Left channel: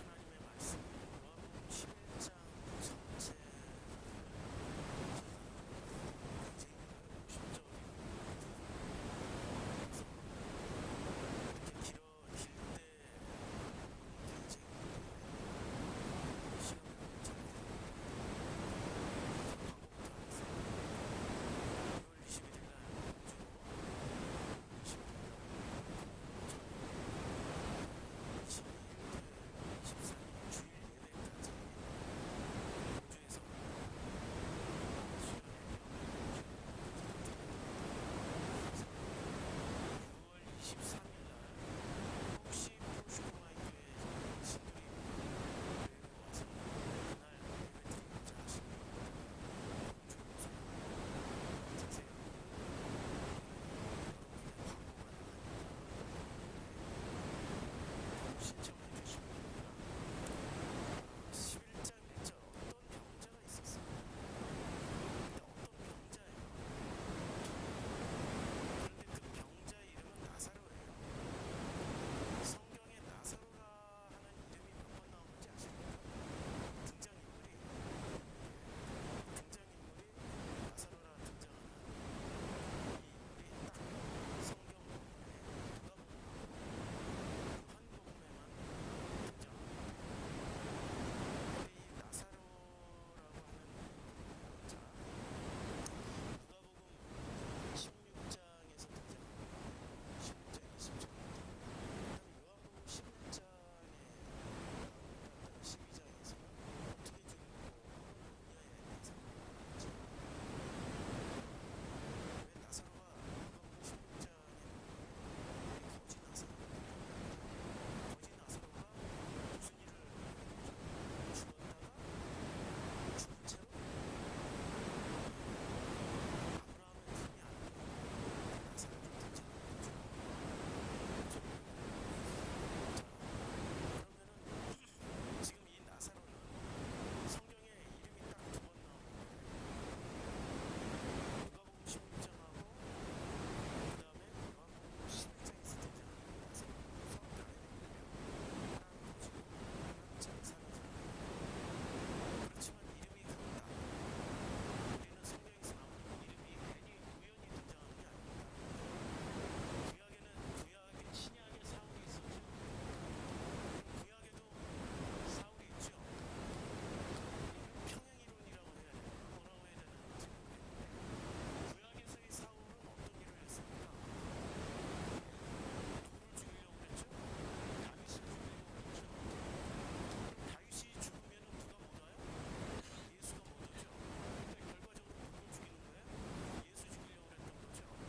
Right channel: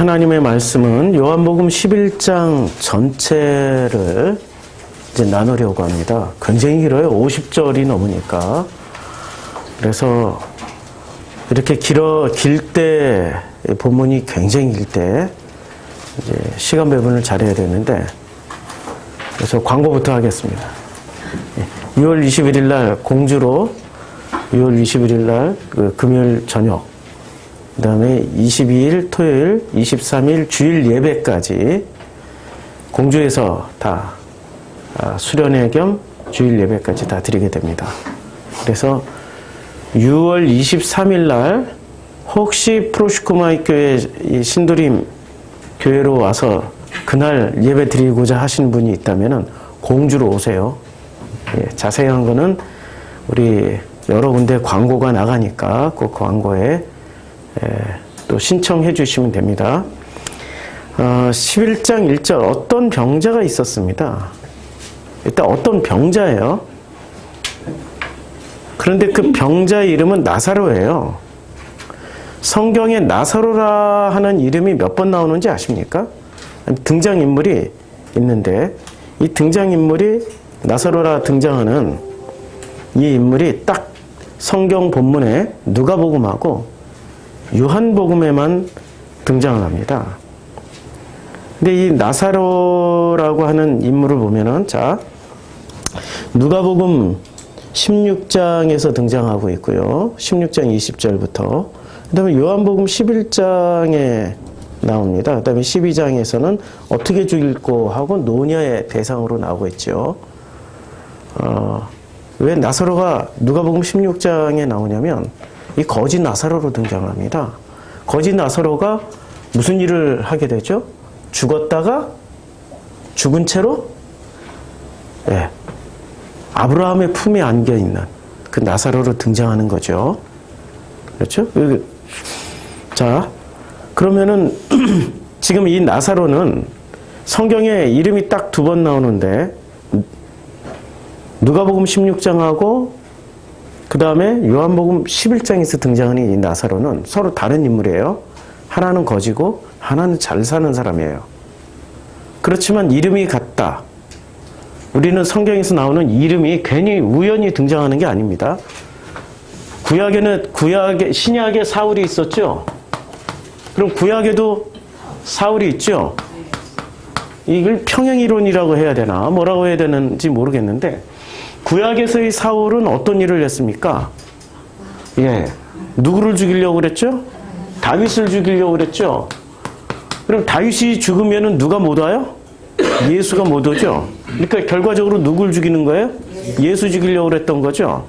하나님의 말씀은 요한복음 11장 전체를 이제 나누려고 합니다. 굉장히 길어요. 50절이 넘으니까. 그래서 이렇게 길 때, 본문이 굉장히 길 때, 이제 시간 배분을 잘해야 되는데, 그래서 광고부터 하겠습니다. 6월 21일 날 공주로 6월 21일 날 그 금요일 저녁, 그 다음에 22일 토요일, 23일 주일 예배까지 공주에서 다 수련회 겸 주일 예배까지 다 드리게 됩니다. 그래서 6월 23일 날 혹시 프로시코마이 교회 신도림 교회로 와서 그날 예배 드리고자 하시는 분이 있다면 공주로 오세요. 예, 자세한 거는 우리 여러 군데 광고가 나가니까 그 광고에 또 신청해 주시면 됩니다. 11장 1절 어떤 병자가 있었습니다. 일단 어떤 병자예요. 그런데 그 병자의 이름은 나사로예요. 성경에 나사로라 하는 이름이 몇 번 나오는지 아십니까? 등장인물이 있는데 이 등장인물이 나사로라 등장하는 이 인물이 딱 성경 본문에 누가복음하고 요한복음에만 등장을 합니다. 근데 이 나사로라고 하는 인물을 보면은 자 누가복음 16장에서 등장하고 있고요. 16장 20절부터 그 다음에 요한복음 11장에 나옵니다. 그 다음에 12장에서는 어떻게 죽일고 하고 노녀의 대상으로 나오고 있죠. 왜 나사로가 누가복음 16장에 나오냐면 이 거짓 나사로로 등장합니다. 거짓 나사로가 무슨 일을 하게 되죠? 죽었다가 죽은 채로 아브라함의 품에 안겨있는 그 나사로로 등장하는 거죠. 그렇죠? 자, 그러면은 지금 이 나사로는 성경에 이름이 딱 2번 나오는데 누가복음 16장하고 그 다음에 요한복음 11장에서 등장하는 이 나사로는 서로 다른 인물이에요. 하나는 거지고 하나는 잘 사는 사람이에요. 그렇지만 이름이 같다. 우리는 성경에서 나오는 이름이 괜히 우연히 등장하는 게 아닙니다. 신약에 사울이 있었죠? 그럼 구약에도 사울이 있죠? 이걸 평행이론이라고 해야 되나? 뭐라고 해야 되는지 모르겠는데 구약에서의 사울은 어떤 일을 했습니까? 누구를 죽이려고 그랬죠? 다윗을 죽이려고 그랬죠? 그럼 다윗이 죽으면 누가 못 와요? 예수가 못 오죠? 그러니까 결과적으로 누굴 죽이는 거예요? 예수 죽이려고 그랬던 거죠?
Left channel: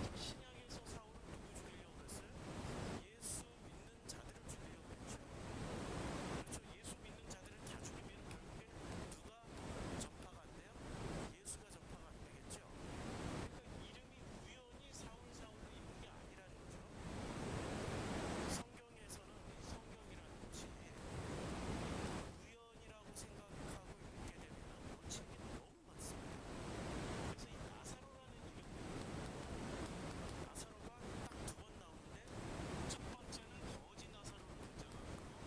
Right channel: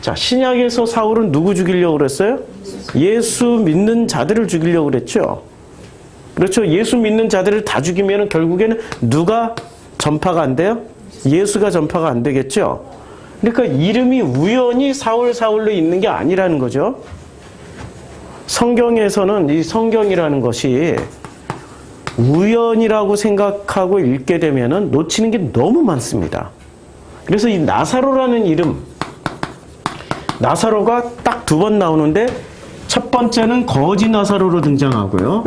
자, 신약에서 사울은 누구 죽이려고 그랬어요? 예수 믿는 자들을 죽이려고 그랬죠? 그렇죠? 예수 믿는 자들을 다 죽이면 결국에는 누가 전파가 안 돼요? 예수가 전파가 안 되겠죠? 그러니까 이름이 우연히 사울로 있는 게 아니라는 거죠. 성경에서는 이 성경이라는 것이 우연이라고 생각하고 읽게 되면은 놓치는 게 너무 많습니다. 그래서 이 나사로라는 이름, 나사로가 딱 2번 나오는데 첫 번째는 거지 나사로로 등장하고요.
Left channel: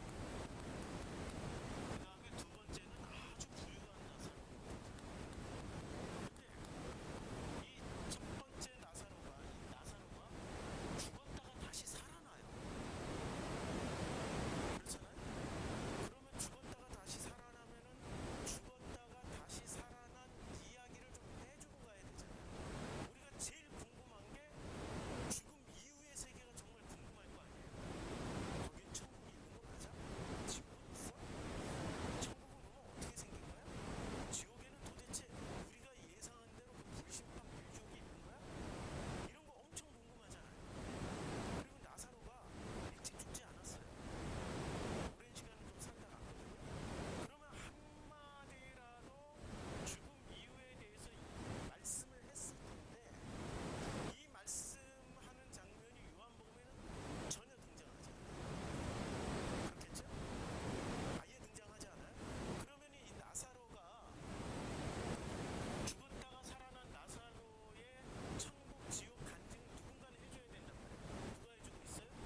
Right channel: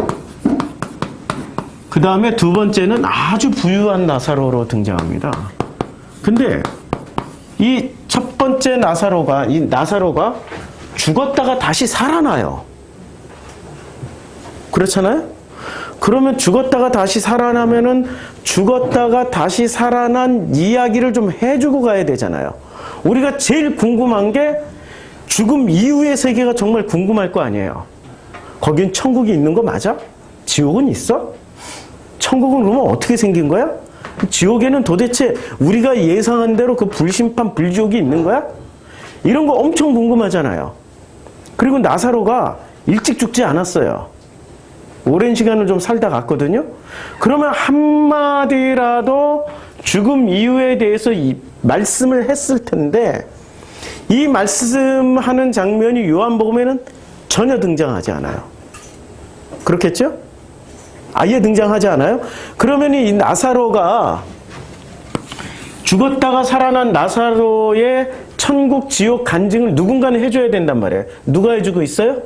그 다음에 2번째는 아주 부유한 나사로로 등장합니다. 근데 이 첫 번째 나사로가 죽었다가 다시 살아나요. 그렇잖아요? 그러면 죽었다가 다시 살아나면은 죽었다가 다시 살아난 이야기를 좀 해주고 가야 되잖아요. 우리가 제일 궁금한 게 죽음 이후의 세계가 정말 궁금할 거 아니에요. 거긴 천국이 있는 거 맞아? 지옥은 있어? 천국은 그러면 어떻게 생긴 거야? 지옥에는 도대체 우리가 예상한 대로 그 불심판 불지옥이 있는 거야? 이런 거 엄청 궁금하잖아요. 그리고 나사로가 일찍 죽지 않았어요. 오랜 시간을 좀 살다 갔거든요. 그러면 한마디라도 죽음 이후에 대해서 이 말씀을 했을 텐데 이 말씀하는 장면이 요한복음에는 전혀 등장하지 않아요. 그렇겠죠? 아예 등장하지 않아요? 그러면 이 나사로가 죽었다가 살아난 나사로의 천국 지옥 간증을 누군가는 해줘야 된단 말이에요. 누가 해주고 있어요?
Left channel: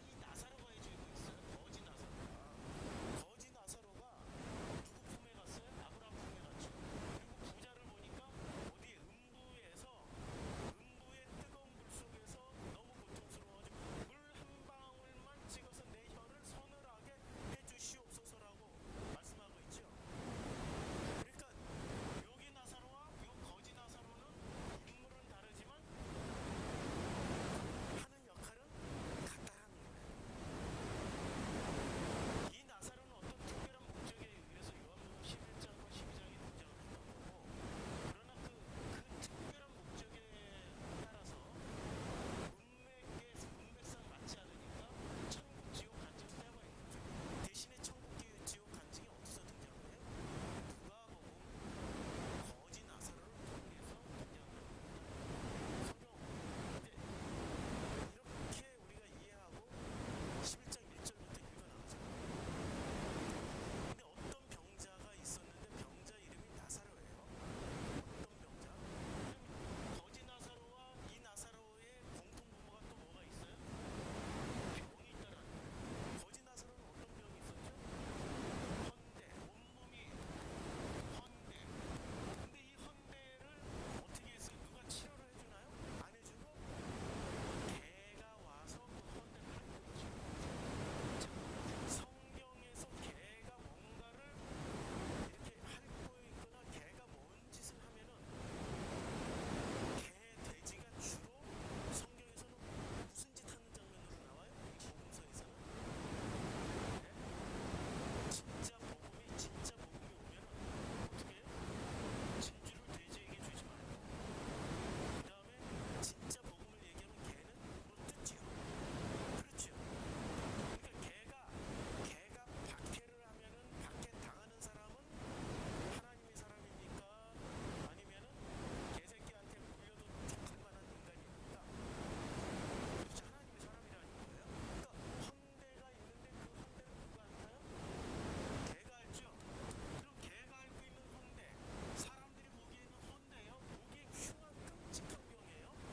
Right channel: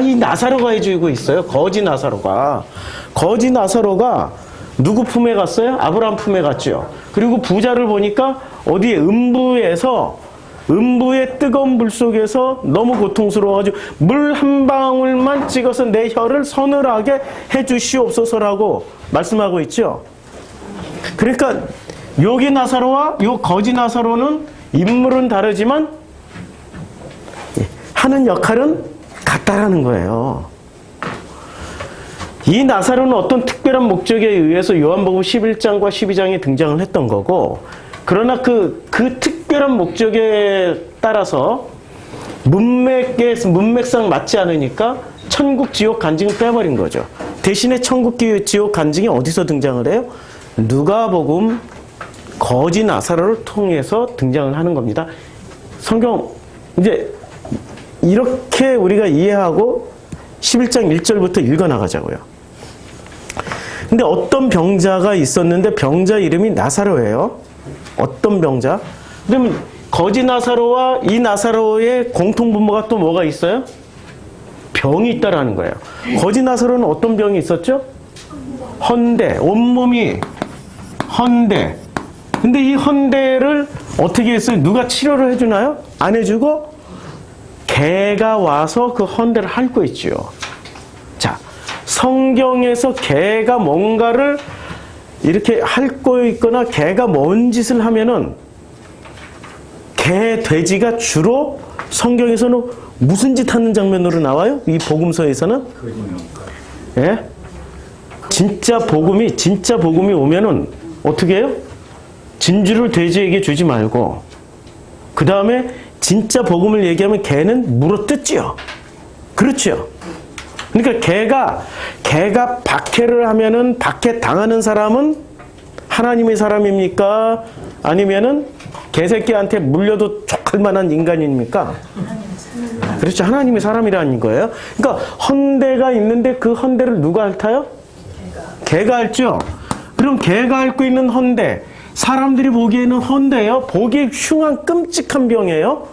이 나사로가 해주고 있어요. 거지 나사로가. 거지 나사로가 누구 품에 갔어요? 아브라함 품에 갔죠. 그리고 부자를 보니까 어디에 음부의 뜨거운 물 속에서 너무 고통스러워가지고 물 한 방울만 찍어서 내 혀를 서늘하게 해주시옵소서라고 말씀하고 있죠. 그러니까 여기 나사로와 요 거지 나사로는 인물은 다르지만 하는 역할은 같다라는 거예요. 이 나사로는 어떤 특별한 목적에 의해서 요한복음 11장과 12장에 등장을 했던 거고, 그러나 그 특별한 목적에 따라서 문맥상 맞지 않으니까 천국 지옥 간증을 빼버린 거죠. 대신에 천국 지옥 간증이 어디서 등장을 해요? 누가복음 거지 나사로를 통해서 등장을 하는 겁니다. 성경 이제 이렇게 우리가 이해하고 11장 1절부터 읽어나가자고요. 근데 어떤 병자가 있었는데 병자 이름이 나사로예요. 어떤 병자? 그러면 거지 나사로와 이 나사로의 공통분모가 또 뭐가 있어요? 병이 있다라는 거예요. 거지 나사로는 어떤 병이 있었죠? 헌대. 온몸이 헌대. 근데 이 헌대를 어떻게 했어요? 누가 치료를 해주나요? 안 해주고 개가 와서 그 헌대를 핥고 있죠. 자, 성경에서 개가 뭔가를 이렇게 핥고 있거나 개가 뭔 짓을 하면은 개, 돼지가 주로 성경에서는 무슨 짓 하는 장면으로 나와요? 이 복음서에서는? 예? 진짜 복음이 오면은 어떻게 해요? 진주를 돼지에게 주지 말고 그 다음에 진짜 복음을 얘기하면 개는 물어뜯지요. 그렇죠? 그러니까 개가 박해를 하면은 박해 당하는 사람은 하나님의 사람입니까? 아니면은 개새끼한테 물려도 족할 만한 인간입니까? 그렇죠. 하나님의 사람이라는 거예요. 그러니까 헌대가 있는데 그 헌대를 누가 핥아요? 개가 핥죠. 그럼 개가 핥고 있는 헌대, 사람들이 보기에는 헌대예요. 보기에 흉한 끔찍한 병이에요.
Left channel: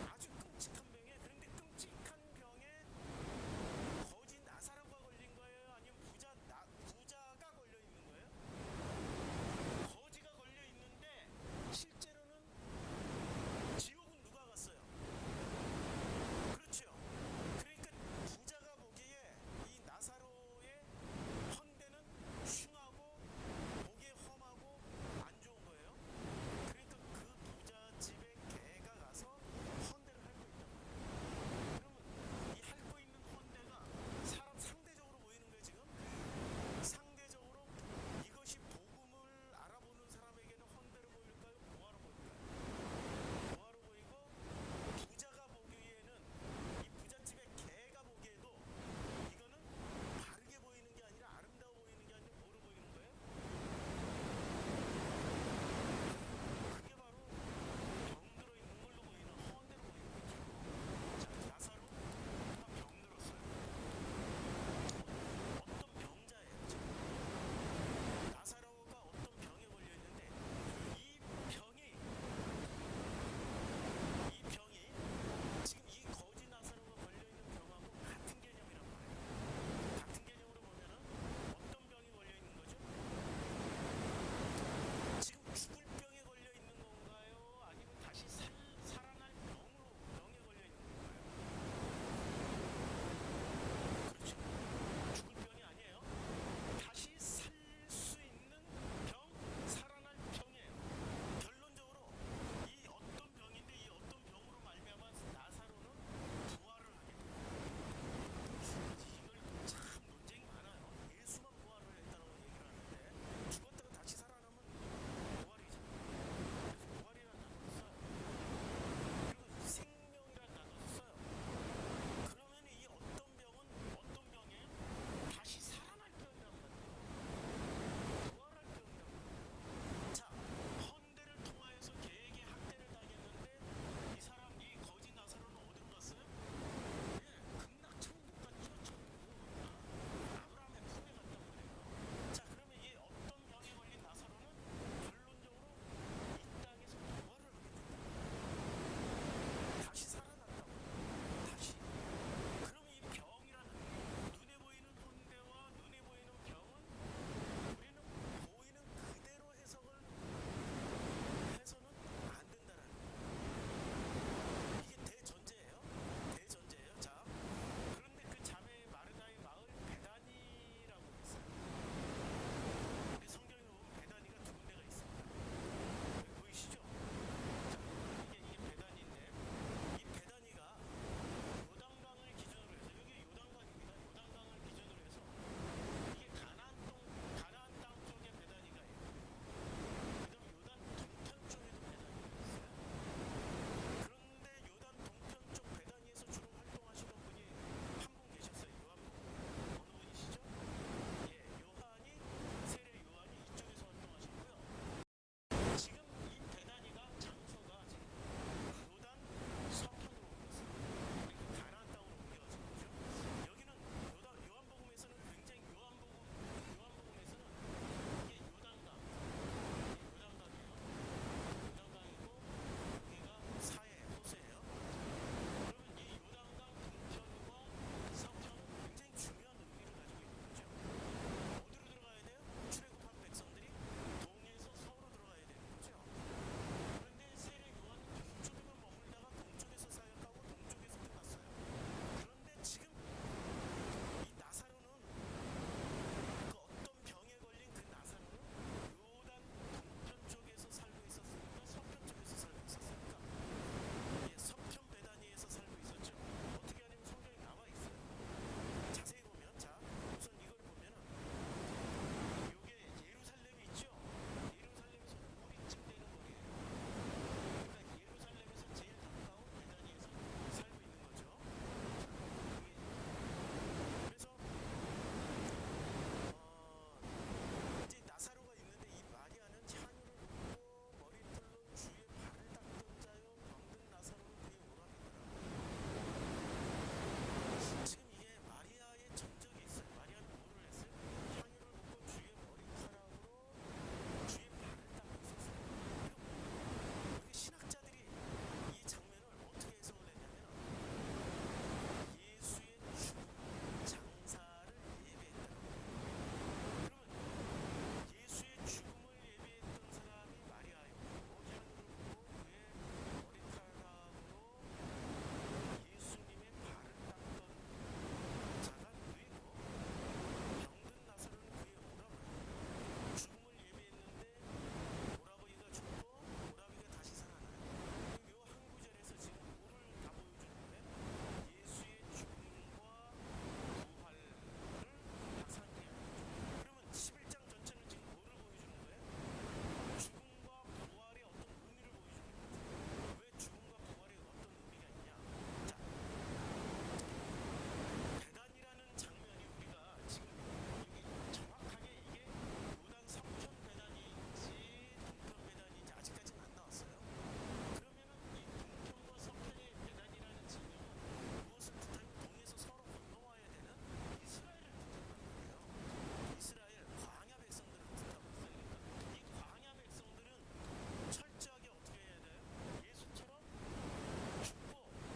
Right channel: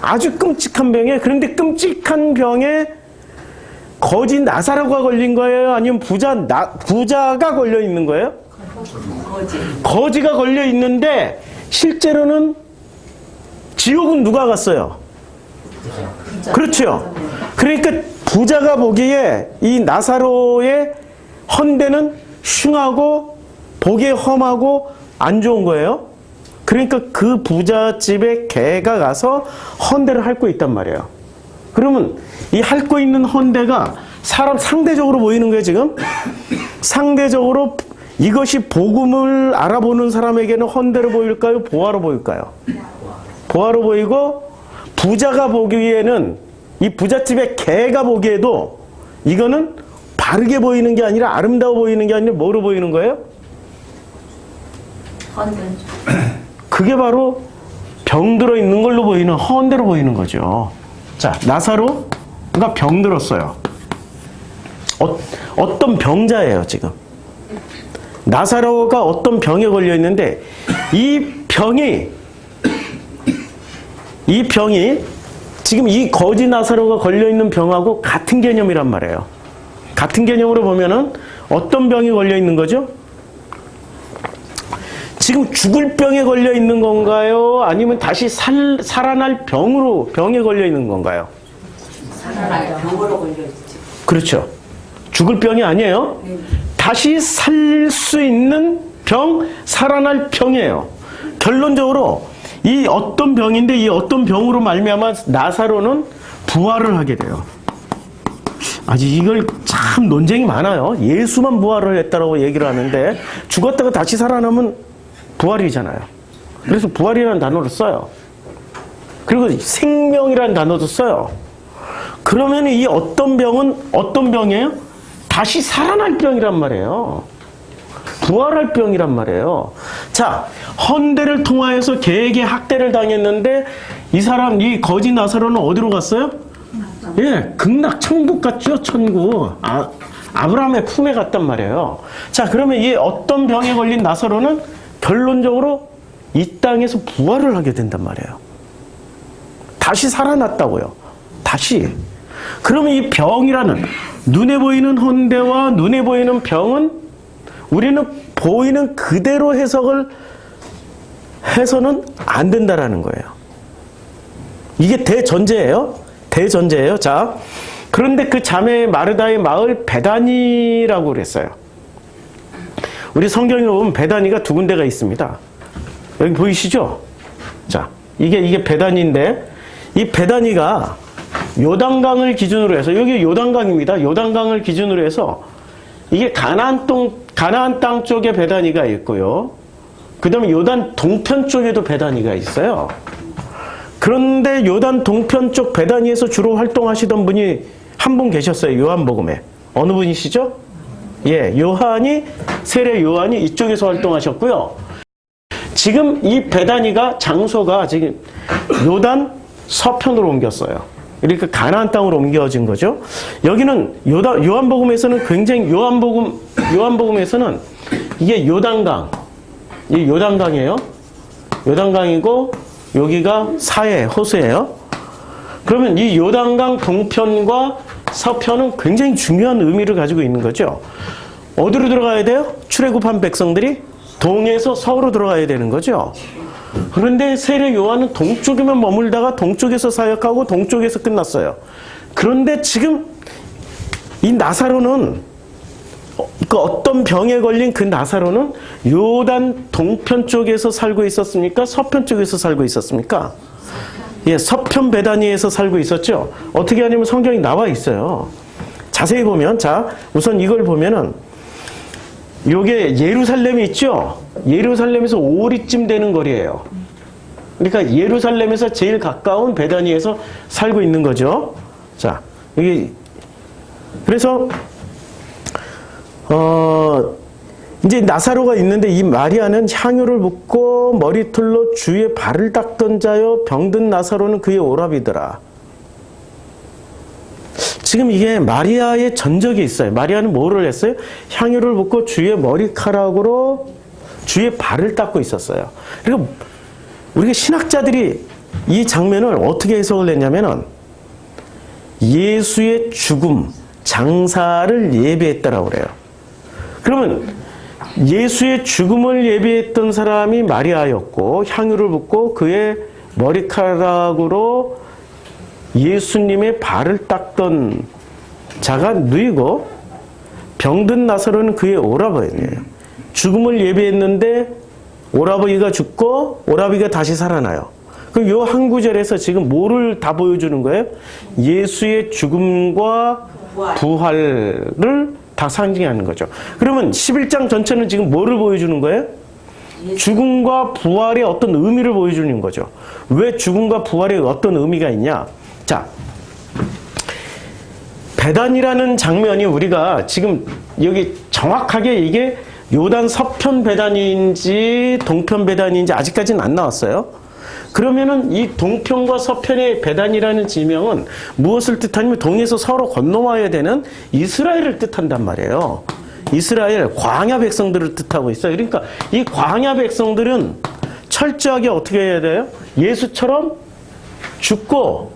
아주 끔찍한 병에, 그런데 끔찍한 병에 거지 나사로가 걸린 거예요? 아니면 부자가 걸려 있는 거예요? 거지가 걸려 있는데 실제로는 지옥은 누가 갔어요? 그렇죠. 그러니까 부자가 보기에 이 나사로의 헌대는 흉하고 보기에 험하고 안 좋은 거예요. 그러니까 그 부잣집에 개가 가서 헌대를 핥고 있단 말이에요. 그러면 이 핥고 있는 헌대가 상대적으로 보이는 거예요, 지금? 상대적으로 이것이 복음을 알아보는 사람에게는 헌대로 보일까요? 보화로 보일까요? 보화로 보이고, 부자가 보기에는, 이 부잣집의 개가 보기에도 이거는 바르게 보이는 게 아니라 아름다워 보이는 게 아니라 뭐로 보이는 거예요? 그게 바로 병들어 있는 걸로 보이는 헌대로 보이는 거죠. 자, 나사로가 병들었어요. 어떤 병자예요, 지금. 나사로가 어떤 병에 걸려 있는데 이 병이 지금 이 거지 나사로가 걸려 있는 병하고 같은 개념이란 말이에요. 같은 개념으로 보면은 어떤 병이 걸려 있는 거죠? 지금 죽을 병에 걸려 있는 건가요? 아니면 다시 살아날 병에 걸려 있는 건가요? 살아날 병으로 걸려 있지. 그렇죠. 죽을 병이 아니에요. 다시 살 수 있는 병, 살아날 병이에요. 결론적으로 이 어떤 병인데 이 어떤 병으로 말미암아 나사로는 부활을 하게 돼요. 아직 이걸 참 논쟁이 많아요. 예수만 부활을 했다라고 얘기를 하는데 죽었다가 다시 살아나면 부활이잖아요. 그래서 부활이라는 단어를 써요. 그리고 생명이라는 단어도 써요. 그러면 이 어떤 병은 어떤 병이에요? 다시 살아날 병이란 말이에요. 부활할 병이란 말이에요. 자, 헌대를 통하여서 개에게 학대를 당했는데 이 거지 나사로는 어디로 갔어요? 예, 극락 천국 갔죠. 천국. 아브라함의 품에 갔단 말이에요. 자, 그러면 이 어떤 병에 걸린 나사로는 결론적으로 이 땅에서 부활을 하게 된단 말이에요. 다시 살아났다고요. 다시. 그러면 이 병이라는 눈에 보이는 혼대와 눈에 보이는 병은 우리는 보이는 그대로 해석을 해서는 안 된다라는 거예요. 이게 대전제예요. 대전제예요. 자, 그런데 그 자매 마르다의 마을 베다니라고 그랬어요. 우리 성경에 보면 베다니가 두 군데가 있습니다. 여기 보이시죠? 자, 이게 베다니인데 이 베다니가 요단강을 기준으로 해서 여기 요단강입니다. 요단강을 기준으로 해서 이게 가나안 땅 쪽에 베다니가 있고요. 그다음에 요단 동편 쪽에도 베다니가 있어요. 그런데 요단 동편 쪽 베다니에서 주로 활동하시던 분이 한 분 계셨어요. 요한복음에. 어느 분이시죠? 예, 요한이 세례 요한이 이쪽에서 활동하셨고요. 지금 이 베다니가 장소가 지금 요단 서편으로 옮겼어요. 그러니까 가나안 땅으로 옮겨진 거죠. 여기는 요한복음에서는 굉장히 요한복음에서는 이게 요단강, 이 요단강이에요. 요단강이고 여기가 사해 호수예요. 그러면 이 요단강 동편과 서편은 굉장히 중요한 의미를 가지고 있는 거죠. 어디로 들어가야 돼요? 출애굽한 백성들이 동에서 서으로 들어가야 되는 거죠. 그런데 세례 요한은 동쪽에만 머물다가 동쪽에서 사역하고 동쪽에서 끝났어요. 그런데 지금 이 나사로는 그 어떤 병에 걸린 그 나사로는 요단 동편 쪽에서 살고 있었습니까? 서편 쪽에서 살고 있었습니까? 예, 서편 베다니에서 살고 있었죠. 어떻게 하냐면 성경이 나와 있어요. 자세히 보면, 자, 우선 이걸 보면은 요게 예루살렘이 있죠. 예루살렘에서 오리쯤 되는 거리예요. 그러니까 예루살렘에서 제일 가까운 베다니에서 살고 있는 거죠. 자, 여기 그래서 이제 나사로가 있는데 이 마리아는 향유를 붓고 머리털로 주의 발을 닦던 자요 병든 나사로는 그의 오라비더라. 지금 이게 마리아의 전적이 있어요. 마리아는 뭐를 했어요? 향유를 붓고 주의 머리카락으로 주의 발을 닦고 있었어요. 그리고 우리가 신학자들이 이 장면을 어떻게 해석을 했냐면은 예수의 죽음, 장사를 예비했다라고 그래요. 그러면 예수의 죽음을 예비했던 사람이 마리아였고 향유를 붓고 그의 머리카락으로 예수님의 발을 닦던 자가 누이고 병든 나사로는 그의 오라버니예요. 죽음을 예비했는데 오라버니가 죽고 오라버니가 다시 살아나요. 그럼 요 한 구절에서 지금 뭐를 다 보여주는 거예요? 예수의 죽음과 부활을 다 상징하는 거죠. 그러면 11장 전체는 지금 뭐를 보여주는 거예요? 죽음과 부활의 어떤 의미를 보여주는 거죠. 왜 죽음과 부활에 어떤 의미가 있냐? 자, 베단이라는 장면이 우리가 지금 여기 정확하게 이게 요단 서편 베단인지 동편 베단인지 아직까지는 안 나왔어요. 그러면은 이 동편과 서편의 베단이라는 지명은 무엇을 뜻하냐면 동에서 서로 건너와야 되는 이스라엘을 뜻한단 말이에요. 이스라엘 광야 백성들을 뜻하고 있어요. 그러니까 이 광야 백성들은 철저하게 어떻게 해야 돼요? 예수처럼 죽고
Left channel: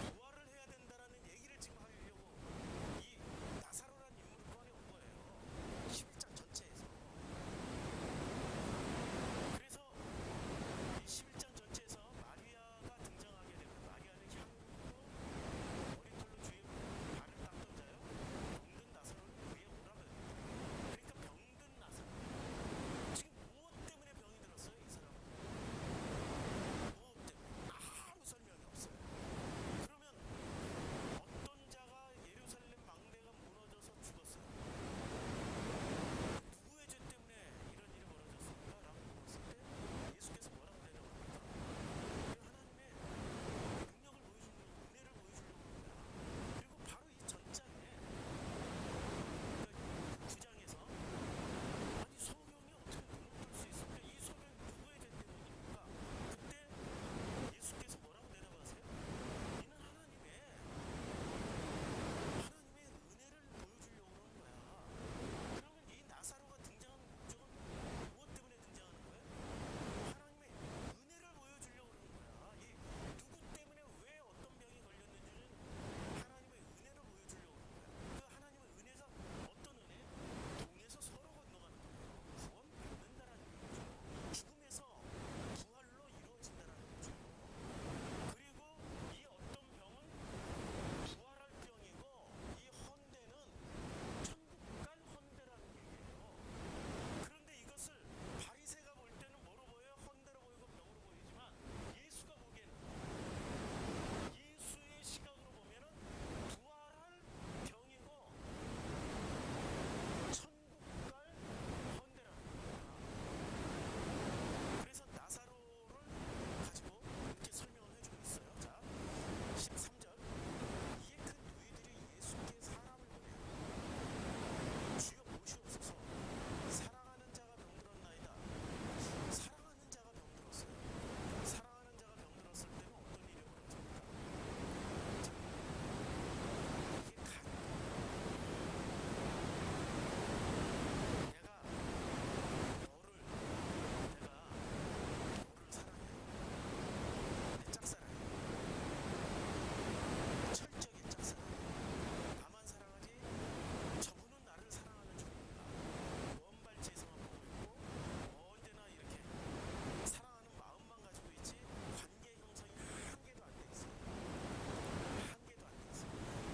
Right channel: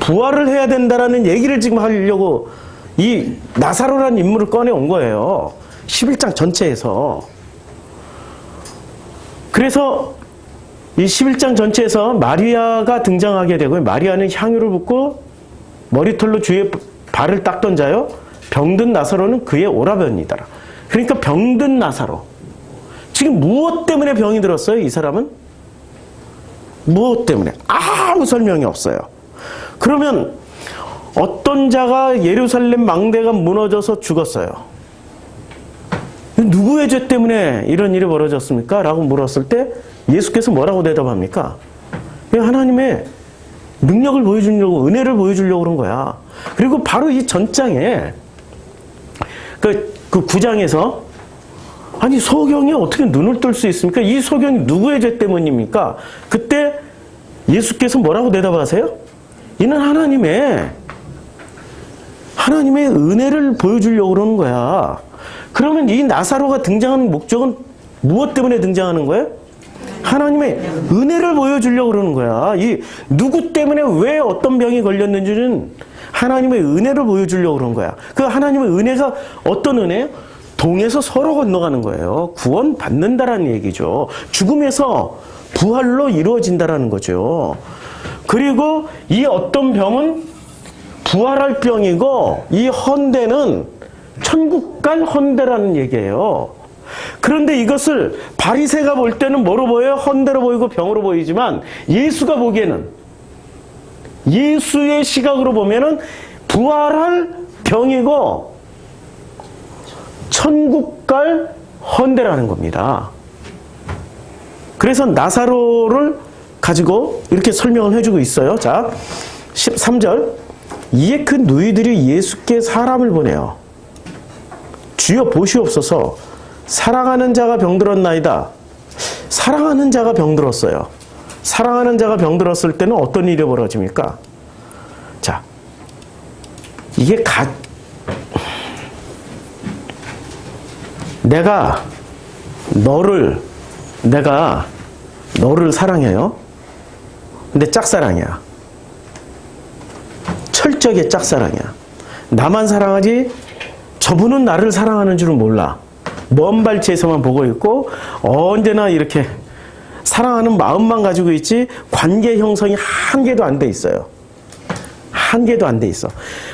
부활을 해야 된다라는 얘기를 지금 하려고 이 나사로라는 인물을 꺼내온 거예요. 11장 전체에서. 그래서 이 11장 전체에서 마리아가 등장하게 되고요. 마리아는 향유를 붓고 머리털로 주의 발을 닦던 자요. 병든 나사로는 그의 오라버니더라. 그러니까 병든 나사로. 지금 무엇 때문에 병이 들었어요? 이 사람은? 무엇 때문에? 아무 설명이 없어요. 그러면 어떤 자가 예루살렘 망대가 무너져서 죽었어요. 누구의 죄 때문에 이런 일이 벌어졌습니까? 라고 물었을 때 예수께서 뭐라고 대답합니까? 하나님의 능력을 보여주려고, 은혜를 보여주려고 그런 거야. 그리고 바로 이 전장에 그 9장에서 아니 소경이 어떻게 눈을 뜰 수 있습니까? 이 소경이 누구의 죄 때문입니까? 그때 예수께서 뭐라고 대답하세요? 이는 하나님의 은혜를 보여주려고 그러는 거야. 그러면 이 나사로가 등장하는 목적은 무엇 때문에 등장하는 거예요? 하나님의 은혜를 보여주려고 그러는 거야. 이 누구 때문에 왜 어떤 병이 걸렸는지는 하나님의 은혜를 보여주려고 그런 거야. 그 하나님의 은혜가 어떤 은혜예요? 동에서 서로 건너가는 거예요. 구원 받는다라는 얘기죠. 죽음에서 부활로 이루어진다라는 거죠. 그리고 이 어떤 병은 부활할 병이고 이 헌대는 천국 갈 헌대라는 얘기예요. 그런데 이것을 바리새가 볼 때는 뭐로 보여요? 헌대로 보이고 병으로 보이지만 예수가 보기에는, 예수의 시각으로 보면은 부활할 병이고 천국 갈 헌대라는 겁니다. 그래서 나사로를 가지고 이렇게 설명을 해주고 있어요. 자, 13절. 이에 그 누이들이 예수께 사람을 보내요. 주여 보시옵소서, 사랑하는 자가 병들었나이다. 사랑하는 자가 병들었어요. 사랑하는 자가 병들었을 때는 어떤 일이 벌어집니까? 자, 이게 내가 너를 사랑해요. 근데 짝사랑이야. 철저하게 짝사랑이야. 나만 사랑하지 저분은 나를 사랑하는 줄은 몰라. 먼 발치에서만 보고 있고 언제나 이렇게 사랑하는 마음만 가지고 있지 관계 형성이 한 개도 안 돼 있어요. 한 개도 안 돼 있어.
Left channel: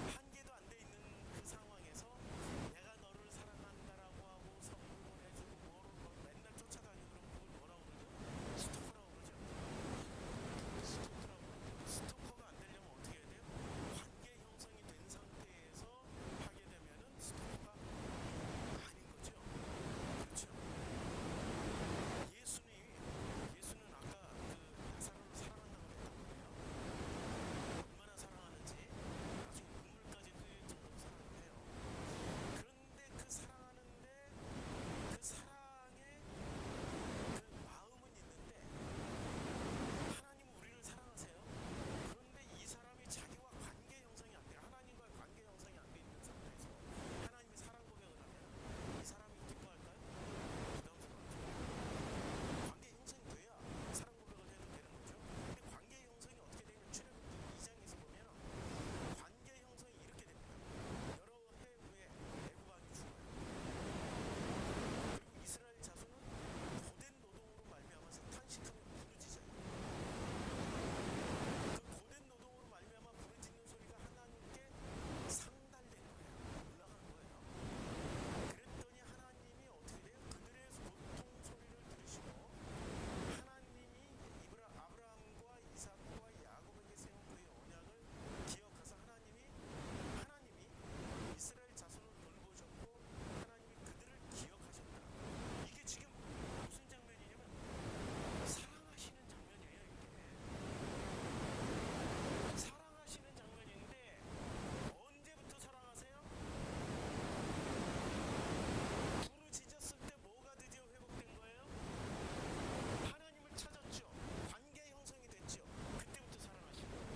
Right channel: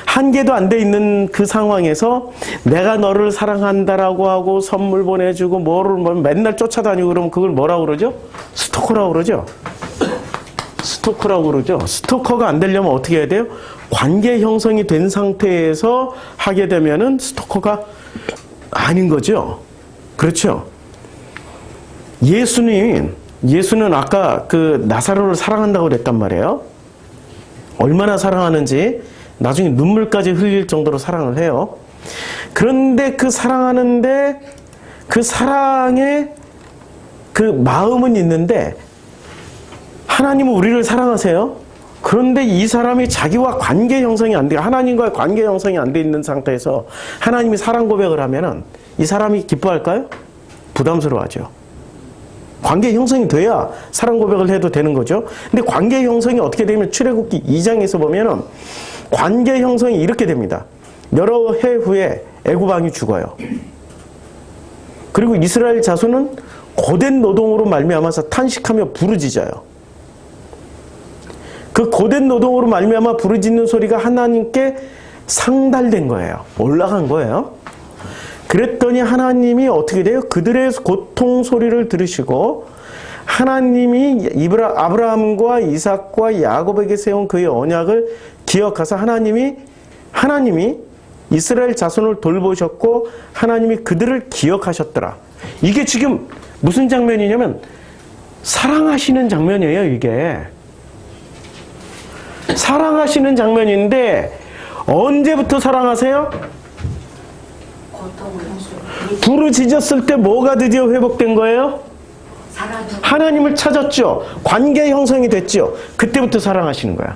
한 개도 안 돼 있는 그 상황에서 내가 너를 사랑한다라고 하고 선물 보내주고 뭐를 맨날 쫓아다니고 그러면 그걸 뭐라고 그러죠? 스토커라고 그러죠. 스토커라고 그러죠. 스토커가 안 되려면 어떻게 해야 돼요? 관계 형성이 된 상태에서 하게 되면은 스토커가 아닌 거죠. 그렇죠. 예수는 아까 그 나사로를 사랑한다고 그랬단 말이에요. 얼마나 사랑하는지 나중에 눈물까지 흘릴 정도로 사랑을 해요. 그런데 그 사랑하는데 그 사랑의 그 마음은 있는데 하나님은 우리를 사랑하세요. 그런데 이 사람이 자기와 관계 형성이 안 돼요. 하나님과의 관계 형성이 안 돼 있는 상태에서 하나님이 사랑 고백을 하면은 이 사람이 기뻐할까요? 부담스러워하죠. 관계 형성이 돼야 사랑 고백을 해도 되는 거죠. 근데 관계 형성이 어떻게 되면 출애굽기 2장에서 보면은 관계 형성이 이렇게 됩니다. 여러 해 후에 애굽 왕이 죽어요. 그리고 이스라엘 자손은 고된 노동으로 말미암아서 탄식하며 부르짖어요. 그 고된 노동으로 말미암아 부르짖는 소리가 하나님께 상달된 거예요. 올라간 거예요. 그랬더니 하나님이 어떻게 돼요? 그들의 고통 소리를 들으시고 하나님이 아브라함과 이삭과 야곱에게 세운 그의 언약을 기억하사 하나님이 이스라엘 자손을 돌보셨고 하나님이 그들을 기억하셨더라. 이게 지금 무슨 장면이냐면 사랑하시는 장면이에요. 이게 사랑하시는 장면인데 언제부터 사랑하세요? 부르짖었을 때 뭐가 드디어 회복된 거예요? 하나님을 찾았죠. 관계 형성이 됐죠. 그때부터 사랑하시는 거야.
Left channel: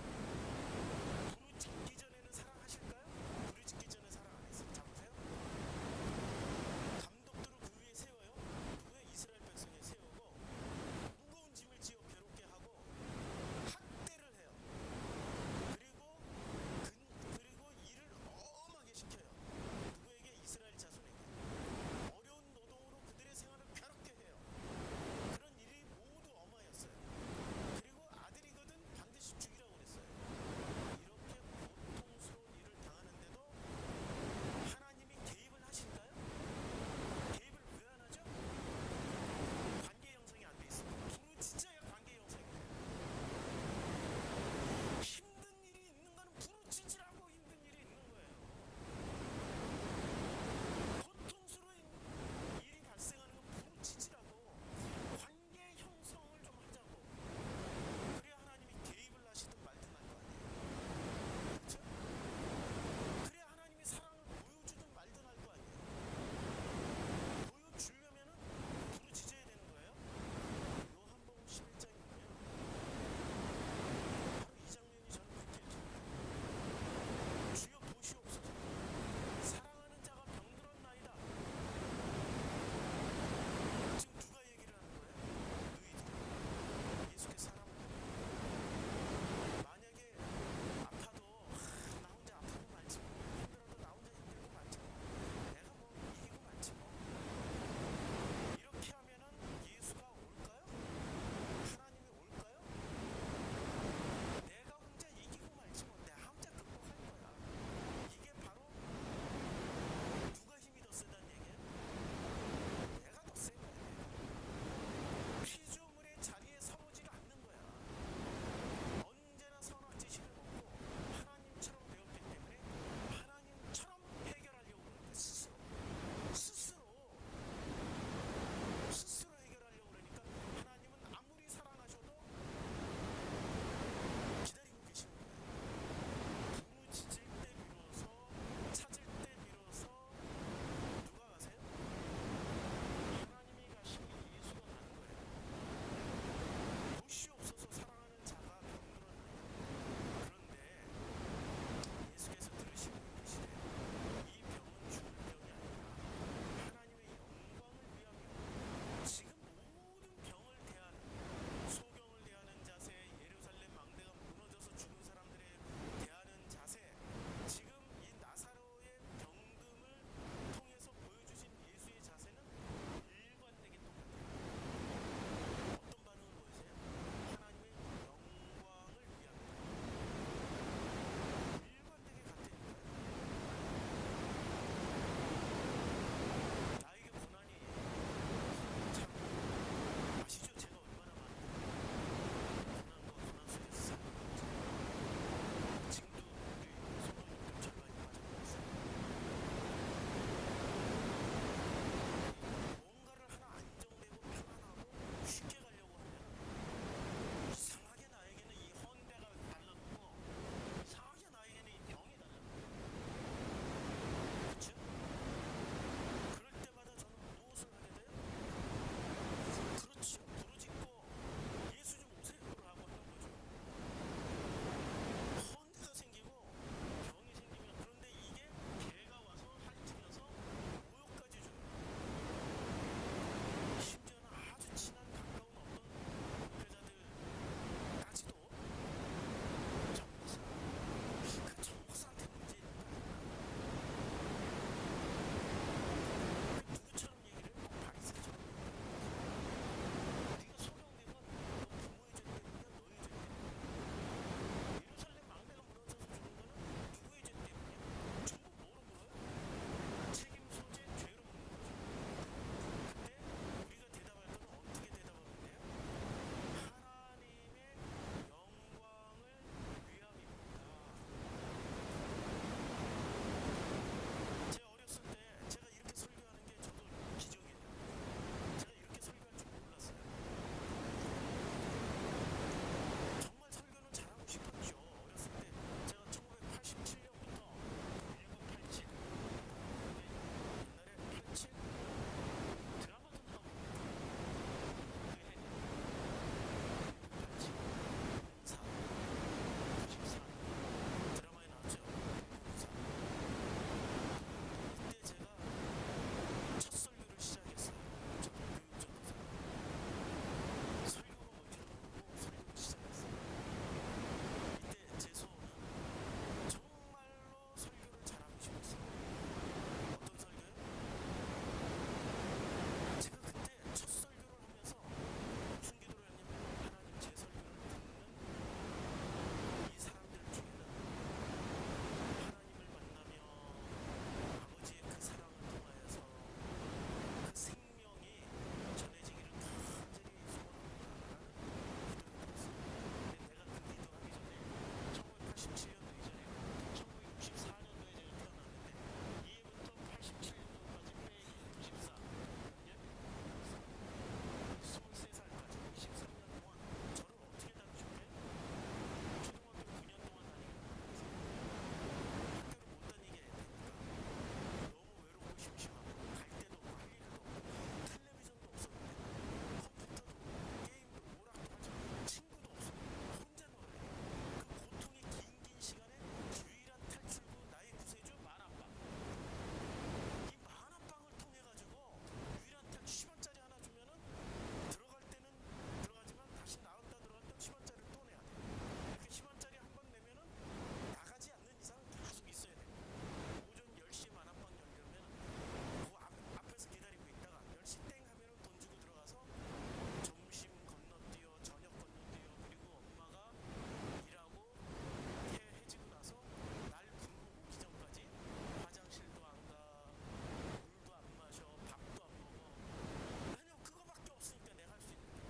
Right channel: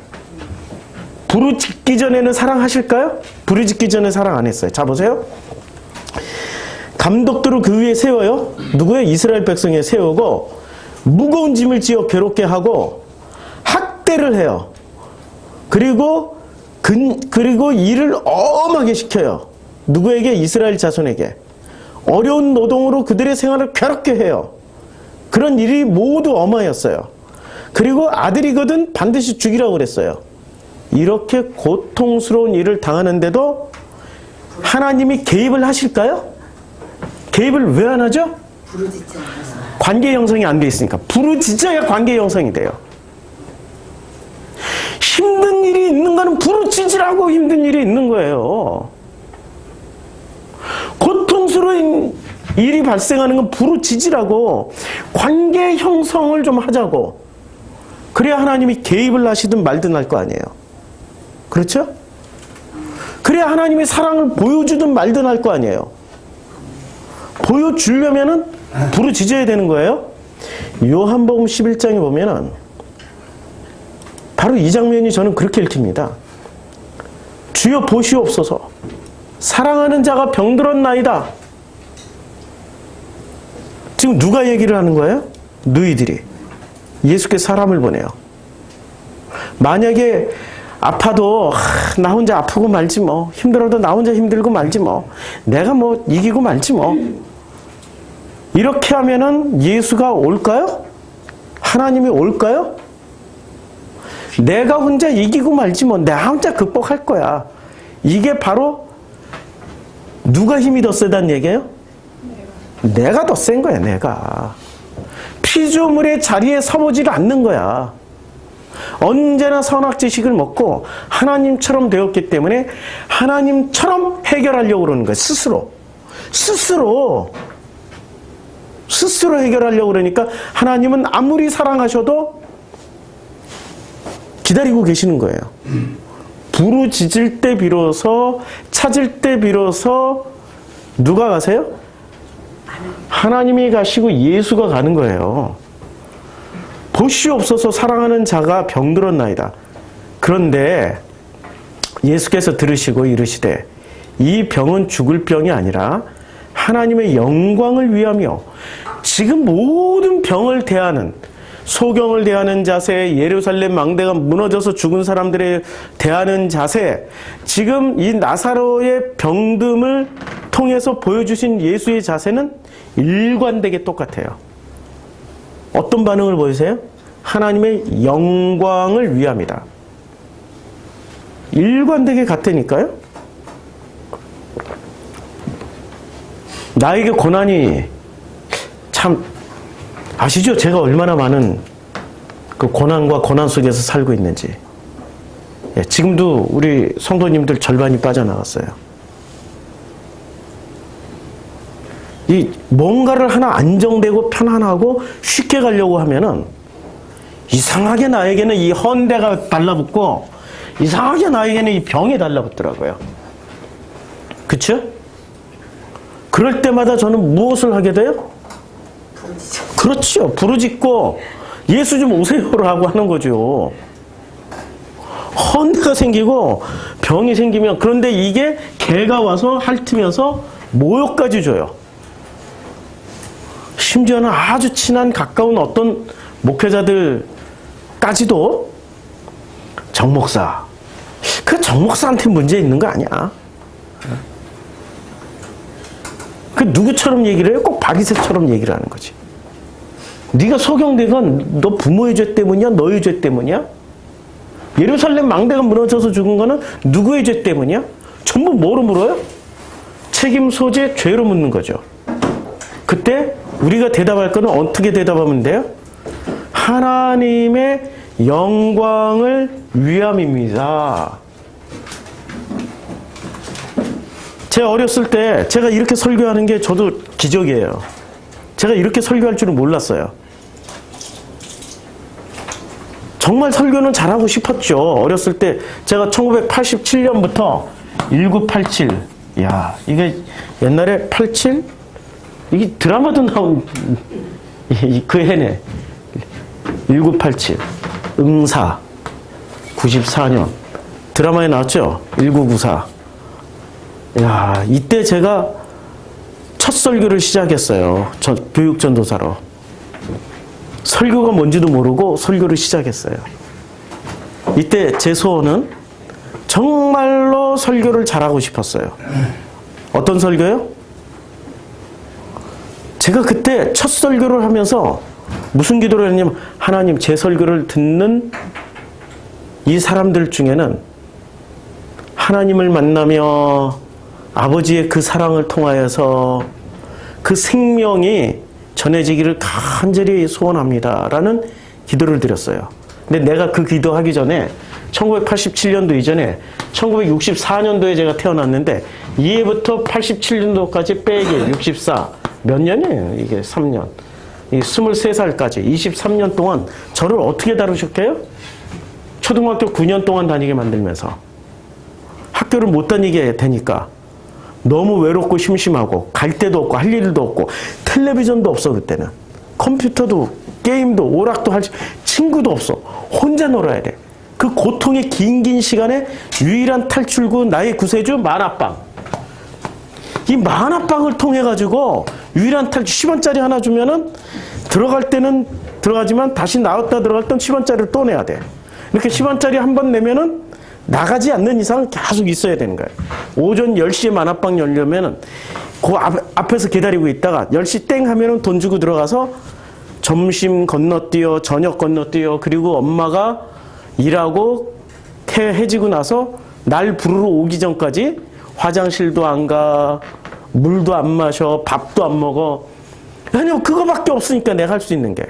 부르짖기 전에는 사랑하실까요? 부르짖기 전에 사랑 안 했어요. 자 보세요. 감독들을 그 위에 세워요. 누구예요? 이스라엘 백성에 세우고 무거운 짐을 지어 괴롭게 하고 학대를 해요. 그리고 일을 엄하게 시켜요. 누구에게? 이스라엘 자손에게. 어려운 노동으로 그들의 생활을 괴롭게 해요. 그런 일이 모두 엄하였어요. 그리고 아들이거든 반드시 죽이라고 그랬어요. 이렇게 고통스러운 일을 당하는데도 하나님이 개입을 하실까요? 개입을 왜 안 하죠? 관계 형성이 안 돼 있으니까. 부르짖어야 관계 형성이 돼요. 힘든 일이 있는 거는 부르짖으라고 힘든 일이 있는 거예요. 고통스러운 일이 발생하는 건 부르짖으라고 관계 형성을 좀 하자고. 그래야 하나님이 개입을 하시든 말든 할 거 아니에요. 그렇죠? 그래야 하나님이 사랑을 보여주든 말든 할 거 아니에요. 보여주려면은 부르짖어야 되는 거예요. 요한복음 11장에 보면은 바로 이 장면이 저는 그렇게 읽힙니다. 주여 보시옵소서, 사랑하는 자가 병들었나이다. 지금 누가 얘기를 하는 거예요? 너희들이. 예수께서 사람을 보내요. 만약에 아파도 나 혼자 아프고 말지 뭐, 힘들어도 나 혼자 힘들고 말지 뭐, 내가 뭐 이기고 말지 뭐, 이렇게 하면은 예수가 올까요? 하나님이 올까요? 내가 혼자 이기고 말지 뭐, 내가 혼자 극복할 거야. 이게 바로 누가 힘이 더 세다는 얘기예요? 내가 더 센 거야, 내가. 피조물의 자리에 서보지를 않는 거야. 언제나 선악지식을 먹고 하나님처럼 되었기 때문에 하나님처럼 해결하려고 그러는 거야, 스스로. 스스로 해결하려고 그러니까 하나님은 아무리 사랑하셔도 기다리고 계시는 거예요. 부르짖을 때 비로소, 찾을 때 비로소 누가 가세요? 하나님이 가시고 예수가 가는 거예요. 보시옵소서 사랑하는 자가 병들었나이다. 그런데 예수께서 들으시고 이르시되 이 병은 죽을 병이 아니라 하나님의 영광을 위하며, 지금 모든 병을 대하는, 소경을 대하는 자세, 예루살렘 망대가 무너져서 죽은 사람들에 대하는 자세, 지금 이 나사로의 병듦을 통해서 보여주신 예수의 자세는 일관되게 똑같아요. 어떤 반응을 보이세요? 하나님의 영광을 위함이다. 일관되게 같다니까요? 나에게 고난이, 참 아시죠? 제가 얼마나 많은 그 고난과 고난 속에서 살고 있는지. 지금도 우리 성도님들 절반이 빠져나갔어요. 이 뭔가를 하나 안정되고 편안하고 쉽게 가려고 하면은 이상하게 나에게는 이 헌대가 달라붙고 이상하게 나에게는 이 병이 달라붙더라고요. 그쵸? 그럴 때마다 저는 무엇을 하게 돼요? 그렇죠. 부르짖고 예수 좀 오세요라고 하는 거죠. 헌대가 생기고 병이 생기면, 그런데 이게 개가 와서 핥으면서 모욕까지 줘요. 심지어는 아주 친한 가까운 어떤 목회자들까지도 정 목사, 그 정 목사한테 문제 있는 거 아니야? 그 누구처럼 얘기를 해요? 꼭 바리새처럼 얘기를 하는 거지. 네가 소경된 건 너 부모의 죄 때문이야? 너의 죄 때문이야? 예루살렘 망대가 무너져서 죽은 거는 누구의 죄 때문이야? 전부 뭐로 물어요? 책임 소재, 죄로 묻는 거죠. 그때 우리가 대답할 거는 어떻게 대답하면 돼요? 하나님의 영광을 위함입니다. 제가 어렸을 때 제가 이렇게 설교하는 게 저도 기적이에요. 제가 이렇게 설교할 줄은 몰랐어요. 정말 설교는 잘하고 싶었죠. 어렸을 때 제가 1987년부터 1987, 야, 이게 옛날에 87? 이게 드라마도 나온 그 해네. 1987 응사 94년 드라마에 나왔죠. 1994. 야, 이때 제가 첫 설교를 시작했어요. 저 교육전도사로. 설교가 뭔지도 모르고 설교를 시작했어요. 이때 제 소원은 정말로 설교를 잘하고 싶었어요. 어떤 설교요? 제가 그때 첫 설교를 하면서 무슨 기도를 했냐면, 하나님, 제 설교를 듣는 이 사람들 중에는 하나님을 만나며 아버지의 그 사랑을 통하여서 그 생명이 전해지기를 간절히 소원합니다 라는 기도를 드렸어요. 근데 내가 그 기도하기 전에 1987년도 이전에 1964년도에 제가 태어났는데, 이해부터 87년도까지 빼기 64 몇 년이에요? 이게 3년. 이 23살까지 23년 동안 저를 어떻게 다루셨게요? 초등학교 9년 동안 다니게 만들면서 학교를 못 다니게 되니까 너무 외롭고 심심하고 갈 데도 없고 할 일도 없고 텔레비전도 없어. 그때는 컴퓨터도 게임도 오락도 할 친구도 없어. 혼자 놀아야 돼. 그 고통의 긴 시간에 유일한 탈출구, 나의 구세주 만화방. 이 만화방을 통해 가지고 유일한 탈출, 10원짜리 하나 주면은 들어갈 때는 들어가지만 다시 나왔다 들어갈 땐 10원짜리를 또 내야 돼. 이렇게 10원짜리 한 번 내면은 나가지 않는 이상 계속 있어야 되는 거예요. 오전 10시에 만화방 열려면은 그 앞에서 기다리고 있다가 10시 땡 하면은 돈 주고 들어가서 점심 건너뛰어, 저녁 건너뛰어, 그리고 엄마가 일하고 해지고 나서 날 부르러 오기 전까지 화장실도 안 가, 물도 안 마셔, 밥도 안 먹어. 왜냐면 그거밖에 없으니까 내가 할 수 있는 게.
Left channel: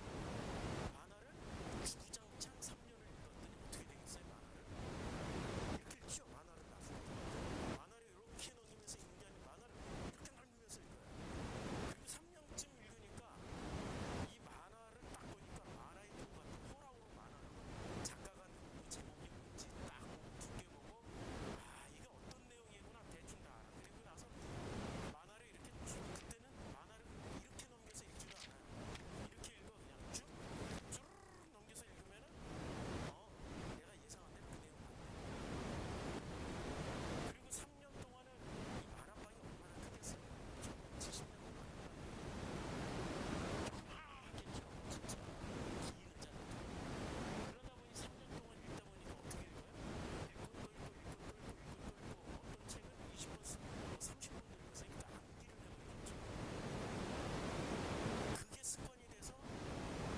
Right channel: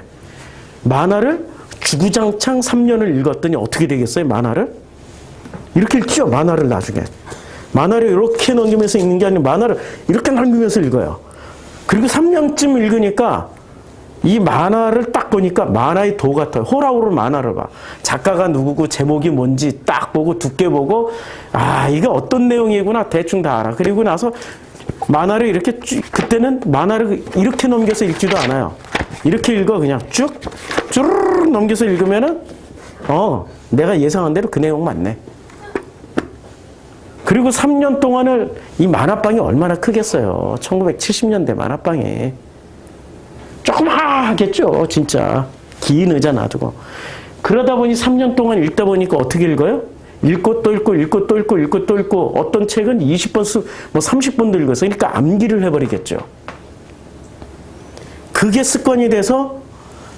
만화를 주구장창 3년을 읽었더니 어떻게 되겠어요, 만화를? 이렇게 읽죠, 만화를 나중에. 만화를 이렇게 넘기면서 읽는 게 아니라 만화를 이렇게 넘기면서 읽어요. 그리고 3년쯤 읽으니까 이 만화를 딱 보니까 만화의 도 같아요. 호락호락 만화를 봐. 작가가 누구고 제목이 뭔지 딱 보고 두께 보고 아 이게 어떤 내용이구나 대충 다 알아. 그리고 나서 만화를 이렇게 그때는 만화를 이렇게 넘겨서 읽지도 않아요. 이렇게 읽어 그냥 쭉 쭈르르 넘겨서 읽으면은 내가 예상한 대로 그 내용 맞네. 그리고 3년 동안을 이 만화방이 얼마나 크겠어요. 1970년대 만화방이. 조그마하겠죠, 진짜. 긴 의자 놔두고. 그러다 보니 3년 동안 읽다 보니까 어떻게 읽어요? 읽고 또 읽고, 읽고 또 읽고, 읽고 또 읽고, 어떤 책은 20번, 30번도 읽어서, 그러니까 암기를 해버리겠죠. 그게 습관이 돼서,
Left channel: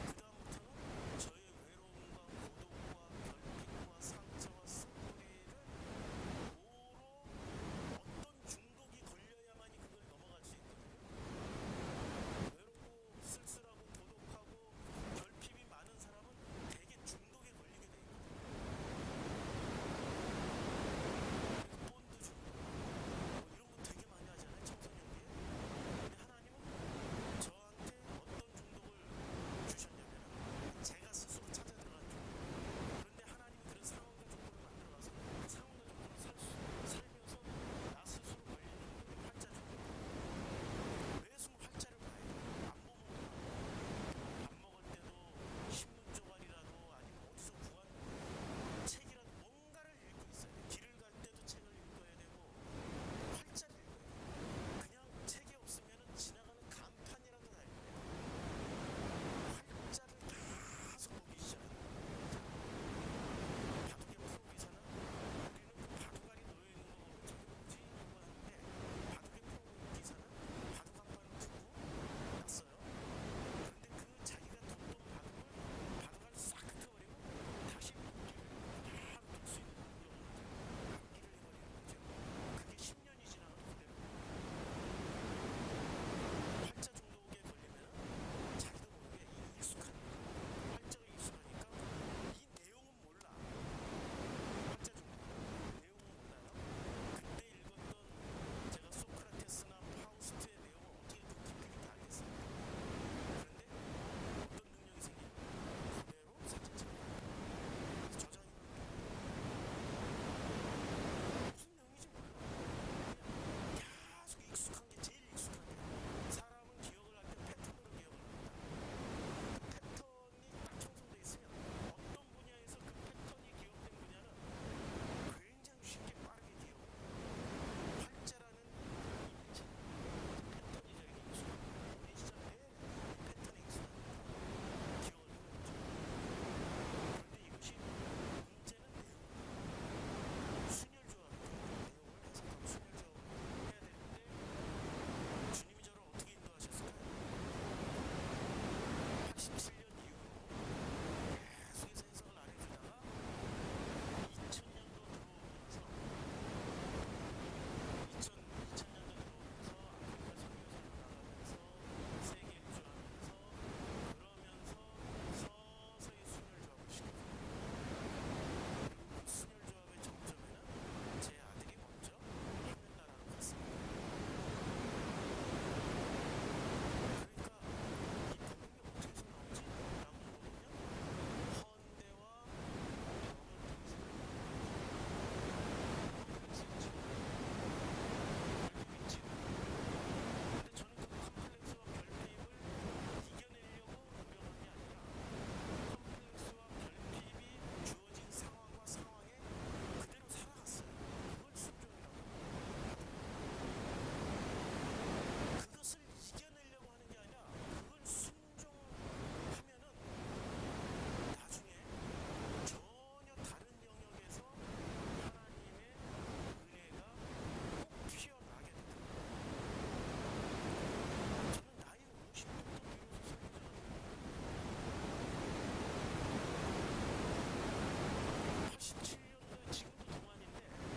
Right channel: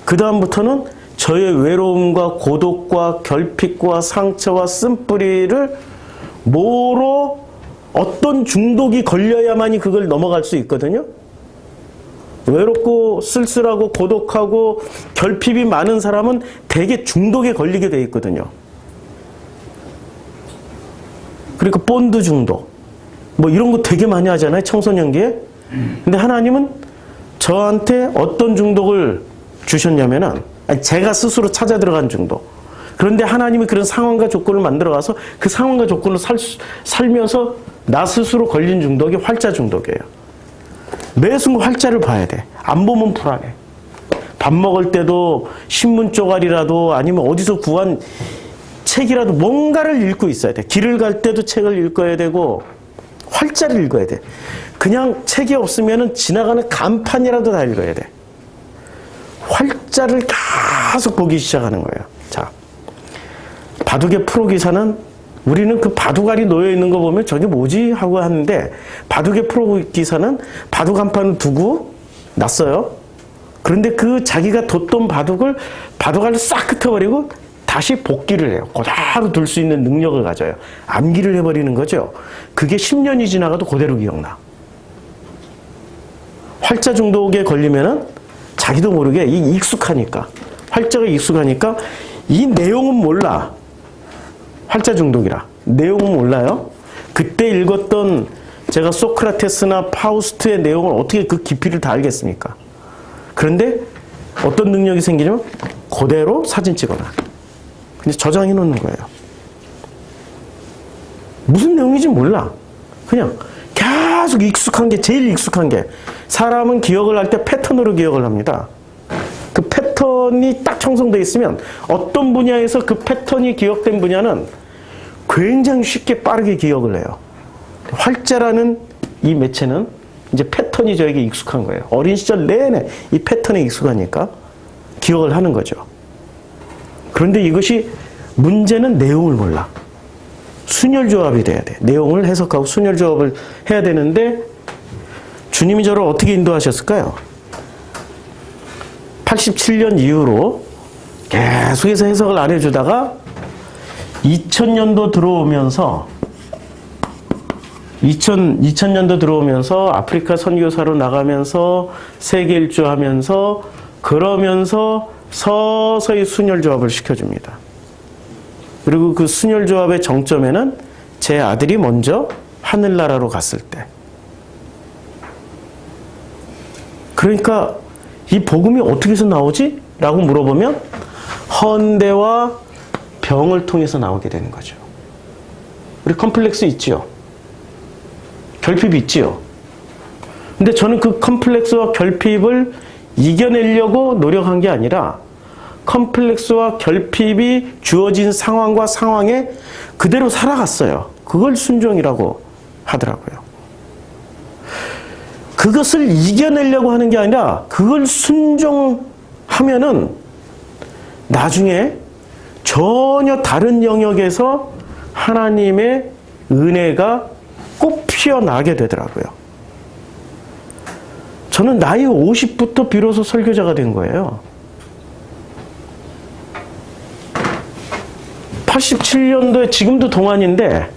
그다음부터는 저의 외로움과 고독과 결핍과 상처와 쓴뿌리를 뭐로 어떤 중독이 걸려야만이 그걸 넘어갈 수 있거든요. 외롭고 쓸쓸하고 고독하고 결핍이 많은 사람은 대개 중독에 걸리게 돼 있거든요. 그러니까 본드 중독 뭐 이런 거 되게 많이 하잖아요, 청소년기에. 근데 하나님은 저한테 어떤 중독을 주셨냐면은 제가 스스로 찾아 들어간 중독. 그런데 하나님이 그런 상황과 조건을 만들어가서 그 상황과 조건을 살면서 나 스스로 걸린 중독이 활자 중독이에요. 매 순간 활자를 봐야 돼. 안 보면 불안해. 밥 먹을 때도 신문 쪼가리라도 아니면 어디서 구한 책이라도 뭔가를 읽고 있어야 돼. 길을 갈 때도 책을 읽어야 되고 활자를 읽어야 돼. 그냥 책이 없으면 지나가는 간판이라도 다 읽어야 돼. 활자를 계속 보기 시작하는 거예요. 자, 바둑의 프로기사는 우리는 그 바둑알이 놓여있는 거 보면 저게 뭐지? 하고 하는데 바둑의 프로기사는 바둑 한 판을 두고 놨어요. 그런데 그 자기가 뒀던 바둑알을 싹 흩어버리고 다시 복기를 해요. 그대로 둘 수 있는 능력을 가져요. 암기를 해버리는 거죠. 그게 10년이 지나가도 그대로 기억나. 활자 중독에 걸리면은 자기도 모르게 익숙하니까 활자가 익숙하니까 이 내용은 몰라. 활자 중독이라. 내용은 몰라요. 그때 읽었던 제가 소크라테스나 파우스트의 내용을 어떻게 그 깊이를 다 알겠습니까? 그런데 어떤 능력이 생기냐면 그대로 사진 찍어놔. 근데 저장해 놓는 거예요. 무슨 내용인지 몰라. 그냥 계속 익숙한 게 제일 익숙한 게 사람은 기억을 할 때 패턴으로 기억을 합니다. 그 패턴이 딱 형성되어 있으면 어떤 분야에서 그 패턴이 기억된 분야는 굉장히 쉽게 빠르게 기억을 해요. 활자라는 이 매체는 이제 패턴이 저에게 익숙한 거예요. 어린 시절 내내 이 패턴에 익숙하니까 기억을 하는 거죠. 그런데 이것이 문제는 내용을 몰라. 순혈조합이 돼야 돼. 내용을 해석하고 순혈조합을 해야 되는데 주님이 저를 어떻게 인도하셨을까요? 87년 이후로 계속해서 해석을 안 해주다가 2000년도 들어오면서 2000년도 들어오면서 아프리카 선교사로 나가면서 세계 일주하면서 그러면서 서서히 순혈조합을 시켜줍니다. 그리고 그 순혈조합의 정점에는 제 아들이 먼저 하늘나라로 갔을 때. 그러니까 이 복음이 어떻게 해서 나오지? 라고 물어보면 헌대와 병을 통해서 나오게 되는 거죠. 우리 컴플렉스 있지요? 결핍이 있지요? 근데 저는 그 컴플렉스와 결핍을 이겨내려고 노력한 게 아니라 컴플렉스와 결핍이 주어진 상황과 상황에 그대로 살아갔어요. 그걸 순종이라고 하더라고요. 그것을 이겨내려고 하는 게 아니라 그걸 하면은 나중에 전혀 다른 영역에서 하나님의 은혜가 꼭 피어나게 되더라고요. 저는 나이 50부터 비로소 설교자가 된 거예요. 87년도에, 지금도 동안인데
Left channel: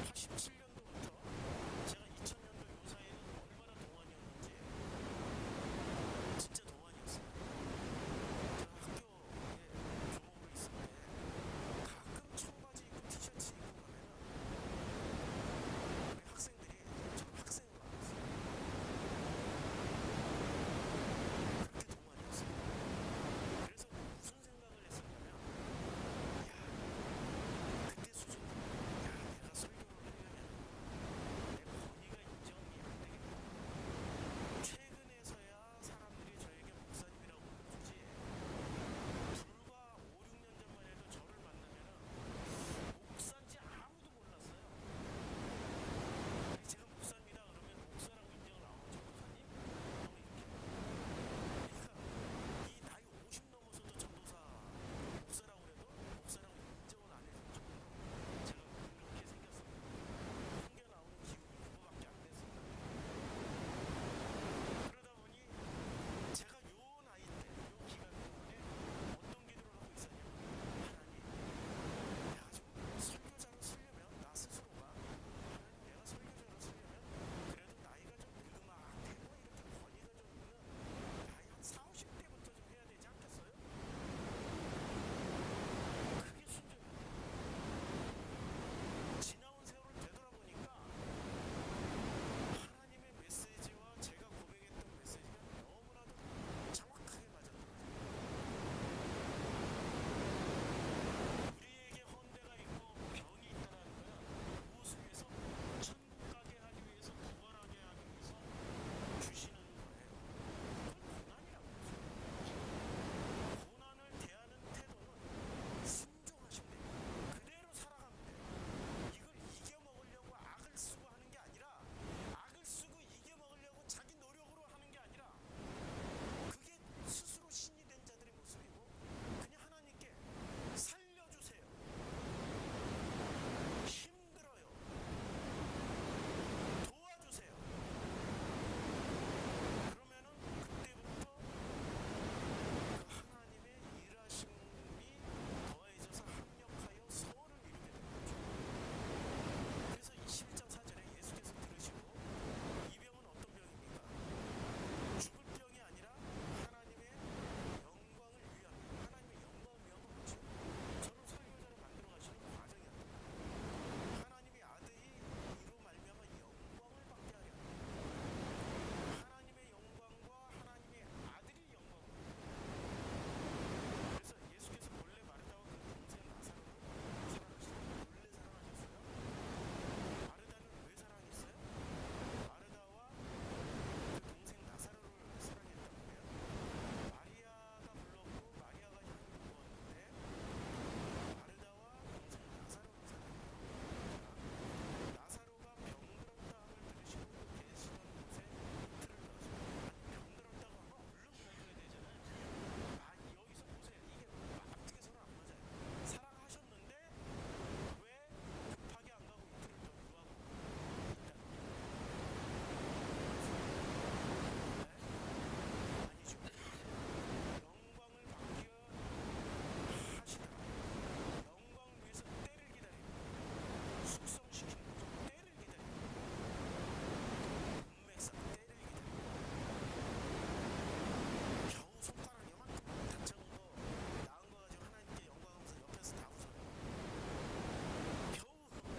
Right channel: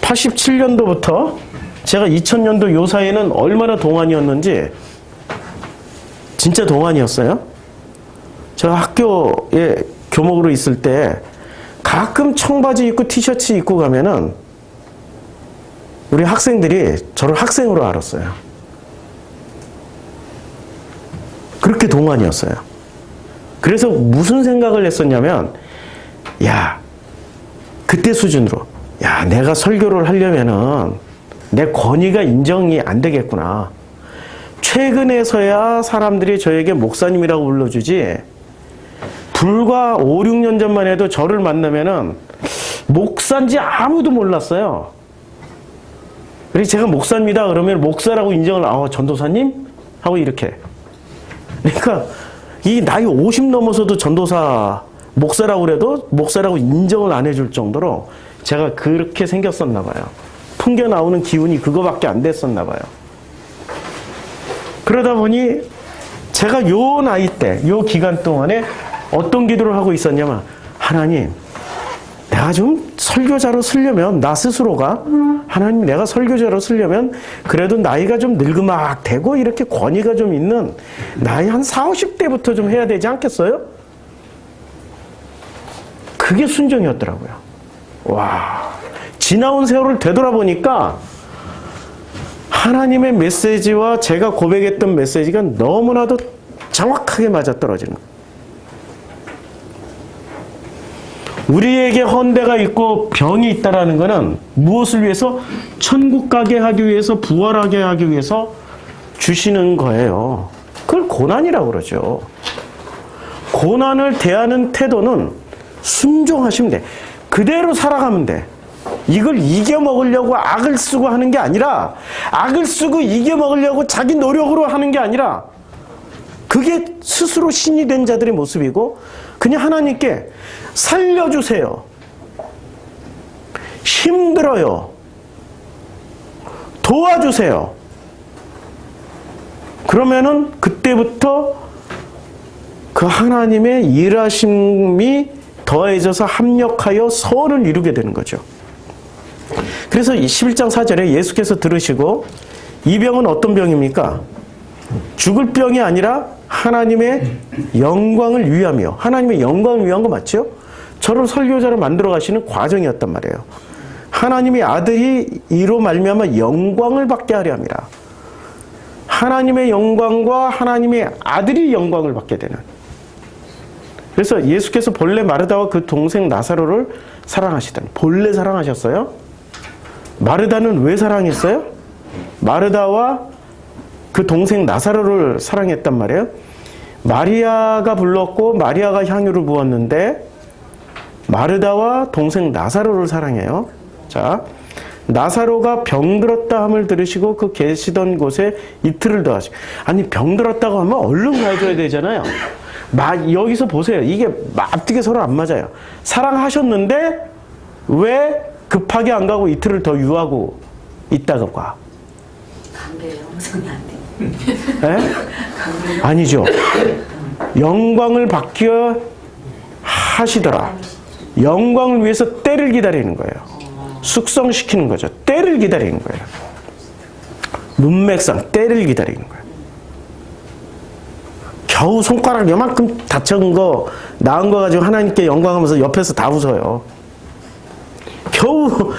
87년도부터 제가 2000년도 요 사이에는 얼마나 동안이었는지, 진짜 동안이었어요. 제가 학교에 교목으로 있을 때 가끔 청바지 입고 티셔츠 입고 가면은 우리 학생들이 저를 학생으로 알았어요. 그렇게 동안이었어요. 그래서 무슨 생각을 했었냐면, 야, 그때 수준으로, 야, 내가 설교를 하려면은 내 권위가 인정이 안 되겠구나. 최근에서야 사람들이 저에게 목사님이라고 불러주지, 불과 5, 6년 전만 해도 저를 만나면은 목사인지 아무도 몰랐어요. 그래서 제가 목사입니다 그러면 목사라고 인정을, 전도사님? 하고 이렇게. 그러니까 이 나이 50 넘어서도 전도사, 목사라고 그래도 목사라고 인정을 안 해줄 정도로 제가 그렇게 생겼었나 봐요. 풍겨 나오는 기운이 그거밖에 안 됐었나 봐요. 그러다 보니 제가 요 나이 때, 요 기간 동안에 어떤 기도를 하고 있었냐면, 하나님, 내가 좀 설교자로 쓰려면, 나 스스로가, 하나님, 내가 설교자로 쓰려면 그래도 나이가 좀 늙으막 되고 이렇게 권위가 좀 있는 나이 한 40, 50대부터 좀 해야 되지 않겠어요? 그게 순종이었더라고요. 와, 지나온 세월을 되돌아보니까 하나님의 메시지와 제가 고백했던 메시지가 너무나도 정확하게 맞아떨어지는 거예요. 우리에게 헌대가 있고 병이 있다라는 것은 무엇을 위해서? 천국 가게 하기 위해서, 부활하게 하기 위해서 주시는 거예요. 그걸 고난이라고 그러죠. 고난을 대하는 태도는 순종하시면 돼. 그대로 살아가면 돼. 이걸 이겨먹으려고 악을 쓰고 하는 게 아니라, 악을 쓰고 이겨먹으려고 자기 노력으로 하는 게 아니라, 그게 스스로 신이 된 자들의 모습이고, 그냥 하나님께 살려주세요. 힘들어요. 도와주세요. 그러면은 그때부터 그 하나님의 일하심이 더해져서 합력하여 선을 이루게 되는 거죠. 그래서 11장 4절에 예수께서 들으시고, 이 병은 어떤 병입니까? 죽을 병이 아니라 하나님의 영광을 위하며, 하나님의 영광을 위한 거 맞죠? 저를 설교자로 만들어 가시는 과정이었단 말이에요. 하나님의 아들이 이로 말미암아 영광을 받게 하려 함이라. 하나님의 영광과 하나님의 아들이 영광을 받게 되는. 그래서 예수께서 본래 마르다와 그 동생 나사로를 사랑하시더니, 본래 사랑하셨어요? 마르다는 왜 사랑했어요? 마르다와 그 동생 나사로를 사랑했단 말이에요. 마리아가 불렀고 마리아가 향유를 부었는데 마르다와 동생 나사로를 사랑해요. 자, 나사로가 병들었다 함을 들으시고 그 계시던 곳에 이틀을 더하시고. 아니, 병들었다고 하면 얼른 가줘야 되잖아요. 여기서 보세요. 이게 앞뒤가 서로 안 맞아요. 사랑하셨는데 왜 급하게 안 가고 이틀을 더 유하고 있다가 가? 관계 형성이 안 돼. 네? 아니죠. 영광을 받기 하시더라. 영광을 위해서 때를 기다리는 거예요. 숙성시키는 거죠. 때를 기다리는 거예요. 문맥상 때를 기다리는 거예요. 겨우 손가락 요만큼 다쳐온 거, 나은 거 가지고 하나님께 영광하면서 옆에서 다 웃어요. 겨우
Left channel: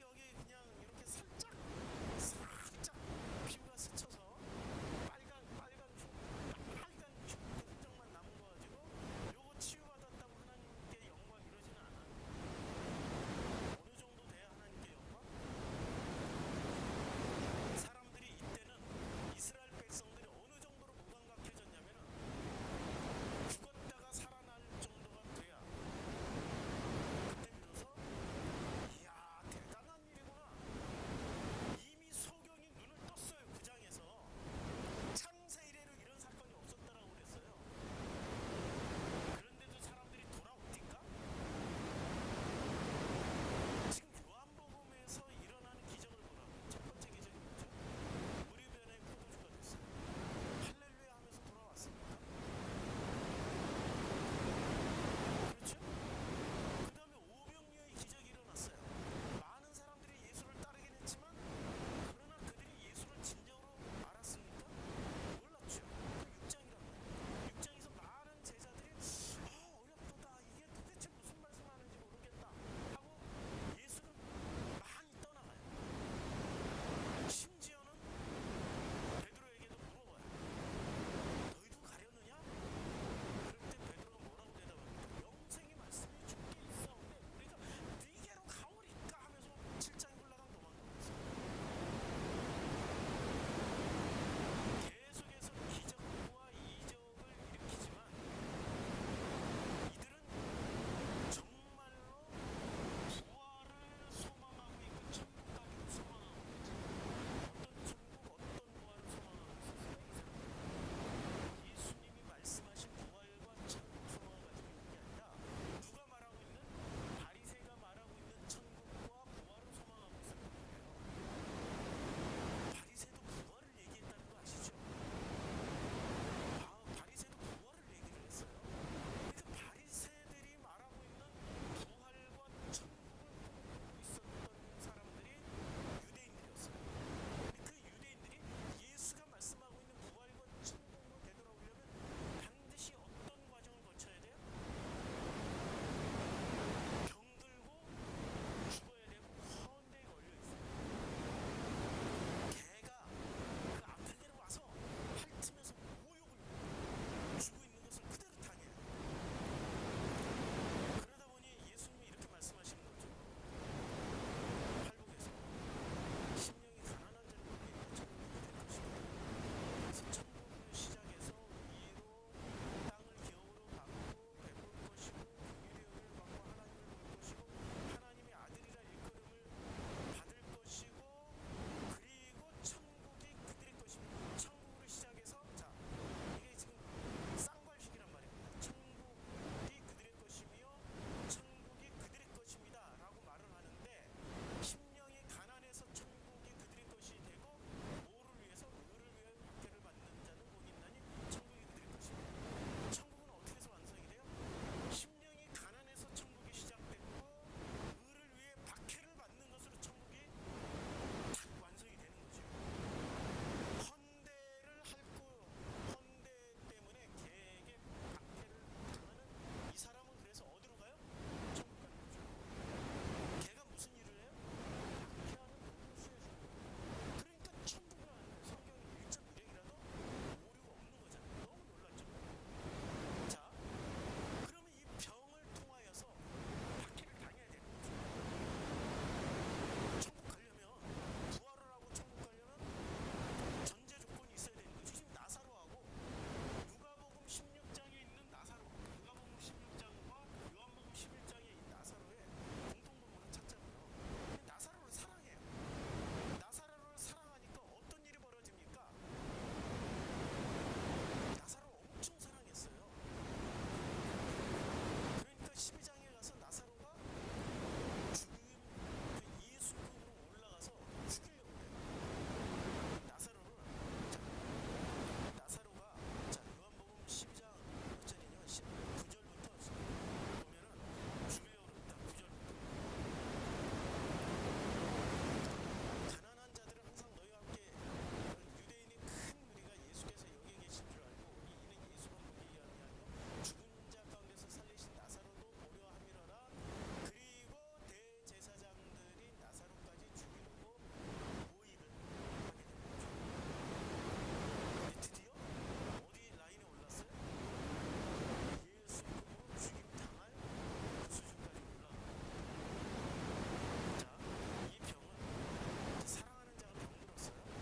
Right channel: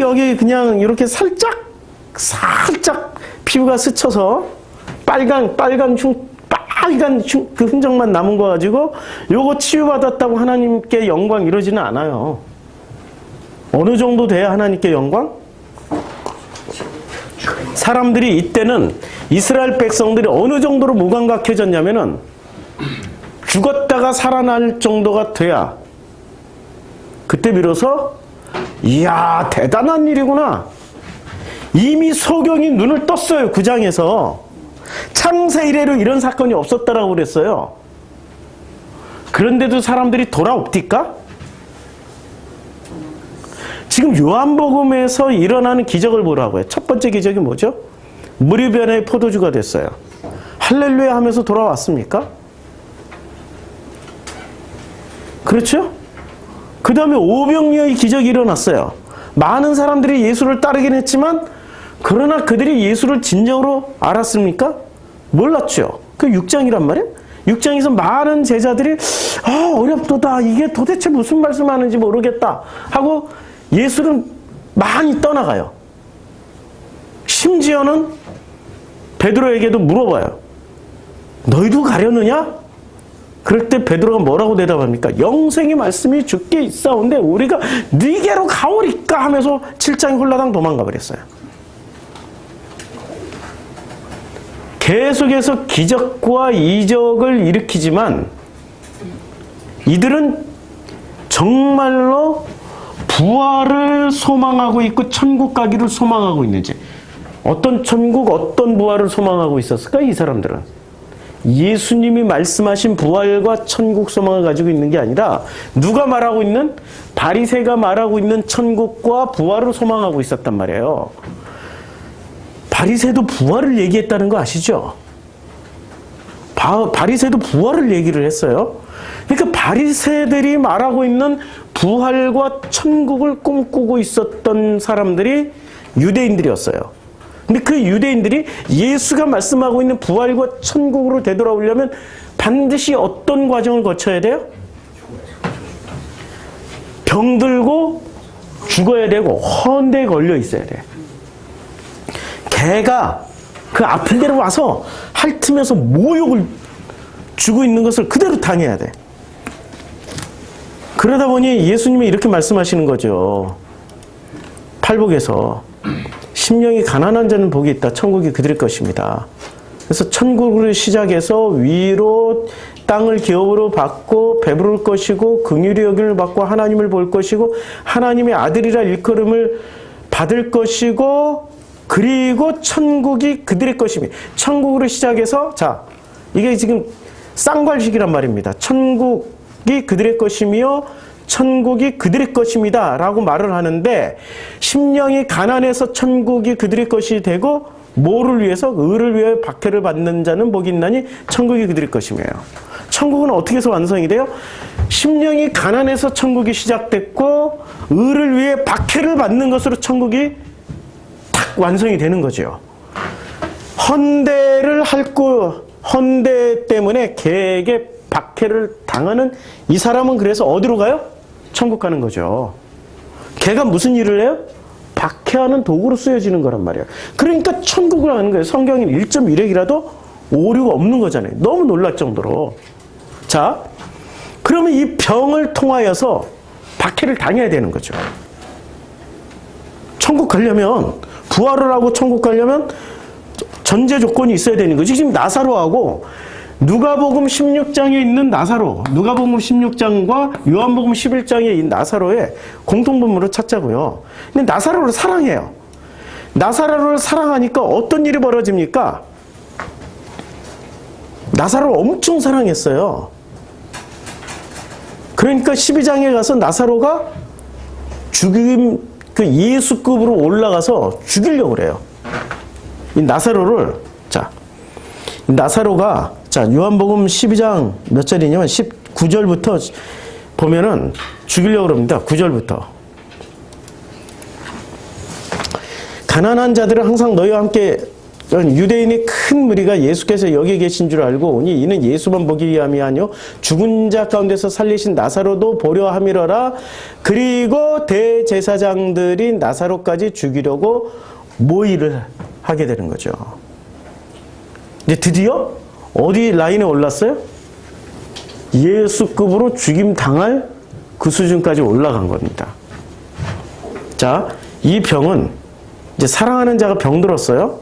여기 그냥 이렇게 살짝 피부가 스쳐서 빨간 그 흔적만 남은 거 가지고 요거 치유받았다고 하나님께 영광 이러지는 않아요. 어느 정도 돼야 하나님께 영광? 사람들이 이때는, 이스라엘 백성들이 어느 정도로 무감각해졌냐면은 죽었다가 살아날 정도가 돼야 그때 비로소 이야, 대단한 일이구나. 이미 소경이 눈을 떴어요. 9장에서 창세 이래로 이런 사건이 없었다라고 그랬어요. 그런데도 사람들이 돌아옵디까? 지금 요한복음에서 일어나는 기적을 보라고요. 첫 번째 기적이 뭐죠? 물이 변해 포도주가 됐어요. 할렐루야 하면서 돌아왔습니까? 그렇죠? 그 다음에 오병이어의 기적이 일어났어요. 많은 사람들이 예수를 따르긴 했지만 그러나 그들이 예수를 진정으로 알았습니까? 몰랐죠. 그 6장이란 말이에요. 6장에서 많은 제자들이 어렵도다. 이게 도대체 무슨 말씀하는지 모르겠다 하고 예수는 많이 떠나가요. 심지어는 베드로에게도 물어봐요. 너희도 가려느냐? 그럴 때 베드로가 뭐라고 대답합니까? 영생의 말씀이 주께 있사온데 우리가 네게로 가오리까 하면서 7장에 홀라당 도망가 버렸어요. 계속해서 기적과 이적을 일으키지만 이들은 정말로 부활을 소망하고 있고 천국 가기를 소망하고 있는지, 어떤 천국, 어떤 부활을 소망하고 있었을까? 이 사람들은 예수님이 말씀하신 부활과 천국 소망을 가지고 있는 게 아니라 누가 말하고 있는, 바리새가 말하고 있는 천국과 부활을 소망하고 있었단 말이에요. 바리새도 부활을 얘기했다는 거 아시죠? 바리새도 부활을 얘기를 했어요. 그러니까 바리새들이 말하고 있는 부활과 천국을 꿈꾸고 있었던 사람들이 유대인들이었어요. 근데 그 유대인들이 예수가 말씀하고 있는 부활과 천국으로 되돌아오려면 반드시 어떤 과정을 거쳐야 돼요? 병들고 죽어야 되고 헌대에 걸려 있어야 돼. 개가 그 아픈 데로 와서 핥으면서 모욕을 주고 있는 것을 그대로 당해야 돼. 그러다 보니 예수님이 이렇게 말씀하시는 거죠. 팔복에서 심령이 가난한 자는 복이 있다. 천국이 그들의 것입니다. 그래서 천국을 시작해서 위로 땅을 기업으로 받고 배부를 것이고 긍휼히 여김을 받고 하나님을 볼 것이고 하나님의 아들이라 일컬음을 받을 것이고 그리고 천국이 그들의 것입니다. 천국으로 시작해서 자 이게 지금 쌍괄식이란 말입니다. 천국이 그들의 것이며 천국이 그들의 것입니다 라고 말을 하는데 심령이 가난해서 천국이 그들의 것이 되고 뭐를 위해서? 의를 위해 박해를 받는 자는 복이 있나니 천국이 그들의 것이며. 천국은 어떻게 해서 완성이 돼요? 심령이 가난해서 천국이 시작됐고 의를 위해 박해를 받는 것으로 천국이 딱 완성이 되는 거죠. 헌대를 핥고 헌대 때문에 개에게 박해를 당하는 이 사람은 그래서 어디로 가요? 천국 가는 거죠. 개가 무슨 일을 해요? 박해하는 도구로 쓰여지는 거란 말이에요. 그러니까 천국을 가는 거예요. 성경에 1.1핵이라도 오류가 없는 거잖아요. 너무 놀랄 정도로. 자, 그러면 이 병을 통하여서 박해를 당해야 되는 거죠. 천국 가려면, 부활을 하고 천국 가려면 전제 조건이 있어야 되는 거지. 지금 나사로하고 누가복음 16장에 있는 나사로, 누가복음 16장과 요한복음 11장에 있는 나사로의 공통분모를 찾자고요. 근데 나사로를 사랑해요. 나사로를 사랑하니까 어떤 일이 벌어집니까? 나사로를 엄청 사랑했어요. 그러니까 12장에 가서 나사로가 죽임, 그 예수급으로 올라가서 죽이려고 그래요. 이 나사로를, 자, 나사로가, 자, 요한복음 12장 몇 절이냐면 19절부터 보면은 죽이려고 그럽니다. 9절부터. 가난한 자들은 항상 너희와 함께, 유대인의 큰 무리가 예수께서 여기 계신 줄 알고 오니 이는 예수만 보기 위함이 아니요 죽은 자 가운데서 살리신 나사로도 보려 함이러라. 그리고 대제사장들이 나사로까지 죽이려고 모의를 하게 되는 거죠. 이제 드디어 어디 라인에 올랐어요? 예수급으로 죽임 당할 그 수준까지 올라간 겁니다. 자, 이 병은 이제 사랑하는 자가 병들었어요.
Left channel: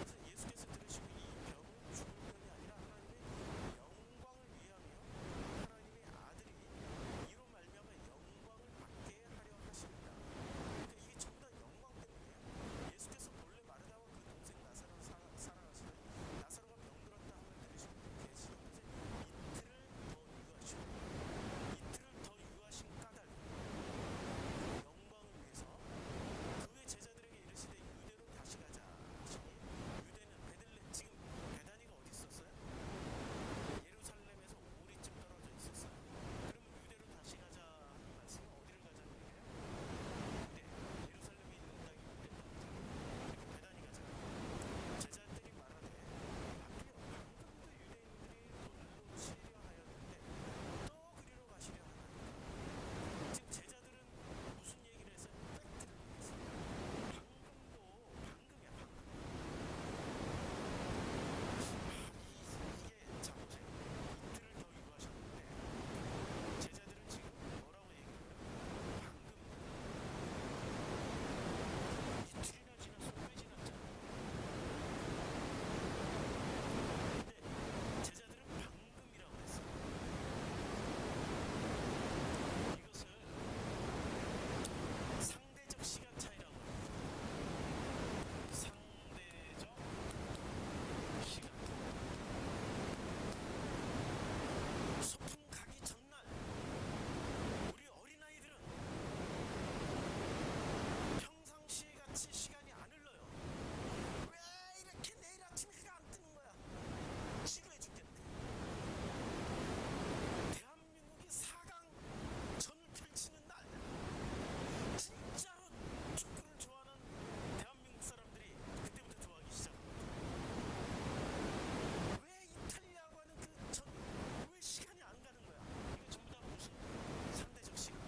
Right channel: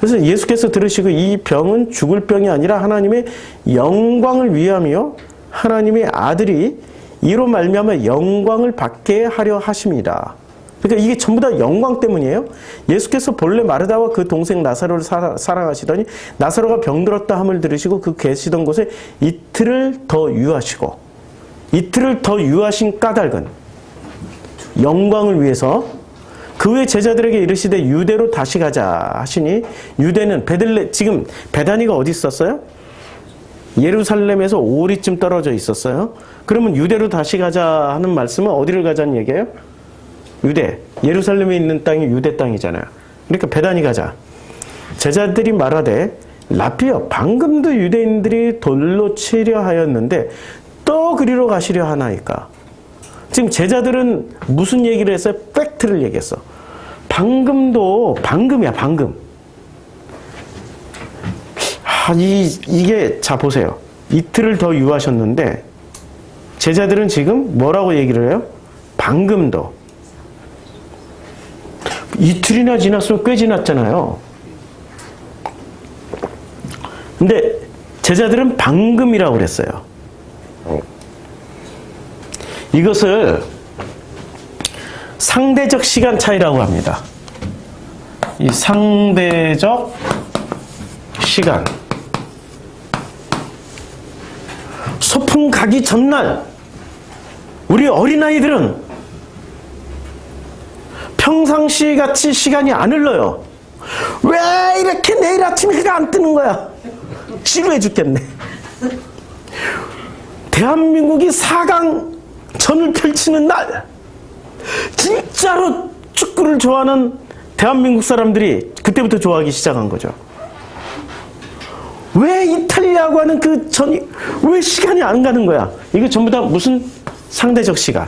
그래서 예수께서 들으시고 이 병은 죽을 병이 아니라 하나님의 영광을 위함이요 하나님의 아들이 이로 말미암아 영광을 받게 하려 하십니다. 그러니까 이게 전부 다 영광 때문이에요. 예수께서 본래 마르다와 그 동생 나사로를 사랑하시더니 나사로가 병들었다 함을 들으시고 그 계시던 곳에 이틀을 더 유하시고, 이틀을 더 유하신 까닭은 영광을 위해서 그 후에 제자들에게 이르시되 유대로 다시 가자 하시니, 유대는 지금 베다니가 어디 있었어요? 예루살렘에서 5리쯤 떨어져 있었어요. 그러면 유대로 다시 가자 하는 말씀은 어디를 가자는 얘기예요? 유대. 예루살렘에 있는 땅이 유대 땅이잖아요. 그러니까 베다니 가자. 제자들이 말하되 라피여, 방금도 유대인들이 돌로 치려 하였는데 또 그리로 가시려 하나이까. 지금 제자들은 무슨 얘기를 했어요? 팩트를 얘기했어. 방금이야, 방금. 이게, 자, 보세요. 이틀을 더 유하셨는데, 제자들은 지금 뭐라고 얘기를 해요? 방금도. 이틀이나 지났으면 꽤 지났잖아요. 근데 제자들은 방금이라고 그랬어요. 이것을 상대적 시간 차이라고 합니다. 이 상대적 시간. 소풍 가기 전날 우리 어린아이들은 평상시 같이 시간이 안 흘러요. 왜 이렇게 내일 아침 해가 안 뜨는 거야? 지루해 죽겠네. 대한민국이 4강 전을 펼치는 날, 진짜로 축구를 좋아하는 대한민국 사람들이 그때부터 좋아하기 시작한 거죠. 왜 이탈리아하고 하는 그 전이 왜 시간이 안 가는 거야? 이거 전부 다 무슨 상대적 시간.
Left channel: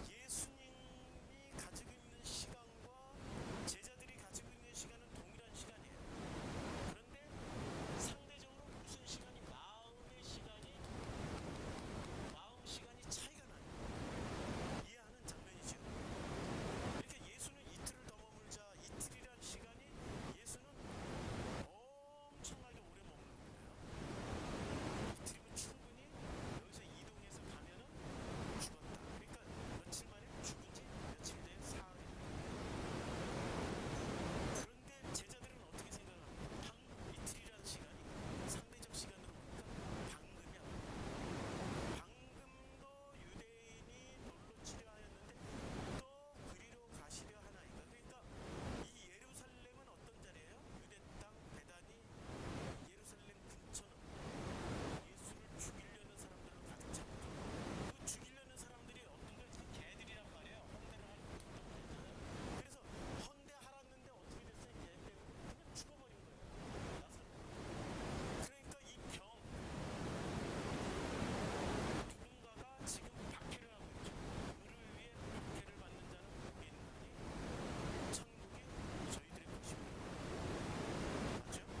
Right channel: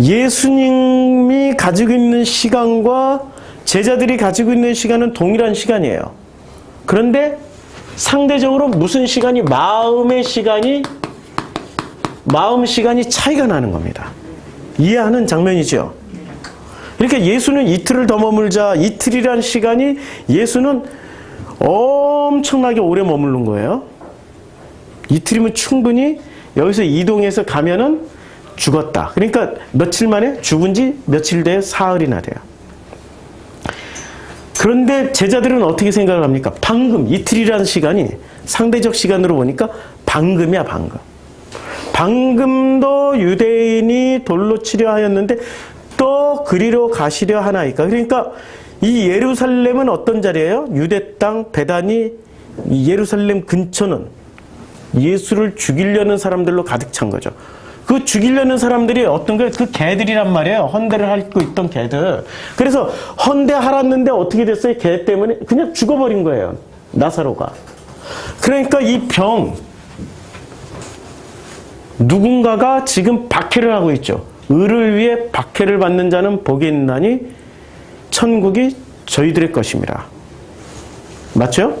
예수님이 가지고 있는 시간과 제자들이 가지고 있는 시간은 동일한 시간이에요. 그런데 상대적으로 무슨 시간이, 마음 시간이 차이가 나는 겁니다. 이해하는 장면이죠. 그러니까 예수는 이틀을 더 머물자, 이틀이란 시간이 예수는 엄청나게 오래 머무른 거예요. 이틀이면 충분히 여기서 이동해서 가면은 죽었다. 그러니까 며칠 만에 죽은 지 며칠 뒤에 사흘이나 돼요. 그런데 제자들은 어떻게 생각을 합니까? 방금, 이틀이라는 시간이 상대적 시간으로 보니까 방금이야, 방금. 방금도 유대인이 돌로 치려 하였는데 또 그리로 가시려 하나이까. 그러니까 이 예루살렘은 어떤 자리예요? 유대 땅, 베다니, 예루살렘 근처는 예수를 죽이려는 사람들로 가득 찬 거죠. 그 죽이려는 사람들이 어떤 거예요? 그 개들이란 말이에요. 헌대를 하고 있던 개들. 그래서 헌대 하랐는데 어떻게 됐어요? 개 때문에 그냥 죽어버린 거예요. 나사로가. 그러니까 이 병, 누군가가 지금 박해를 하고 있죠. 의를 위해 박해를 받는 자는 복이 있나니 천국이 저희들의 것입니다. 맞죠?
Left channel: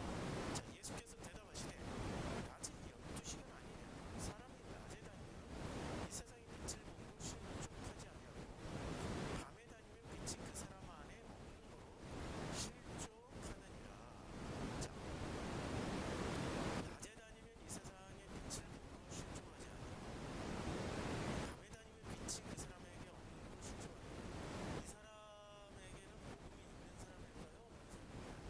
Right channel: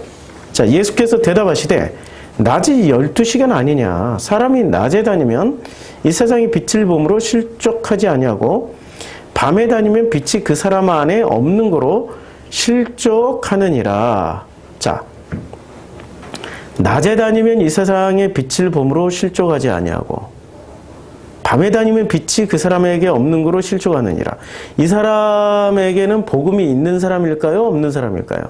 자, 예수께서 대답하시되 낮이 12시간 아니냐. 사람이 낮에 다니면 이 세상의 빛을 보므로 실족하지 아니하고 밤에 다니면 빛이 그 사람 안에 없는 거로 실족하느니라. 자, 낮에 다니면 이 세상의 빛을 보므로 실족하지 아니하고 밤에 다니면 빛이 그 사람에게 없는 거로 실족하느니라. 이 사람에게는 복음이 있는 사람일까요? 없는 사람일까요?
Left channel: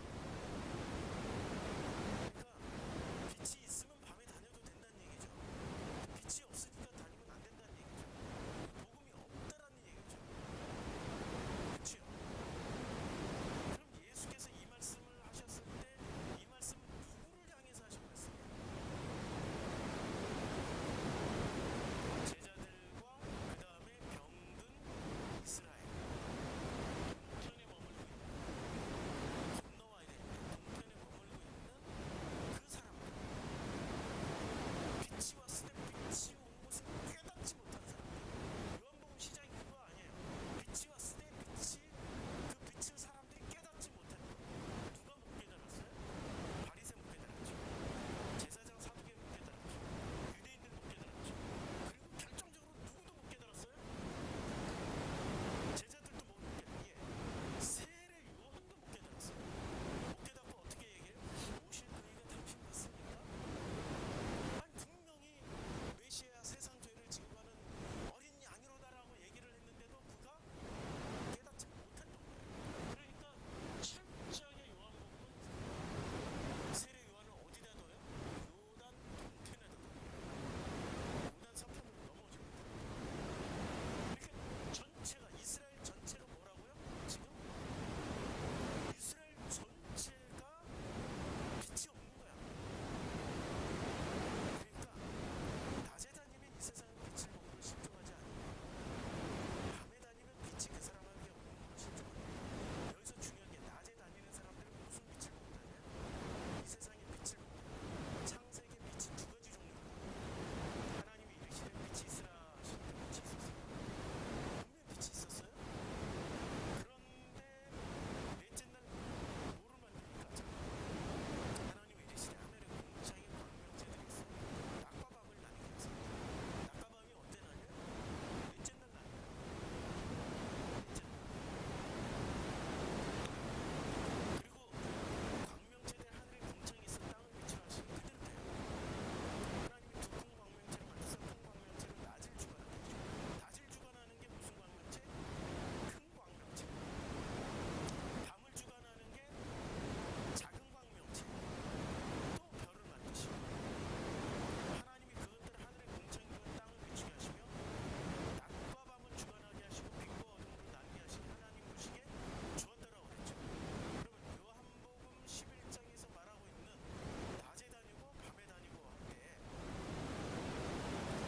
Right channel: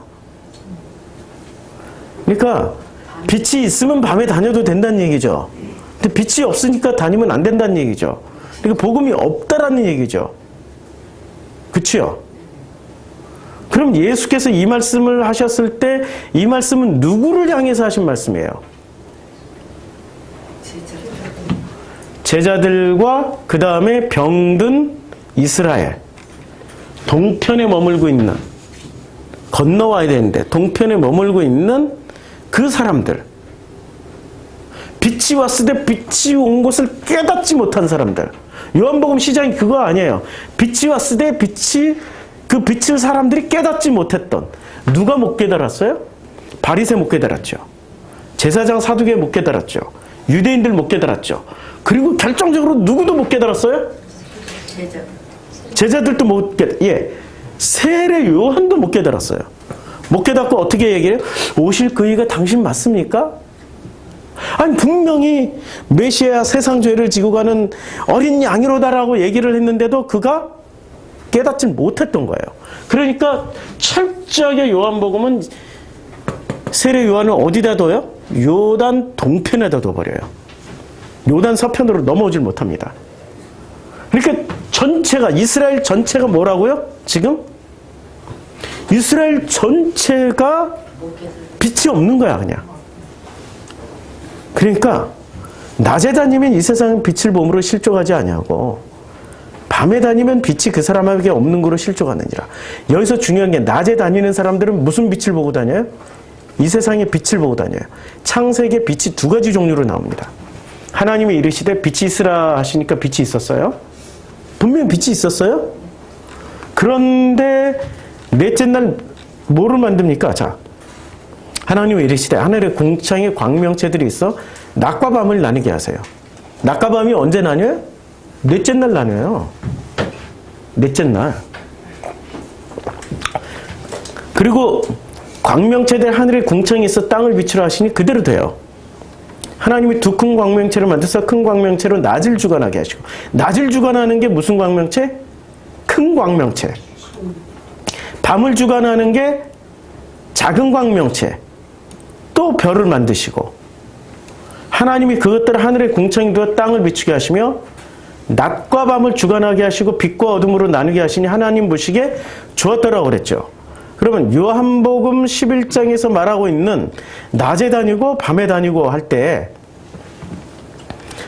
그러니까 빛이 있으면 밤에 다녀도 된다는 얘기죠. 근데 빛이 없으니까 다니면 안 된다는 얘기죠. 그러니까 복음이 없다라는 얘기죠. 그치요? 그럼 예수께서 이 말씀을 하셨을 때 이 말씀은 누구를 향해서 하신 말씀이에요? 제자들과 그 다음에 병든 이스라엘, 동편에 머물고 있는, 건너와야 되는데 동편에 머물고 있는 그 사람들, 빛이 왔을 때 빛이 온 것을 깨닫지 못한 사람들. 요한복음 시작이 그거 아니에요. 빛이 왔을 때 그 빛을 사람들이 깨닫지 못했던. 누가 못 깨달았어요? 바리새 못 깨달았죠. 제사장 사두개 못 깨달았죠. 유대인들 못 깨달았죠. 그리고 결정적으로 누구도 못 깨달았어요? 제자들도 못 세례 요한도 못 깨달았어요. 못 깨닫고 어떻게 얘기해요? 오실 그이가 당신 맞습니까? 아니 분명히 메시아 세상 죄를 지고 가는 어린 양이로다라고 얘기를 했는데도 그가 깨닫지 못했던 거예요. 그러니까 철저하게 요한복음은 세례 요한을 어디다 둬요? 요단 동편에다 둬버려요. 요단 서편으로 넘어오질 못합니다. 그러니까 전체가, 이스라엘 전체가 뭐라고요? 지금? 이스라엘 전체가 빛이 없는 거야, 그냥. 그러니까 낮에 다니면 이 세상은 빛을 몸으로 실족하지 아니하고 밤에 다니면 빛이 그 사람에게 없는 거로 실족하느니라. 여기서 중요한 게 낮에 다니는 사람들은 무슨 빛을 보고 다녀요? 이 세상의 빛을 보고 다녀요. 창세기에 빛이 두 가지 종류로 나옵니다. 하나님이 이르시되 빛이 있으라 하시니까 빛이 있었어요. 분명히 빛이 있었어요. 그런데 넷째 날 뭐를 만듭니까? 자, 하나님이 이르시되 하늘의 궁창에 광명체들이 있어 낮과 밤을 나누게 하세요. 낮과 밤이 언제 나뉘어요? 넷째 날 나뉘어요. 넷째 날. 그리고 광명체들 하늘의 궁창에 있어 땅을 비추라 하시니 그대로 돼요. 하나님이 두 큰 광명체를 만드서 큰 광명체로 낮을 주관하게 하시고, 낮을 주관하는 게 무슨 광명체? 큰 광명체. 밤을 주관하는 게 작은 광명체. 또 별을 만드시고, 하나님이 그것들을 하늘의 궁창에 두어 땅을 비추게 하시며 낮과 밤을 주관하게 하시고 빛과 어둠으로 나누게 하시니 하나님 보시기에 좋았더라고 그랬죠. 그러면 요한복음 11장에서 말하고 있는 낮에 다니고 밤에 다니고 할 때,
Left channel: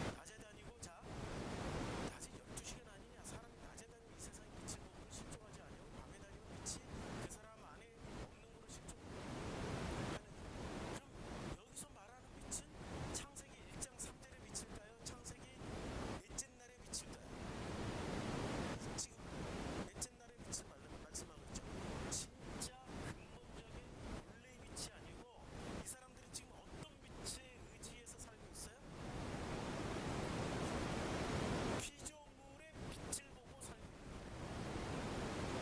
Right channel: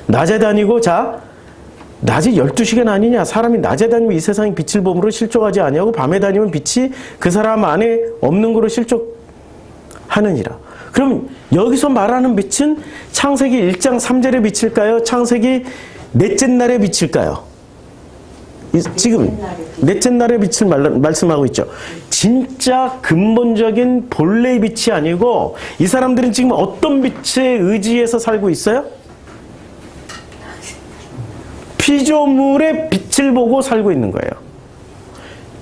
낮에 다니고, 자, 낮이 12시간 아니냐? 사람이 낮에 다니면 이 세상에 빛을 보므로 실족하지 아니하고 밤에 다니면 빛이 그 사람 안에 없는 거로 실족하느니라. 그럼 여기서 말하는 빛은 창세기 1장 3절의 빛일까요? 창세기 넷째 날의 빛일까요? 지금 넷째 날의 빛을 말씀하고 있죠. 진짜 근본적인 본래의 빛이 아니고 이 사람들은 지금 어떤 빛에 의지해서 살고 있어요? 피조물의 빛을 보고 살고 있는 거예요.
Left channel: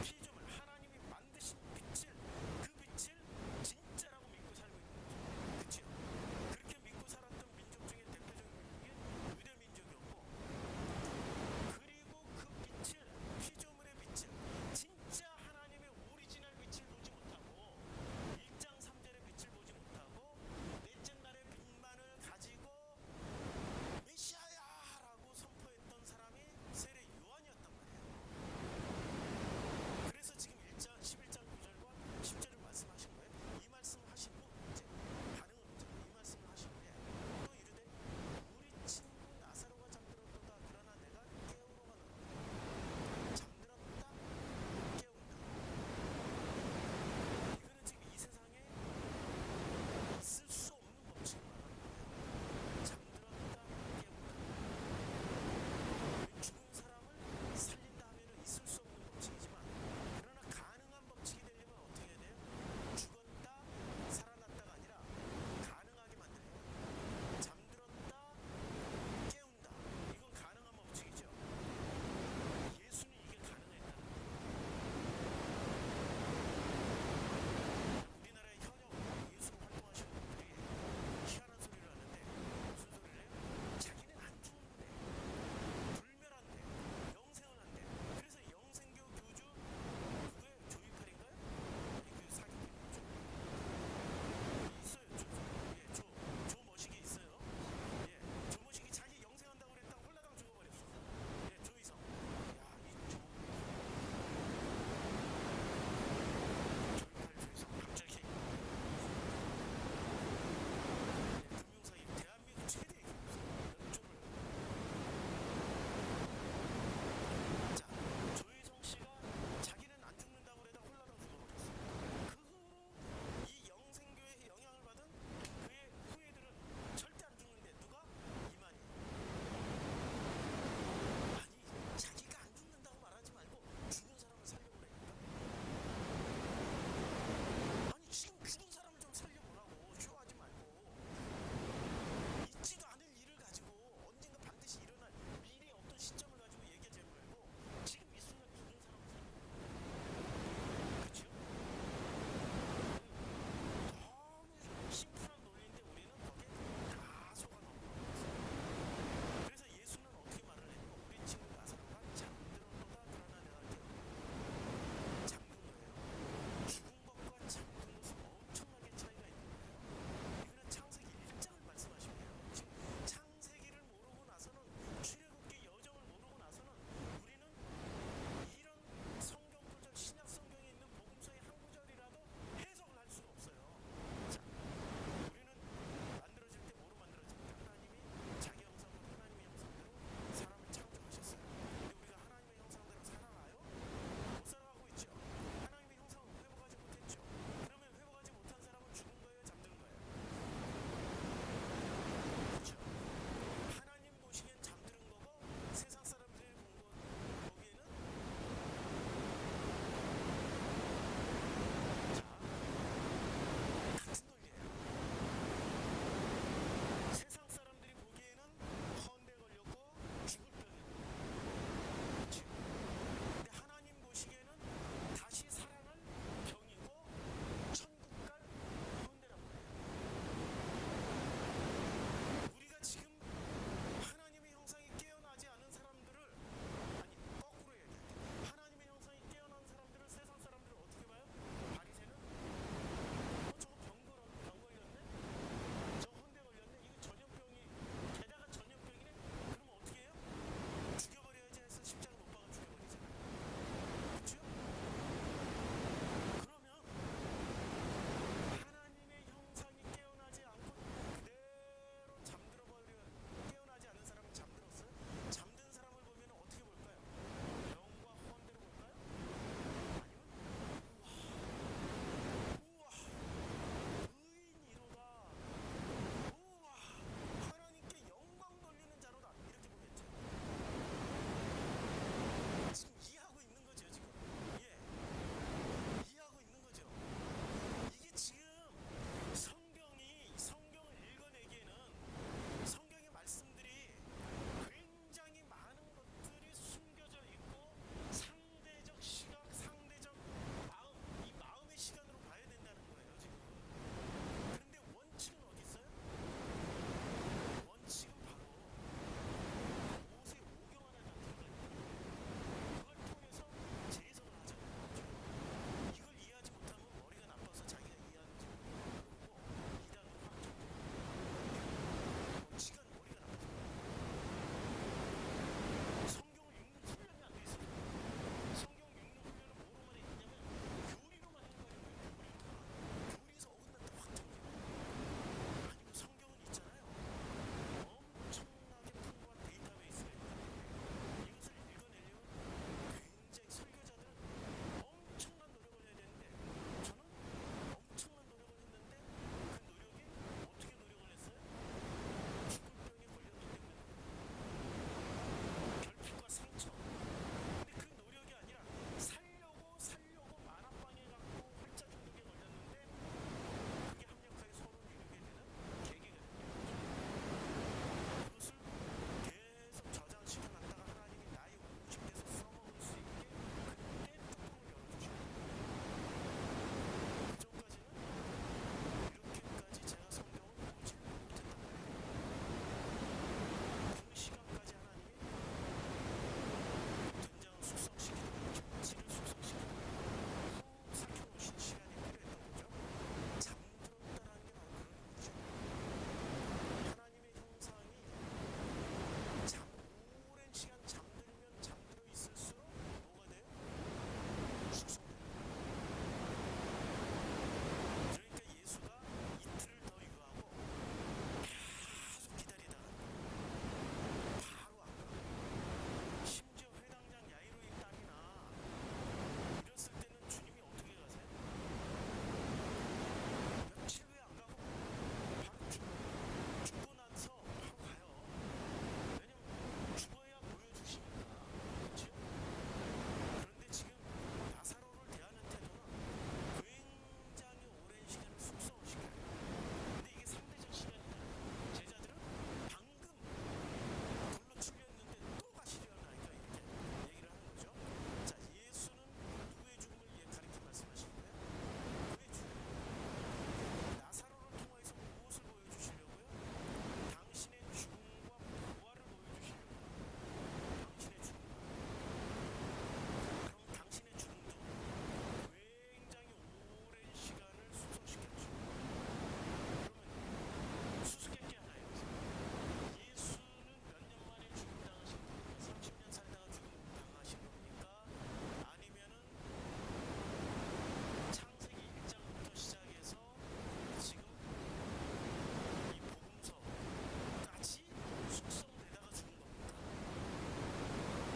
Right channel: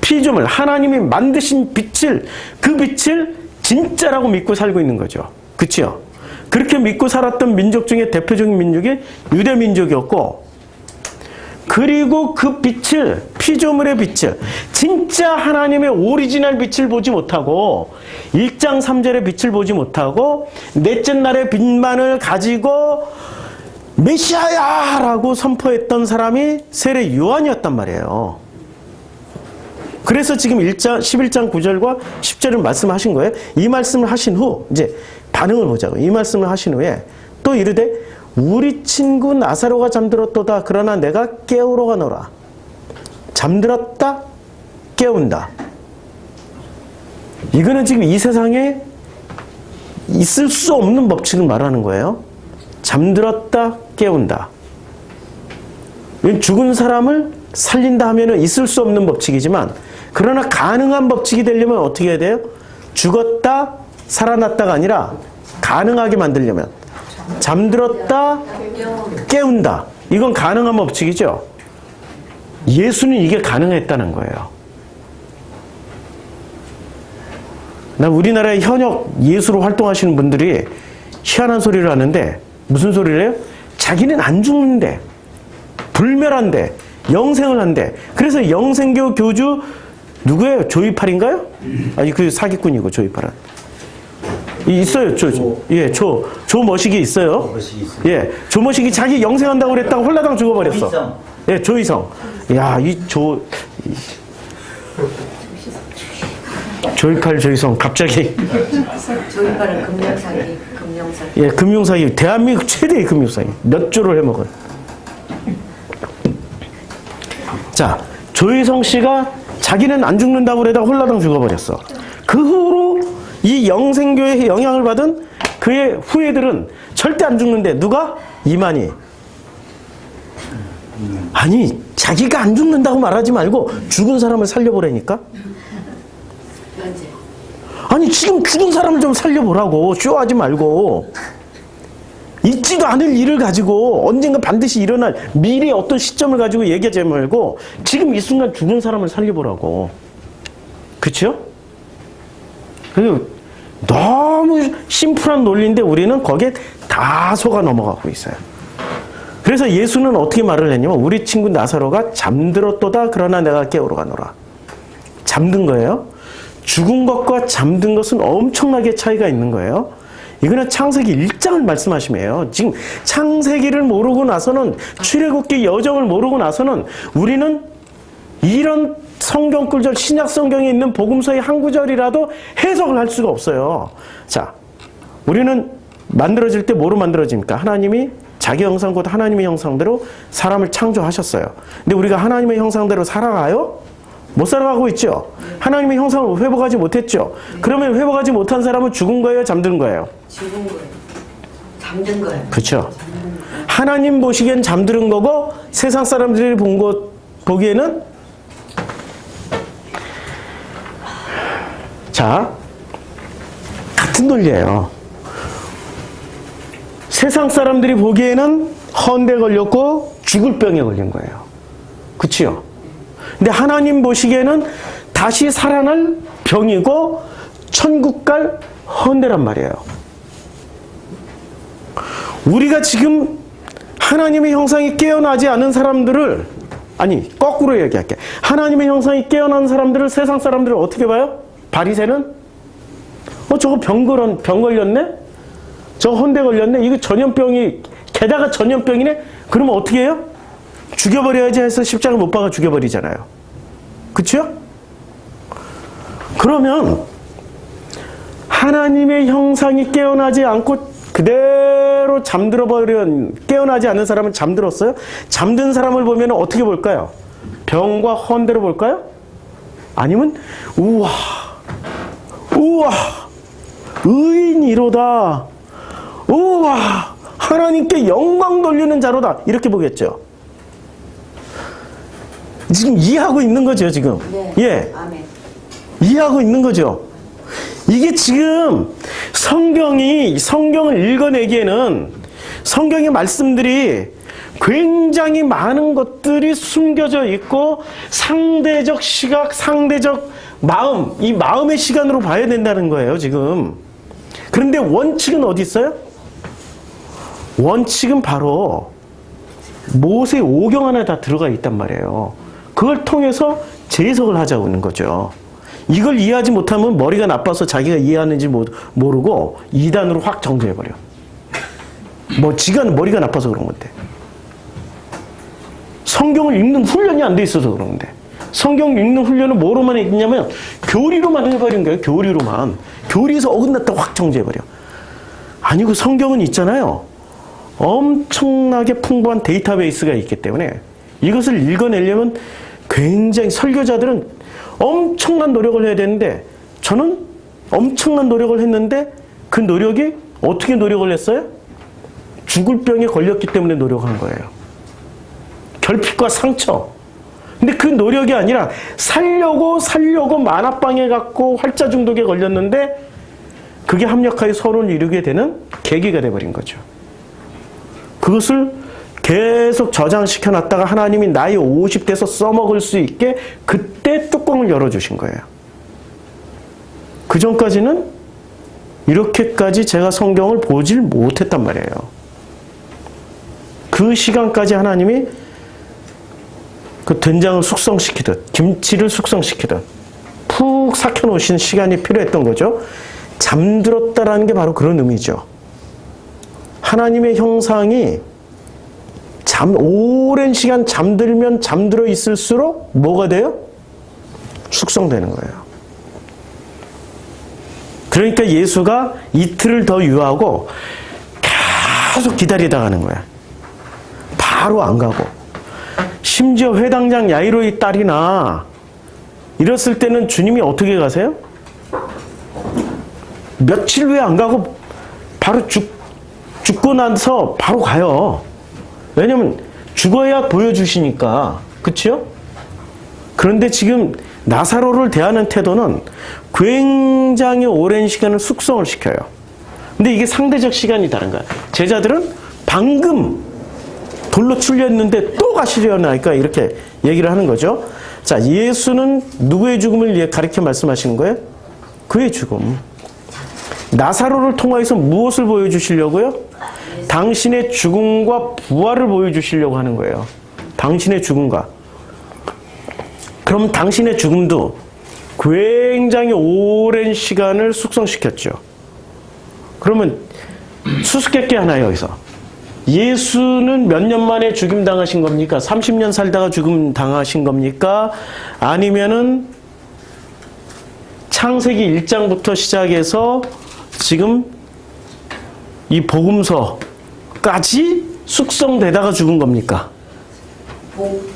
피조물, 하나님이 만드신 빛을, 그 빛을 진짜라고 믿고 살고 있는 거죠. 그렇죠? 그렇게 믿고 살았던 민족 중에 대표적인 민족이 유대 민족이었고, 그리고 그 빛을, 피조물의 빛을, 진짜 하나님의 오리지널 빛을 보지 못하고 1장 3절의 빛을 보지 못하고 넷째 날의 빛만을 가지고 메시아야! 라고 선포했던 사람이 세례 요한이었단 말이에요. 그래서 지금 11장 9절과 10절을 말씀하신 거예요. 이 말씀을 하신 후 이제 반응을 보자고. 이 말씀을 하신 후에 또 이르되 우리 친구 나사로가 잠들었도다. 그러나 내가 깨우러 가노라. 잠들었다, 깨운다. 이거는 지금 이 세상에 있을 수 없는 법칙을 말하는 거예요. 잠들었다, 깨운다. 죽은 사람을 살린다 하면 있을 수 없는 법칙이지만, 그러나 가능한 법칙이 되려면 어떻게 해야 돼요? 죽었다, 살아났다가 아니라 가능하게 만들려면 잠들었다, 깨운다. 이건 가능한 법칙이죠. 예수는 이게 가능했다는 거예요. 나 우리나라의 현역 예수로 활동하시는 분들이 희한한 소리를 하는데, 무슨 소리를 해요? 자기는 안 죽는데, 불멸한데, 영생을 한대. 그래서 영생교 교주 누구예요? 조이팔인가요? 아니, 그 사기꾼이고, 조이팔은. 있어요. 조머식이 있어요. 예, 조머식이 자기 영생한다고 그랬다고 홀라당 죽어버렸어. 예, 조이성. 야, 조이팔, 조이성, 갑자기. 조이팔은 금융사기. 예, 금융사기. 대한민국 최대의 금융사기. 몇 조를 해먹은. 자, 조이성 씨가 자기는 안 죽는다고 그러다가 홀라당 죽어버렸어. 그 후로 이 영생교회의 영향을 받은 그의 후예들은 절대 안 죽는데, 누가? 이만희. 아니, 자기가 안 죽는다고 말하지 말고 죽은 사람을 살려보라니까? 아니, 지금 죽은 사람을 좀 살려보라고. 쇼하지 말고. 있지도 않을 일을 가지고 언젠가 반드시 일어날 미래의 어떤 시점을 가지고 얘기하지 말고 지금 이 순간 죽은 사람을 살려보라고. 그렇죠? 그리고 너무 심플한 논리인데 우리는 거기에 다 속아 넘어가고 있어요. 그래서 예수는 어떻게 말을 했냐면 우리 친구 나사로가 잠들었도다 그러나 내가 깨우러 가노라. 잠든 거예요. 죽은 것과 잠든 것은 엄청나게 차이가 있는 거예요. 이거는 창세기 1장을 말씀하시며요. 지금 창세기를 모르고 나서는 출애굽기 여정을 모르고 나서는 우리는 이런 성경 구절 신약 성경에 있는 복음서의 한 구절이라도 해석을 할 수가 없어요. 자, 우리는 만들어질 때 뭐로 만들어집니까? 하나님이 자기 형상 곧 하나님의 형상대로 사람을 창조하셨어요. 근데 우리가 하나님의 형상대로 살아가요? 못 살아가고 있죠. 하나님의 형상을 회복하지 못했죠. 그러면 회복하지 못한 사람은 죽은 거예요? 잠든 거예요? 죽은 거예요. 잠든 거예요. 그렇죠. 하나님 보시기엔 잠드는 거고 세상 사람들이 보기에는 자, 같은 논리예요. 세상 사람들이 보기에는 헌데 걸렸고 죽을 병에 걸린 거예요. 그렇죠? 근데 하나님 보시기에는 다시 살아날 병이고 천국 갈 헌데란 말이에요. 우리가 지금 하나님의 형상이 깨어나지 않은 사람들을, 아니 거꾸로 얘기할게. 하나님의 형상이 깨어난 사람들을, 세상 사람들을 어떻게 봐요? 바리새는 저거 병 걸렸네? 저거 헌데 걸렸네? 이거 전염병이, 게다가 전염병이네? 그러면 어떻게 해요? 죽여버려야지 해서 십자가 못 박아 죽여버리잖아요. 그쵸? 그러면 하나님의 형상이 깨어나지 않고 그대로 깨어나지 않은 사람은 잠들었어요? 잠든 사람을 보면 어떻게 볼까요? 병과 헌대로 볼까요? 아니면 우와 의인이로다, 우와 하나님께 영광 돌리는 자로다, 이렇게 보겠죠. 지금 이해하고 있는 거죠, 지금. 네. 예. 아멘. 이해하고 있는 거죠. 이게 지금 성경을 읽어내기에는 성경의 말씀들이 굉장히 많은 것들이 숨겨져 있고 상대적 시각, 상대적 마음, 이 마음의 시간으로 봐야 된다는 거예요, 지금. 그런데 원칙은 어디 있어요? 원칙은 바로 모세 오경 안에 다 들어가 있단 말이에요. 그걸 통해서 재해석을 하자고 하는 거죠. 이걸 이해하지 못하면 머리가 나빠서 자기가 이해하는지 모르고 이단으로 확 정죄해버려. 지가 머리가 나빠서 그런 건데. 성경을 읽는 훈련이 안 돼 있어서 그런 건데. 성경 읽는 훈련은 뭐로만 했냐면 교리로만 해버린 거예요. 교리로만. 교리에서 어긋났다 확 정죄해버려. 아니고 성경은 있잖아요. 엄청나게 풍부한 데이터베이스가 있기 때문에 이것을 읽어내려면 굉장히 설교자들은 엄청난 노력을 해야 되는데 저는 엄청난 노력을 했는데 그 노력이 어떻게 노력을 했어요? 죽을 병에 걸렸기 때문에 노력한 거예요. 결핍과 상처. 근데 그 노력이 아니라 살려고 만화방에 갖고 활자 중독에 걸렸는데 그게 합력하여 서론을 이루게 되는 계기가 돼버린 거죠. 그것을 계속 저장시켜 놨다가 하나님이 나이 50대에서 써먹을 수 있게 그때 뚜껑을 열어주신 거예요. 그 전까지는 이렇게까지 제가 성경을 보질 못했단 말이에요. 그 시간까지 하나님이 그 된장을 숙성시키듯 김치를 숙성시키듯 푹 삭혀놓으신 시간이 필요했던 거죠. 잠들었다라는 게 바로 그런 의미죠. 하나님의 형상이 오랜 시간 잠들면 잠들어 있을수록 뭐가 돼요? 숙성되는 거예요. 그러니까 예수가 이틀을 더 유하고 계속 기다리다 가는 거야. 바로 안 가고. 심지어 회당장 야이로의 딸이나 이랬을 때는 주님이 어떻게 가세요? 며칠 후에 안 가고 바로 죽고 나서 바로 가요. 왜냐면 죽어야 보여주시니까. 그렇죠? 그런데 지금 나사로를 대하는 태도는 굉장히 오랜 시간을 숙성을 시켜요. 근데 이게 상대적 시간이 다른 거야. 제자들은 방금 돌로 출렸는데 또 가시려나 하니까 이렇게 얘기를 하는 거죠. 자, 예수는 누구의 죽음을 가리켜 말씀하시는 거예요? 그의 죽음. 나사로를 통하여서 무엇을 보여주시려고요? 당신의 죽음과 부활을 보여주시려고 하는 거예요. 당신의 죽음과. 그럼 당신의 죽음도 굉장히 오랜 시간을 숙성시켰죠. 그러면 수수께끼 하나 여기서. 예수는 몇 년 만에 죽임 당하신 겁니까? 30년 살다가 죽임 당하신 겁니까? 아니면은 창세기 1장부터 시작해서 지금 이 복음서까지 숙성되다가 죽은 겁니까?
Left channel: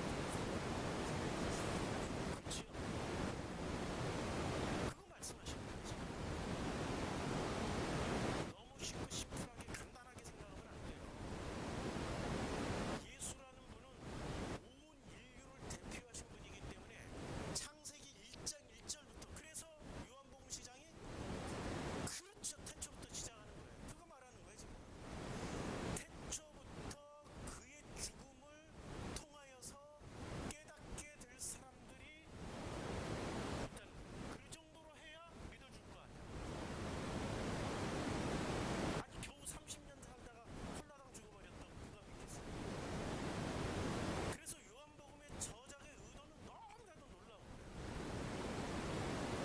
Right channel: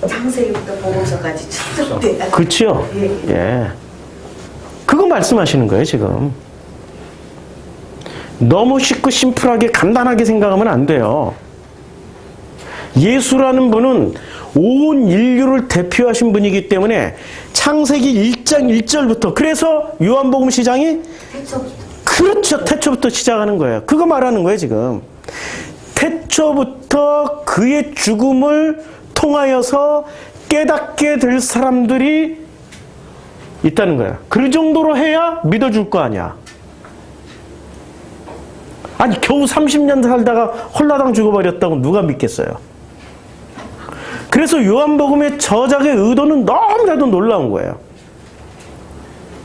창세기부터 복음서까지 축적돼야. 그렇죠? 예. 그거 말씀하시는 거예요, 지금. 너무 쉽고 심플하게 간단하게 생각하면 안 돼요. 예수라는 분은 온 인류를 대표하신 분이기 때문에 창세기 1장 1절부터 그래서 요한복음 시장이 그렇죠. 태초부터 시작하는 거예요. 그거 말하는 거예요, 지금. 태초부터 그의 죽음을 통하여서 깨닫게 될 사람들이 있다는 거야. 그 정도로 해야 믿어줄 거 아니야. 아니 겨우 30년 살다가 홀라당 죽어버렸다고 누가 믿겠어요. 그래서 요한복음의 저작의 의도는 너무나도 놀라운 거예요.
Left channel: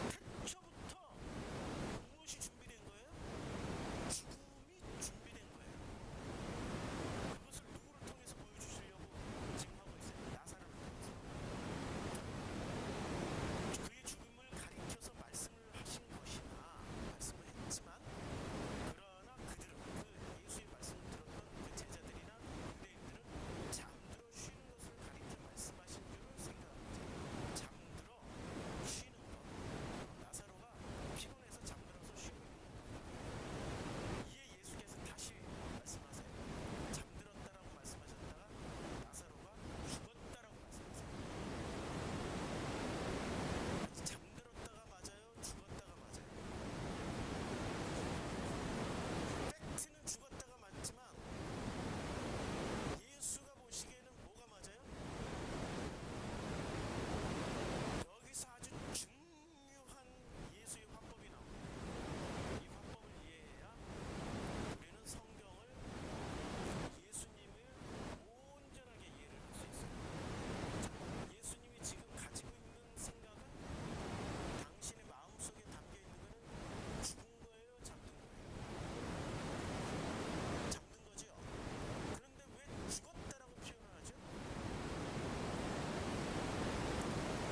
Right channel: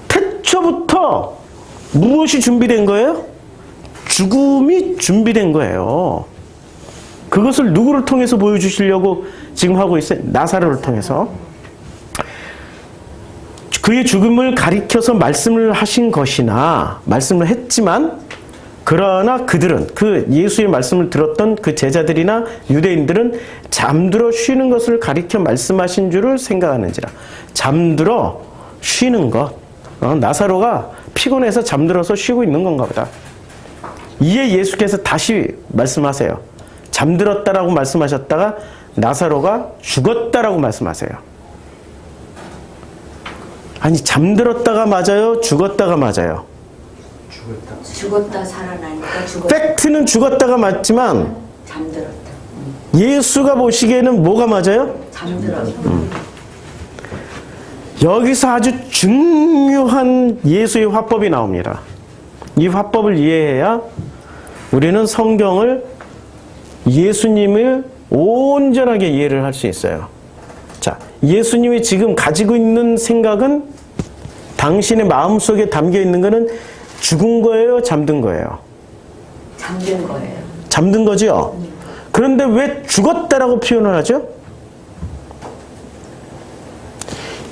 태초부터 무엇이 준비된 거예요? 죽음이 준비된 거예요. 그것을 누구를 통해서 보여주시려고 지금 하고 있어요? 나사로를 통해서. 그의 죽음을 가리켜서 말씀을 하신 것이나 말씀을 했지만 그러나 그들은 그 예수의 말씀을 들었던 그 제자들이나 유대인들은 잠들어 쉬는 것을 가리켜 말씀하신 줄을 생각하는지라. 잠들어 쉬는 것. 나사로가 피곤해서 잠들어서 쉬고 있는 건가 보다. 이에 예수께서 다시 말씀하세요. 잠들었다라고 말씀하셨다가 나사로가 죽었다라고 말씀하세요. 아니 잠들었다가 맞아요? 죽었다가 맞아요? 죽었다 살아나니까 죽었다. 팩트는 죽었다가 맞지만 잠들었다. 예수가 보시기에는 뭐가 맞아요? 잠들었다. 여기서 아주 중요한 예수의 화법이 나옵니다. 이 화법을 이해해야 우리는 성경을 예수님을 온전하게 이해를 할 수 있어요. 자, 예수님이 지금 가지고 있는 생각은 당신의 마음속에 담겨 있는 것은 죽은 거예요? 잠든 거예요? 잠든 거예요. 잠든 거죠? 그런데 왜 죽었다라고 표현을 하죠?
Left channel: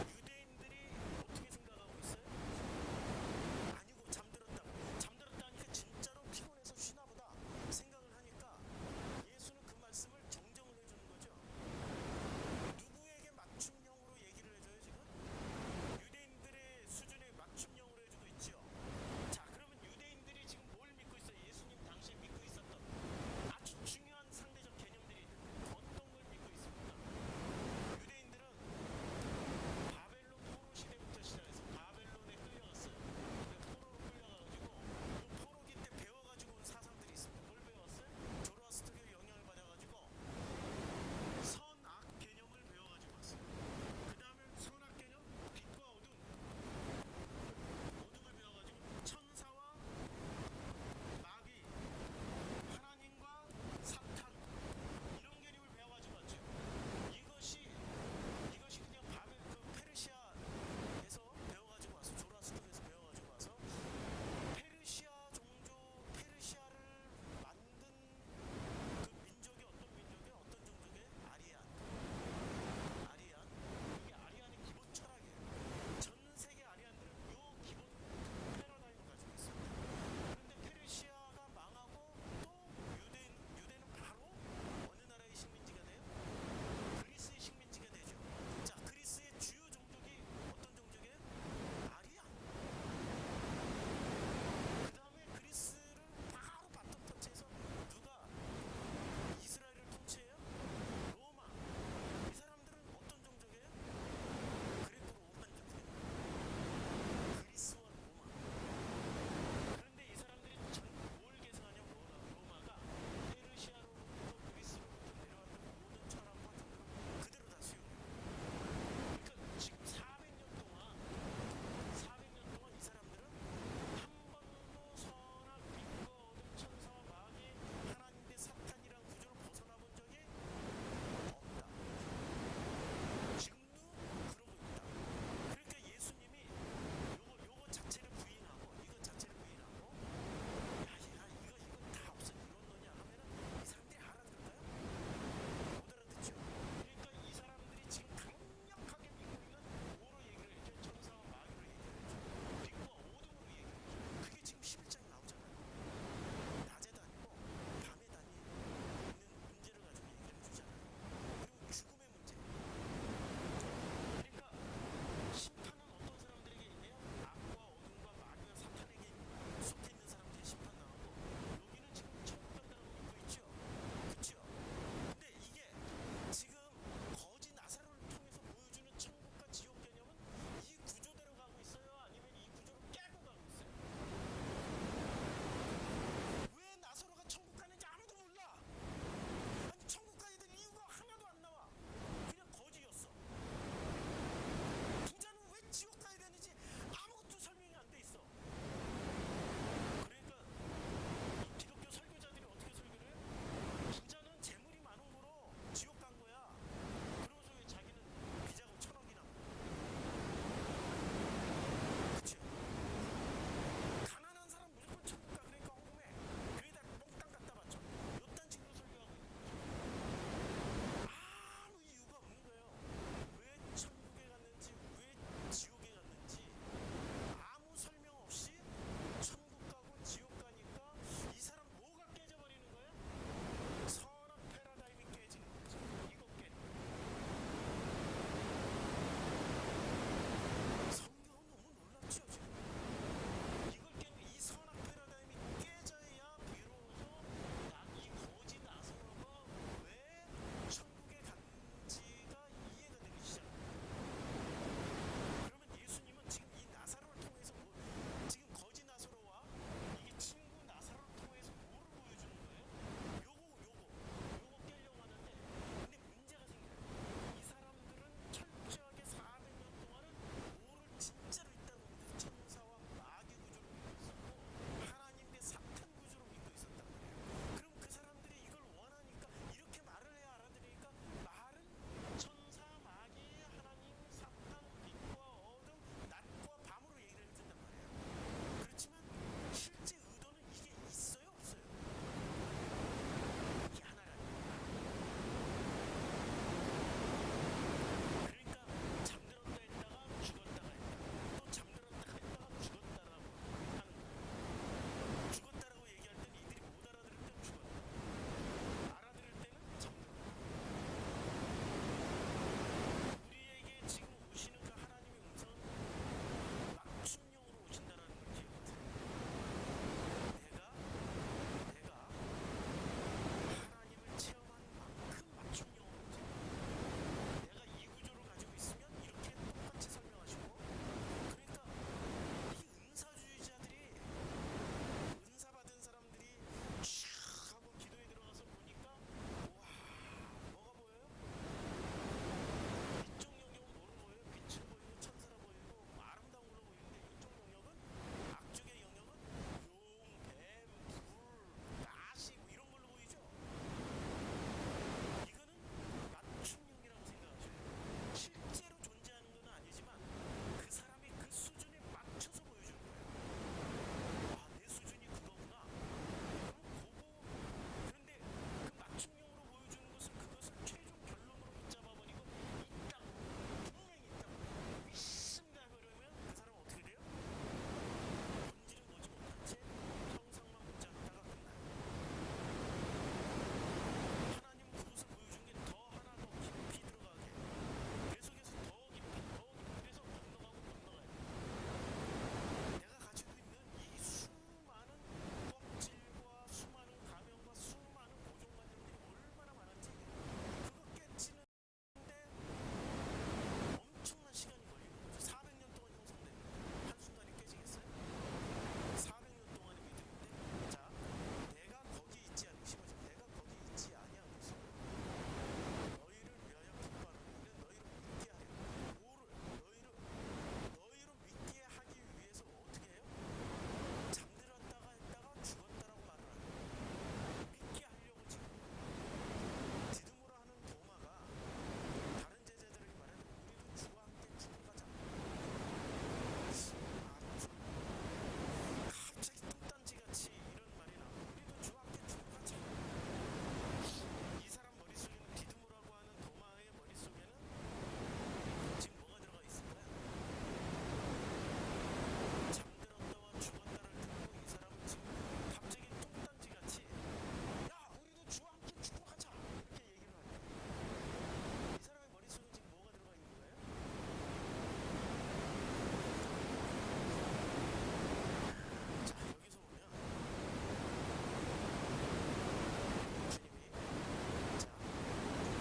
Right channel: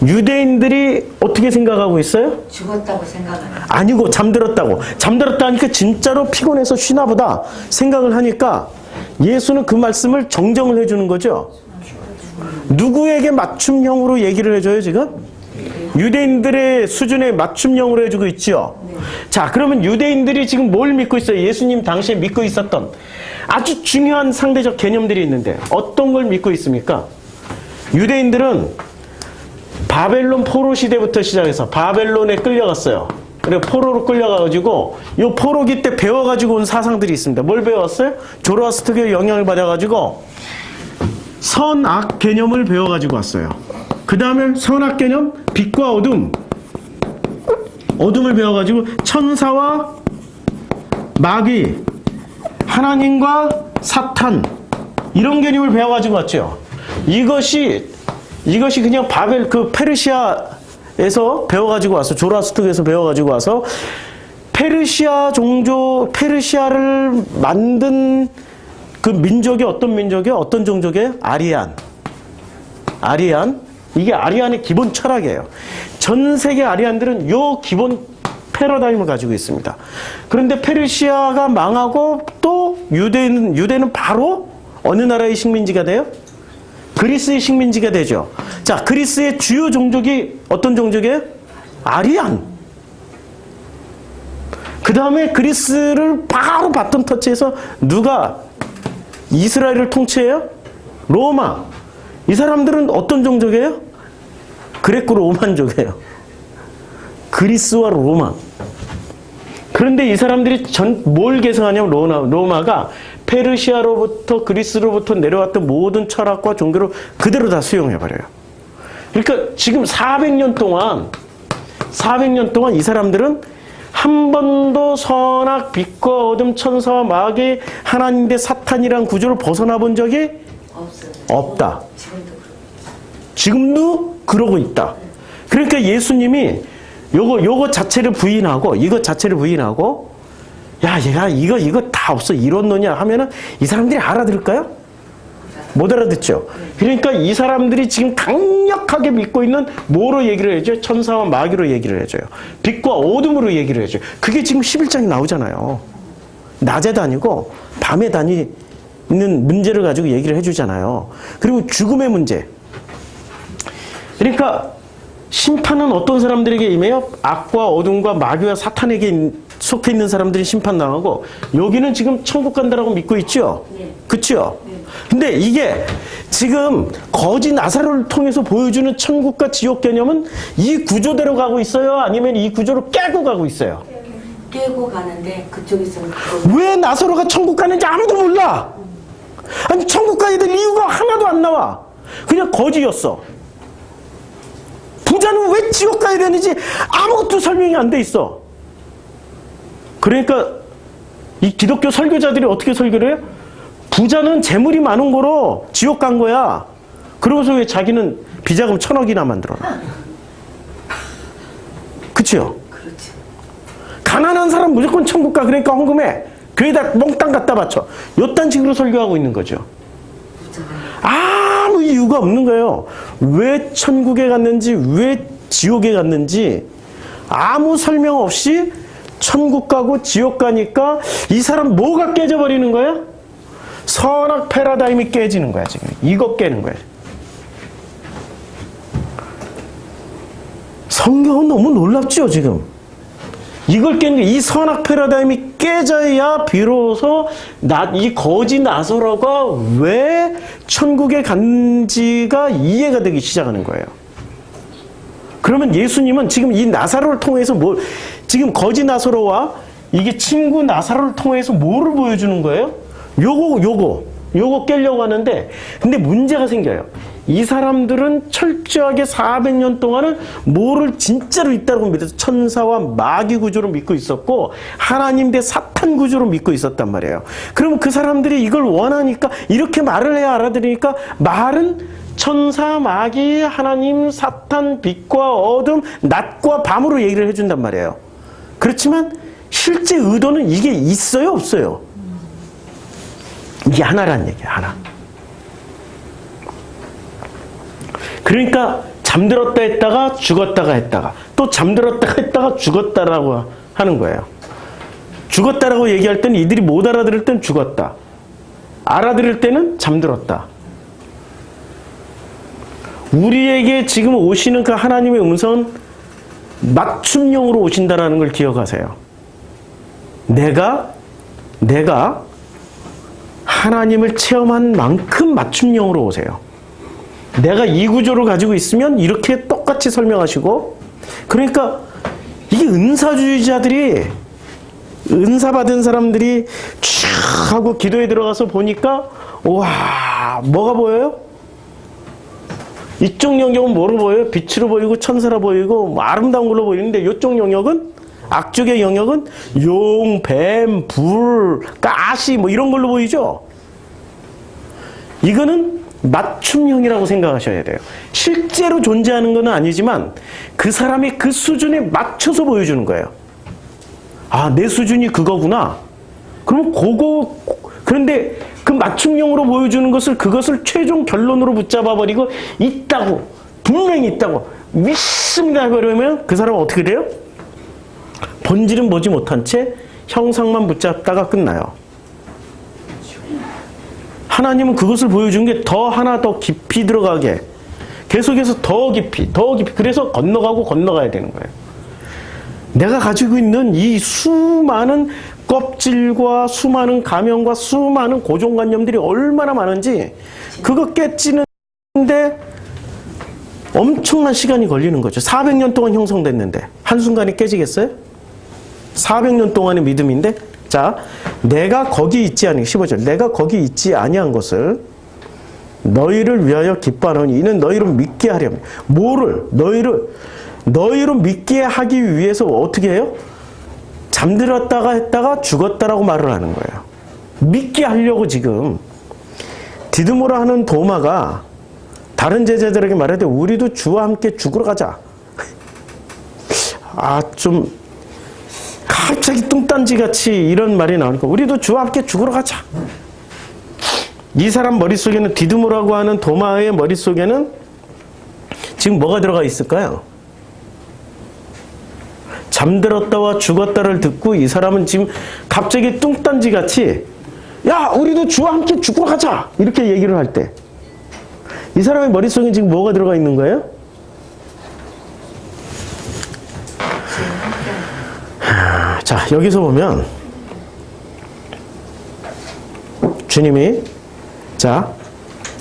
유대인들이 어떻게 생각하고 있어요? 죽었다고 생각하는. 아니고 잠들었다고. 잠들었다 하니까 진짜로 피곤해서 쉬나 보다 생각을 하니까 예수는 그 말씀을 정정을 해주는 거죠. 누구에게 맞춤형으로 얘기를 해줘요 지금? 유대인들의 수준에 맞춤형으로 해주고 있죠. 자, 그러면 유대인들이 지금 뭘 믿고 있어요? 예수님 당시에 믿고 있었던 아주 중요한 상대적 개념들이 있는데 어떤 걸 믿고 있습니까? 유대인들은 바벨론 포로 시대부터 시작해서 바벨론에 끌려갔어요. 그리고 포로로 끌려가가지고 요 포로기 때 배워가지고 온 사상들이 있습니다. 뭘 배웠어요? 조로아스터교의 영향을 받아가지고 선악 개념을 배워가지고 왔어요. 그 다음에 선악 개념, 빛과 어둠, 어둠을 배워가지고 천사와 마귀, 하나님과 사탄 이런 개념을 배워가지고 왔죠. 이것이 그냥 페르시아에서 배워가지고 와서 조라스트에서 배워가지고 와서 페르시아를 만든 그 민족이 어떤 민족이에요? 어떤 종족이에요? 아리안. 이게 아리안의 기본 철학이에요. 전 세계 아리안들은 요 기본 패러다임을 가지고 있습니다. 그런데 페르시아가 망하고 또 유대는 바로 어느 나라의 식민지가 돼요? 그리스의 식민지가 되죠. 자, 그리스의 주요 종족이 어떤 종족이에요? 아리안. 그 다음에 그리스를 바로 바톤 터치해서 누가 이스라엘을 통치해요? 로마. 이 사람들은 어떤 종족이에요? 그레코 로만족이에요. 그리스와 로마. 그런데 이 사람들이 뭘 계승하냐면 로마가 페르시아로부터 그리스로부터 내려왔던 모든 철학과 종교를 그대로 다 수용해버려요. 그러니까 지금 400년 동안 이 사람들은 한 번도 선악, 빛과 어둠, 천사와 마귀, 하나님 대 사탄이란 구조를 벗어나 본 적이 없어요. 없다. 지금도 지금도 그러고 있다. 그러니까 예수님이 요거 자체를 부인하고, 이것 자체를 부인하고, 야, 얘가 이거 다 없어. 이론노냐 하면은 이 사람들이 알아들을까요? 못 알아듣죠. 그러니까 이 사람들이 지금 강력하게 믿고 있는 뭐로 얘기를 해줘요? 천사와 마귀로 얘기를 해줘요. 빛과 어둠으로 얘기를 해줘요. 그게 지금 11장에 나오잖아요. 낮에 다니고 밤에 다니는 문제를 가지고 얘기를 해주잖아요. 그리고 죽음의 문제. 그러니까 심판은 어떤 사람들에게 임해요? 악과 어둠과 마귀와 사탄에게 속해 있는 사람들이 심판당하고, 여기는 지금 천국 간다라고 믿고 있죠? 네. 그렇죠? 근데 이게 지금 거지 나사로를 통해서 보여주는 천국과 지옥 개념은 이 구조대로 가고 있어요? 아니면 이 구조를 깨고 가고 있어요? 깨고 가는데 그쪽에서는 왜 나사로가 천국 가는지 아무도 몰라. 아니 천국 가야 될 이유가 하나도 안 나와. 그냥 거지였어. 부자는 왜 지옥 가야 되는지 아무것도 설명이 안 돼 있어. 그러니까 이 기독교 설교자들이 어떻게 설교를 해요? 부자는 재물이 많은 거로 지옥 간 거야. 그러고서 왜 자기는 비자금 1,000억이나 만들어놔. 그치요? 그렇죠. 가난한 사람 무조건 천국 가. 그러니까 헌금해. 교회에다 몽땅 갖다 바쳐. 요딴 식으로 설교하고 있는 거죠. 아무 이유가 없는 거예요. 왜 천국에 갔는지, 왜 지옥에 갔는지 아무 설명 없이 천국 가고 지옥 가니까 이 사람 뭐가 깨져버리는 거야? 선악 패러다임이 깨지는 거야, 지금. 이거 깨는 거야. 성경은 너무 놀랍죠, 지금. 이걸 깨는 게, 이 선악 패러다임이 깨져야 비로소 이 거지 나사로가 왜 천국에 간지가 이해가 되기 시작하는 거예요. 그러면 예수님은 지금 이 나사로를 통해서 지금 거지 나사로와 이게 친구 나사로를 통해서 뭐를 보여주는 거예요? 요거 깨려고 하는데, 근데 문제가 생겨요. 이 사람들은 철저하게 400년 동안은 뭐를 진짜로 있다고 믿어서 천사와 마귀 구조로 믿고 있었고, 하나님 대 사탄 구조로 믿고 있었단 말이에요. 그럼 그 사람들이 이걸 원하니까, 이렇게 말을 해야 알아들으니까, 말은 천사, 마귀, 하나님, 사탄, 빛과 어둠, 낮과 밤으로 얘기를 해준단 말이에요. 그렇지만 실제 의도는 이게 있어요, 없어요? 이게 하나라는 얘기야, 하나. 그러니까 잠들었다 했다가 죽었다가 했다가 또 잠들었다가 했다가 죽었다라고 하는 거예요. 죽었다라고 얘기할 때는 이들이 못 알아들을 때는 죽었다. 알아들을 때는 잠들었다. 우리에게 지금 오시는 그 하나님의 음성은 맞춤형으로 오신다라는 걸 기억하세요. 내가 하나님을 체험한 만큼 맞춤형으로 오세요. 내가 이 구조를 가지고 있으면 이렇게 똑같이 설명하시고, 그러니까 이게 은사주의자들이, 은사 받은 사람들이 쫙 하고 기도에 들어가서 보니까, 와, 뭐가 보여요? 이쪽 영역은 뭐로 보여요? 빛으로 보이고 천사로 보이고 뭐 아름다운 걸로 보이는데, 이쪽 영역은, 악쪽의 영역은 용, 뱀, 불, 가시 뭐 이런 걸로 보이죠? 이거는 맞춤형이라고 생각하셔야 돼요. 실제로 존재하는 건 아니지만 그 사람이 그 수준에 맞춰서 보여주는 거예요. 아, 내 수준이 그거구나. 그럼 그런데 그 맞춤형으로 보여주는 그것을 최종 결론으로 붙잡아 버리고, 있다고, 분명히 있다고 믿습니다 그러면 그 사람은 어떻게 돼요? 본질은 보지 못한 채 형상만 붙잡다가 끝나요. 하나님은 그것을 보여준 게 하나 더 깊이 들어가게, 계속해서 더 깊이, 그래서 건너가야 되는 거예요. 내가 가지고 있는 이 수많은 껍질과 수많은 가면과 수많은 고정관념들이 얼마나 많은지, 그거 깨지는데 엄청난 시간이 걸리는 거죠. 400년 동안 형성됐는데 한순간에 깨지겠어요? 400년 동안의 믿음인데, 자, 내가 거기 있지 아니, 15절. 내가 거기 있지 아니한 것을 너희를 위하여 기뻐하노니 이는 너희로 믿게 하려면. 뭐를? 너희로 믿게 하기 위해서 어떻게 해요? 잠들었다가 했다가 죽었다라고 말을 하는 거예요. 믿게 하려고 지금 디드모라 하는 도마가 다른 제자들에게 말할 때 우리도 주와 함께 죽으러 가자. 좀 갑자기 뚱딴지같이 이런 말이 나오니까 우리도 주와 함께 죽으러 가자. 이 사람 머릿속에는 디드모라고 하는 도마의 머릿속에는 지금 뭐가 들어가 있을까요? 잠들었다와 죽었다를 듣고 이 사람은 지금 갑자기 뚱딴지같이 야 우리도 주와 함께 죽으러 가자 이렇게 얘기를 할 때 이 사람의 머릿속에 지금 뭐가 들어가 있는 거예요? 자 여기서 보면 주님이 자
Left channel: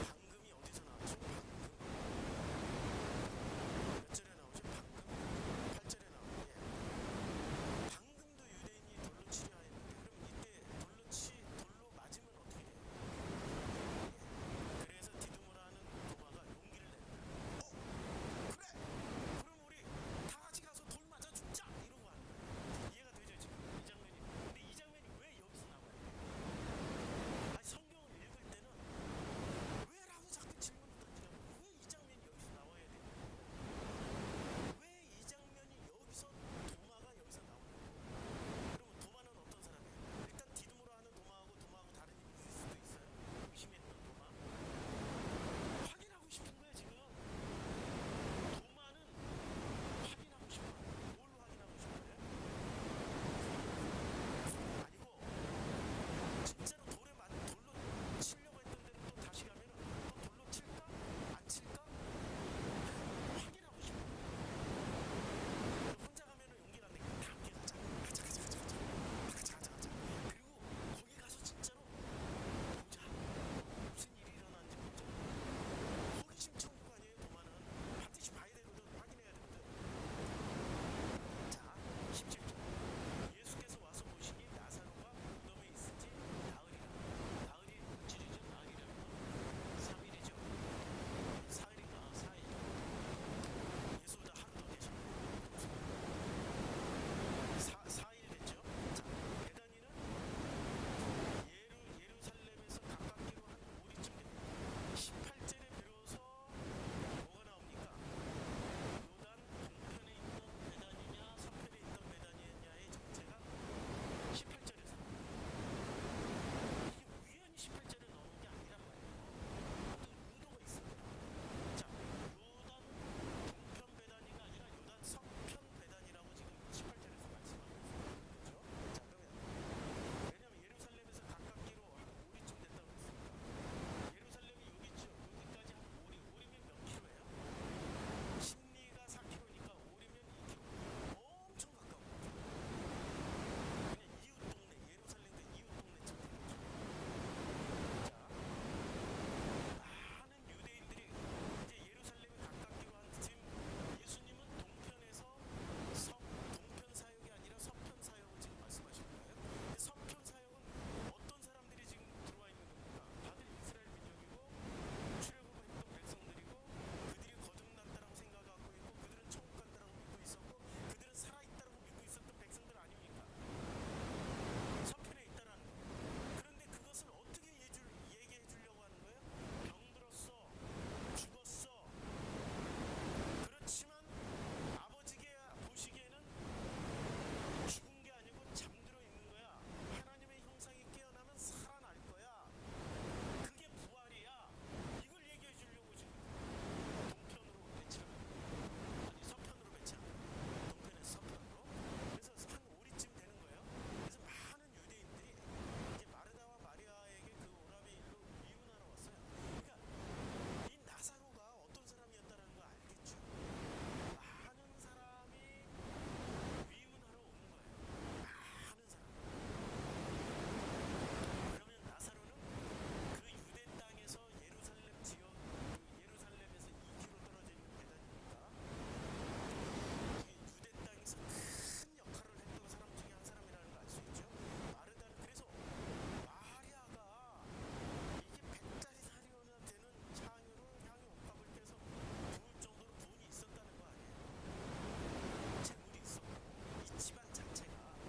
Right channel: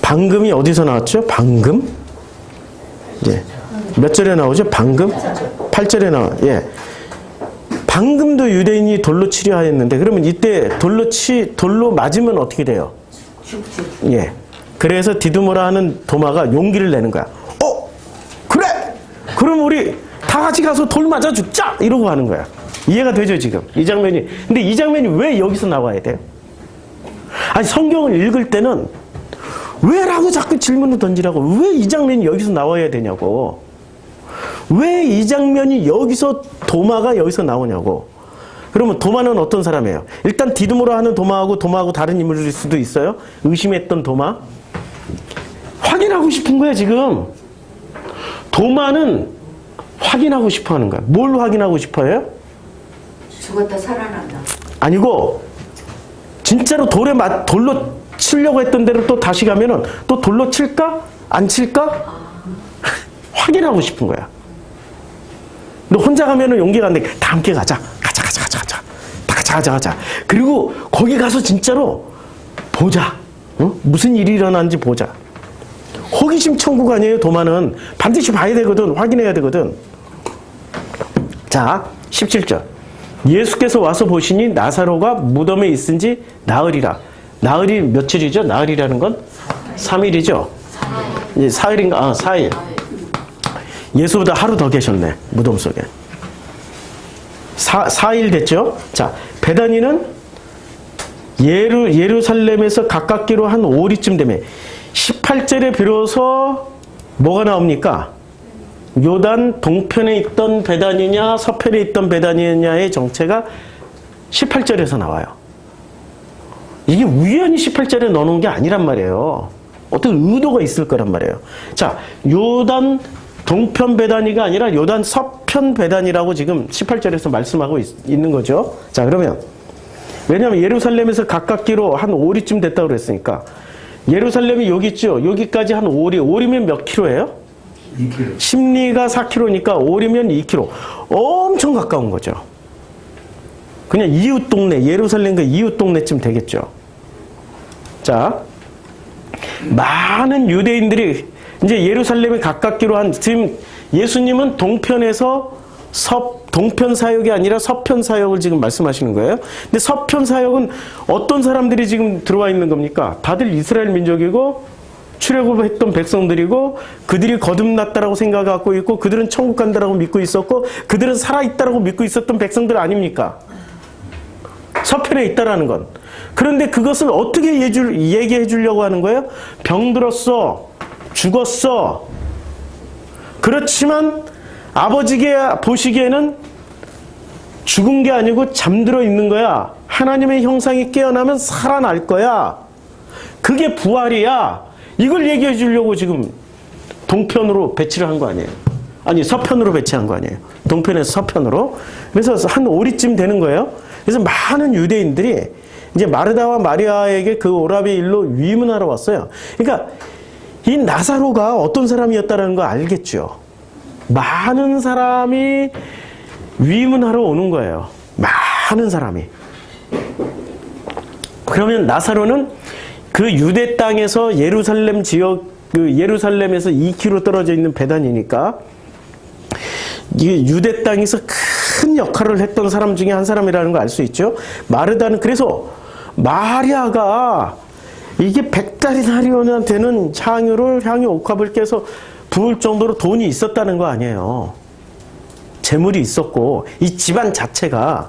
방금이 어디서 나왔죠? 방금 예. 몇 절에 나오죠? 방금 8절에 나와. 예. 방금도 유대인이 돌로 치려 하였는데 그러면 이때 돌로 맞으면 어떻게 돼요? 죽지. 예. 그래서 디드모라 하는 도마가 용기를 내는 거야. 그래. 그럼 우리 다 같이 가서 돌 맞아 죽자 이러고 하는 거야. 이해가 되죠 지금 이 장면이. 근데 이 장면이 왜 여기서 나와야 돼요? 아니 성경을 읽을 때는 왜라고 자꾸 질문을 던지라고. 왜 이 장면이 여기서 나와야 되냐고. 왜 이 장면이 여기서 도마가 여기서 나오냐고. 그러면 도마는 어떤 사람이에요? 일단 디드모라 하는 도마하고 다른 인물일 수도 있어요. 의심했던 도마. 확인하고 싶은 거야 지금. 도마는 확인하고 싶어 하는 거야. 뭘 확인하고 싶어요? 죽었다 살아난다. 아니고 진짜로 돌로 치려고 했던 대로 또 다시 가면은 또 돌로 칠까? 안 칠까? 확인하고 싶은 거야. 너 혼자 가면은 용기가 안 돼. 다 함께 가자. 다 같이 가자. 그리고 거기 가서 진짜로 보자. 무슨 일이 일어나는지 보자. 호기심 천국 아니에요, 도마는. 반드시 봐야 되거든. 확인해야 되거든. 자, 17절. 예수께서 와서 보시니 나사로가 무덤에 있은지 나흘이라. 나흘이 며칠이죠? 나흘이라는 건 3일이죠? 4일인가? 4일. 예수보다 하루 더 계셨네. 무덤 속에. 4일 됐죠? 자, 베다니는 예루살렘에서 가깝기로 한 5리쯤 되면 18절에 비로소 뭐가 나옵니까? 요단 동편에 있던 베다니냐 서편에 있던 베다니냐의 정체가 18절에서 나와요. 이게 우연히 18절에 넣어놓은 게 아니란 말이에요. 어떤 의도가 있을 거란 말이에요. 자, 요단 동편 베다니가 아니라 요단 서편 베다니라고 지금 18절에서 말씀하고 있는 거죠. 자, 그러면 왜냐하면 예루살렘에서 가깝기로 한 5리쯤 됐다고 그랬으니까 예루살렘이 여기 있죠. 여기까지 한 5리. 5리면 몇 킬로예요? 2km. 심리가 4킬로니까 5리면 2킬로. 엄청 가까운 거죠. 그냥 이웃 동네, 예루살렘과 이웃 동네쯤 되겠죠. 자, 많은 유대인들이 이제 예루살렘에 가깝기로 한, 지금 예수님은 동편에서 동편 사역이 아니라 서편 사역을 지금 말씀하시는 거예요. 근데 서편 사역은 어떤 사람들이 지금 들어와 있는 겁니까? 다들 이스라엘 민족이고 출애굽했던 백성들이고 그들이 거듭났다라고 생각하고 있고 그들은 천국 간다라고 믿고 있었고 그들은 살아있다라고 믿고 있었던 백성들 아닙니까? 서편에 있다라는 건. 그런데 그것을 어떻게 얘기해 주려고 하는 거예요? 병들었어. 죽었어. 그렇지만 아버지가 보시기에는 죽은 게 아니고 잠들어 있는 거야. 하나님의 형상이 깨어나면 살아날 거야. 그게 부활이야. 이걸 얘기해 주려고 지금 동편으로 배치를 한 거 아니에요. 아니 서편으로 배치한 거 아니에요. 동편에서 서편으로. 그래서 한 5리쯤 되는 거예요. 그래서 많은 유대인들이 이제 마르다와 마리아에게 그 오라비의 일로 위문하러 왔어요. 그러니까 이 나사로가 어떤 사람이었다는 거 알겠죠. 많은 사람이 위문하러 오는 거예요. 많은 사람이. 그러면 나사로는 그 유대 땅에서 예루살렘 지역, 그 예루살렘에서 2km 떨어져 있는 베단이니까 이게 유대 땅에서 큰 역할을 했던 사람 중에 한 사람이라는 걸 알 수 있죠. 마르다는 그래서 마리아가 이게 100달이나리온이나 되는 향유 옥합을 깨서 부을 정도로 돈이 있었다는 거 아니에요. 재물이 있었고 이 집안 자체가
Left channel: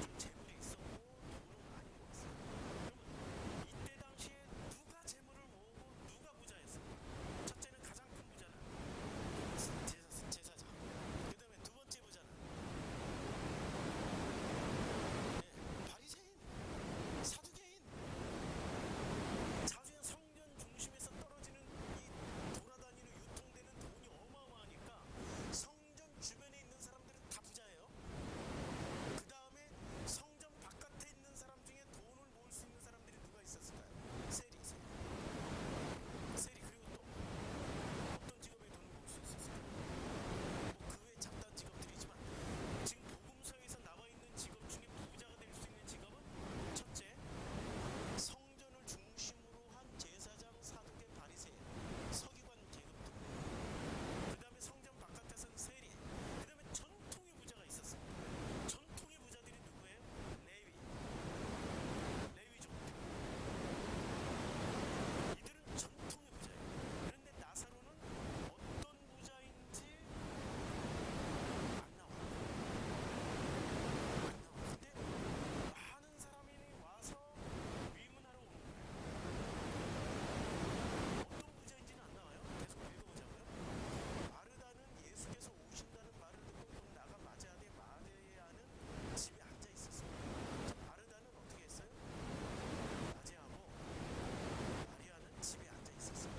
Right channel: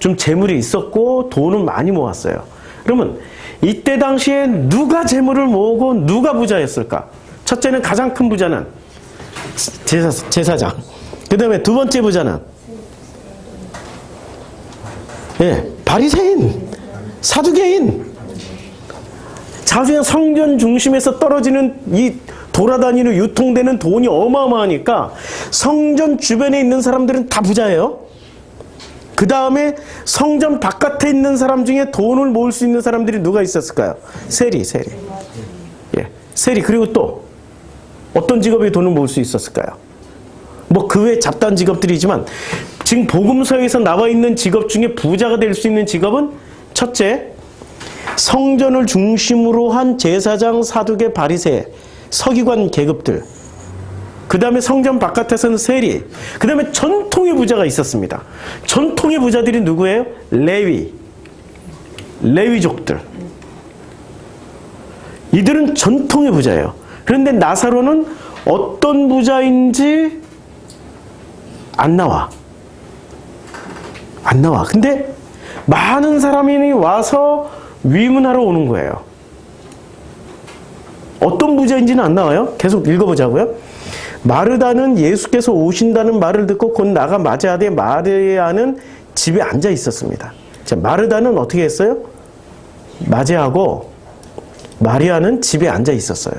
좀 재물이 있었고 돈을 많이 모았어요. 그러면 이때 당시에 누가 재물을 모으고 누가 부자였을까? 첫째는 가장 큰 부자는 제사장. 그 다음에 두 번째 부자는 바리새인, 사두개인. 자주에 성전 중심에서 떨어지는 이 돌아다니는 유통되는 돈이 어마어마하니까 성전 주변에 있는 사람들은 다 부자예요. 그 다음에 성전 바깥에 있는 사람 중에 돈을 모을 수 있는 사람들이 누가 있었을까요? 세리. 세리. 그리고 또 어떤 직업에 돈을 모을 수 있었을까요? 뭐 그 외 잡다한 직업들이지만 지금 복음서에서 나와 있는 직업 중에 부자가 될 수 있는 직업은 첫째, 성전을 중심으로 한 제사장, 사두개, 바리새, 서기관 계급들. 그 다음에 성전 바깥에서는 세리. 그 다음에 전통의 부자가 있었습니다. 전통의 부자들이 누구예요? 레위족들. 이들은 전통의 부자예요. 그런데 나사로는 어떤 부자인지 안 나와. 근데 많은 사람이 와서 위문하러 오는 거예요. 어떤 부자인지는 안 나와요. 계속 읽어보자고요. 마르다는 예수께서 오신다는 말을 듣고 곧 나가 맞이하되 마리아는 집에 앉아 있었습니다. 자, 마르다는 어떻게 했어요? 맞이하고 마리아는 집에 앉아 있었어요.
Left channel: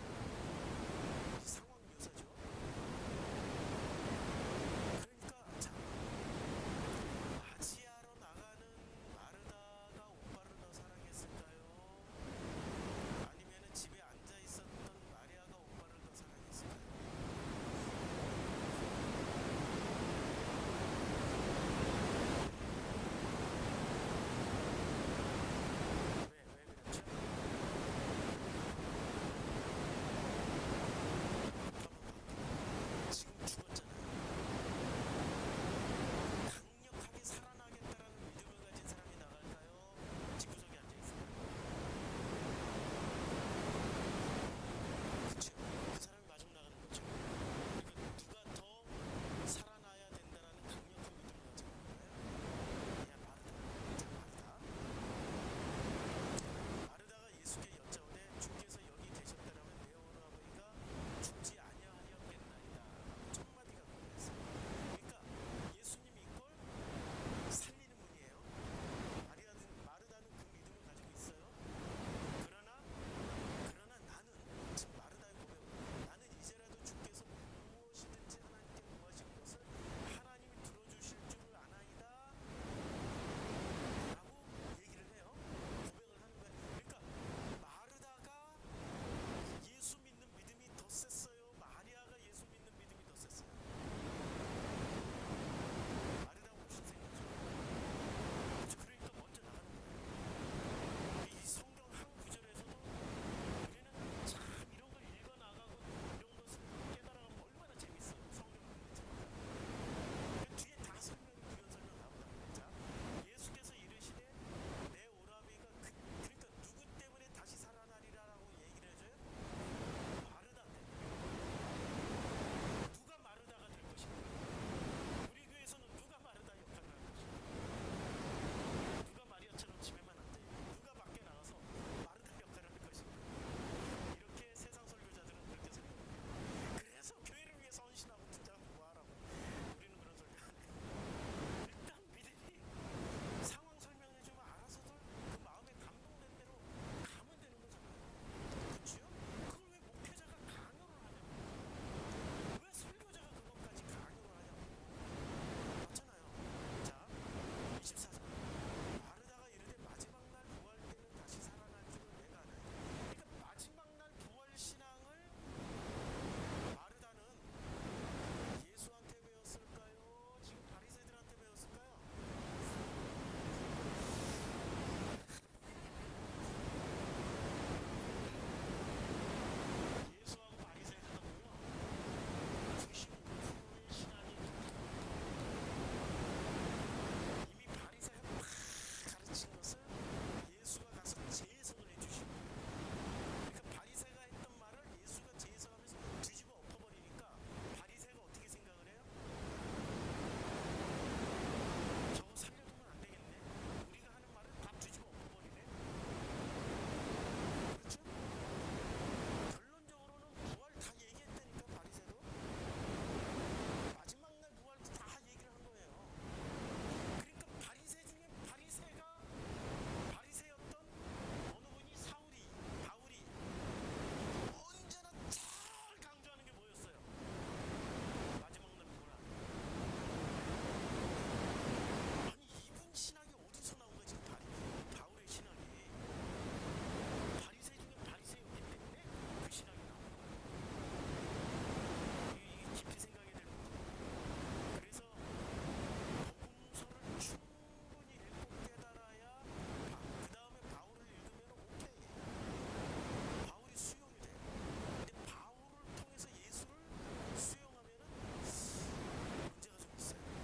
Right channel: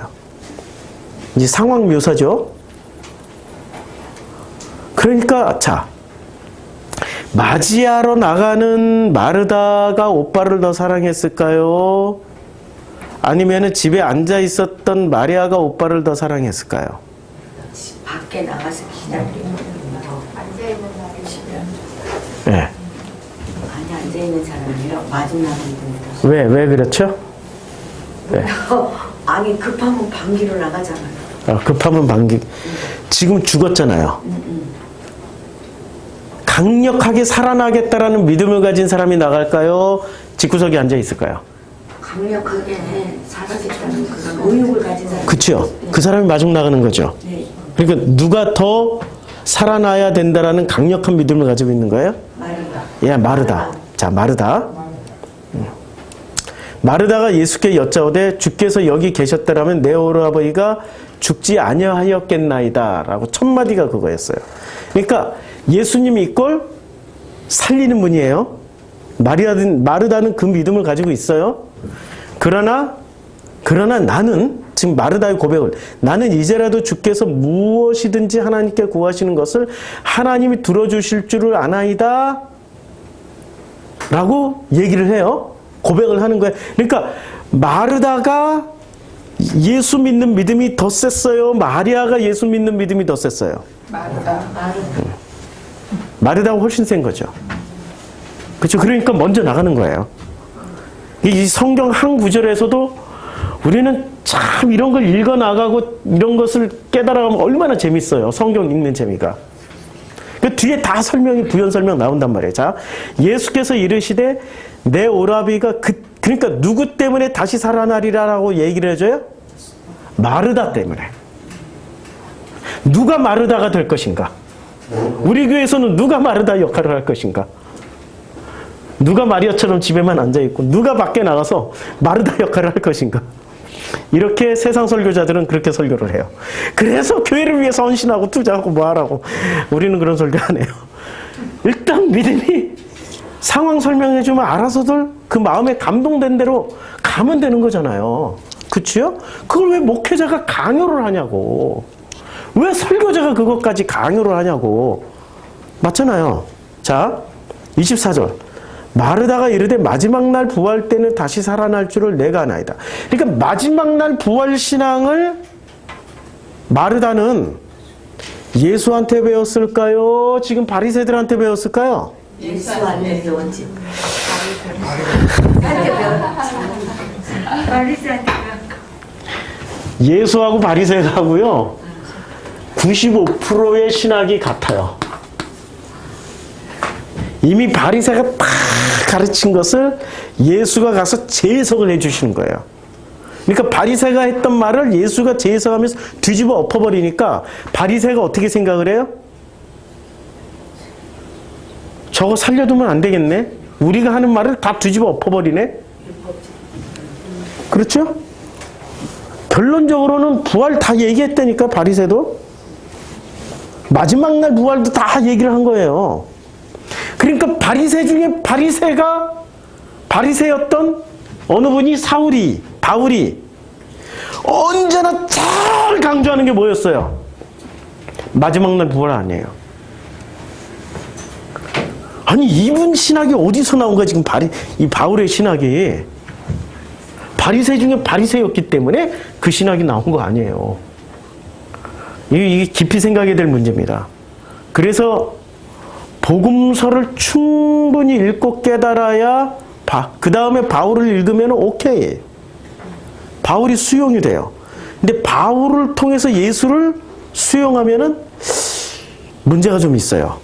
이제 상황 묘사죠. 그러니까 자, 맞이하러 나가는 마르다가 오빠를 더 사랑했을까요? 아니면 집에 앉아 있었던 마리아가 오빠를 더 사랑했을까요? 밖에 나가서 기다리고 앉아있는 사람이 네. 많이 앉아있는 사람이요. 마중 나가는 분들. 왜 그렇죠? 네. 아니 급하면 방귀로 나가잖아요. 급하면 방귀. 지금 죽었잖아요. 강력하게 살아나겠다라는 믿음을 가진 사람이 나갈까요? 집구석에 앉아 있을까요? 강력하게 살아겠다는 그런 의욕을 가진 사람. 그렇죠. 그 사람이 마중 나가는 거죠. 네. 그러니까 누가 더 살아나야 된다라는 강력한 믿음을 가지고 있는 거예요? 마르다. 자, 마르다. 마르다가 예수께 여짜오되 주께서 여기 계셨더라면 내 오라버니가 죽지 아니하였겠나이다 라고 첫 마디가 그거였어요. 그러니까 예수님이 이걸 살리는 분이에요. 마르다는 그 믿음을 가지고 있어요. 그러나 나는 지금 마르다의 고백을, 나는 이제라도 주께서 무엇이든지 하나님께 구하시는 것을 하나님이 들어주실 줄을 아나이다 라고 얘기를 해요. 고백을 하는 거예요. 그러니까 마르다가 예수 믿는 믿음이 더 셌어요? 마리아가 예수 믿는 믿음이 더 셌어요? 마르다가 훨씬 센 거죠. 그렇죠. 그러니까 먼저 나가는 거예요. 이 성경 한 구절에서도 우리는 참 이런 걸 읽어 나가고 이런 것을 깨달아가면 얼마나 재밌어요. 성경 읽는 재미가. 그 뒤에 다 설명이 부연 설명 나온단 말이에요. 자, 예수께서 이르시되 내 오라비가 그러니까 누구 때문에 다시 살아나리라라고 얘기를 해줘요? 마르다 때문에. 누가 마르다가 될 것인가? 우리 교회에서는 누가 마르다 역할을 할 것인가? 누가 마리아처럼 집에만 앉아있고 누가 밖에 나가서 마르다 역할을 할 것인가? 이렇게 세상 설교자들은 그렇게 설교를 해요. 그래서 교회를 위해서 헌신하고 투자하고 뭐하라고. 우리는 그런 설교 안 해요. 일단 믿음이 상황 설명해주면 알아서들 그 마음에 감동된 대로 가면 되는 거잖아요. 그치요? 그걸 왜 목회자가 강요를 하냐고. 왜 설교자가 그것까지 강요를 하냐고. 맞잖아요. 자, 24절. 마르다가 이르되 마지막 날 부활 때는 다시 살아날 줄을 내가 아나이다. 그러니까 마지막 날 부활 신앙을 마르다는 예수한테 배웠을까요? 지금 바리새들한테 배웠을까요? 예수한테 배웠지. 예수하고 바리새하고요 95%의 신학이 같아요. 이미 바리새가 딱 가르친 것을 예수가 가서 재해석을 해주시는 거예요. 그러니까 바리새가 했던 말을 예수가 재해석하면서 뒤집어 엎어버리니까 바리새가 어떻게 생각을 해요? 저거 살려두면 안 되겠네. 우리가 하는 말을 다 뒤집어 엎어버리네. 그렇죠? 결론적으로는 부활 다 얘기했다니까, 바리새도. 마지막 날 부활도 다 얘기를 한 거예요. 그러니까 바리새 중에 바리새였던 어느 분이 바울이 언제나 잘 강조하는 게 뭐였어요? 마지막 날 부활 아니에요. 아니, 이분 신학이 어디서 나온 거야, 지금 이 바울의 신학이. 바리새 중에 바리새였기 때문에 그 신학이 나온 거 아니에요. 이게 깊이 생각해야 될 문제입니다. 그래서 복음서를 충분히 읽고 깨달아야 그 다음에 바울을 읽으면 오케이. 바울이 수용이 돼요. 근데 바울을 통해서 예수를 수용하면은 문제가 좀 있어요.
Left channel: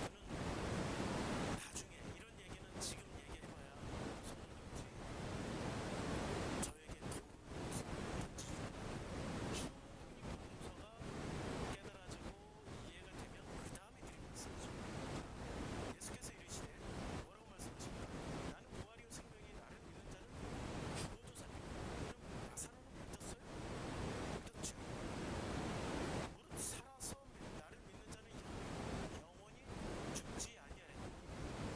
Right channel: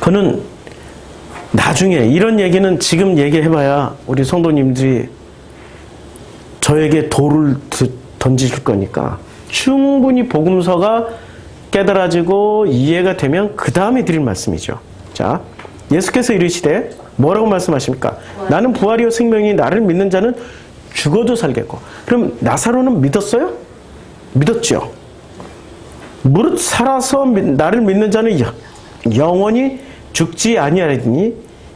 그는 나중에 이런 얘기는 지금 얘기해봐야 우리 성도님들이 저에게 돌을 던지실 거니까 충분히 복음서가 깨달아지고 이해가 되면 그 다음에 드릴 말씀이죠. 자, 예수께서 이르시되 뭐라고 말씀하십니까? 나는 부활이요 생명이 나를 믿는 자는 죽어도 살겠고. 그럼 나사로는 믿었어요? 믿었죠. 무릇 살아서 나를 믿는 자는 영원히 죽지 아니하리니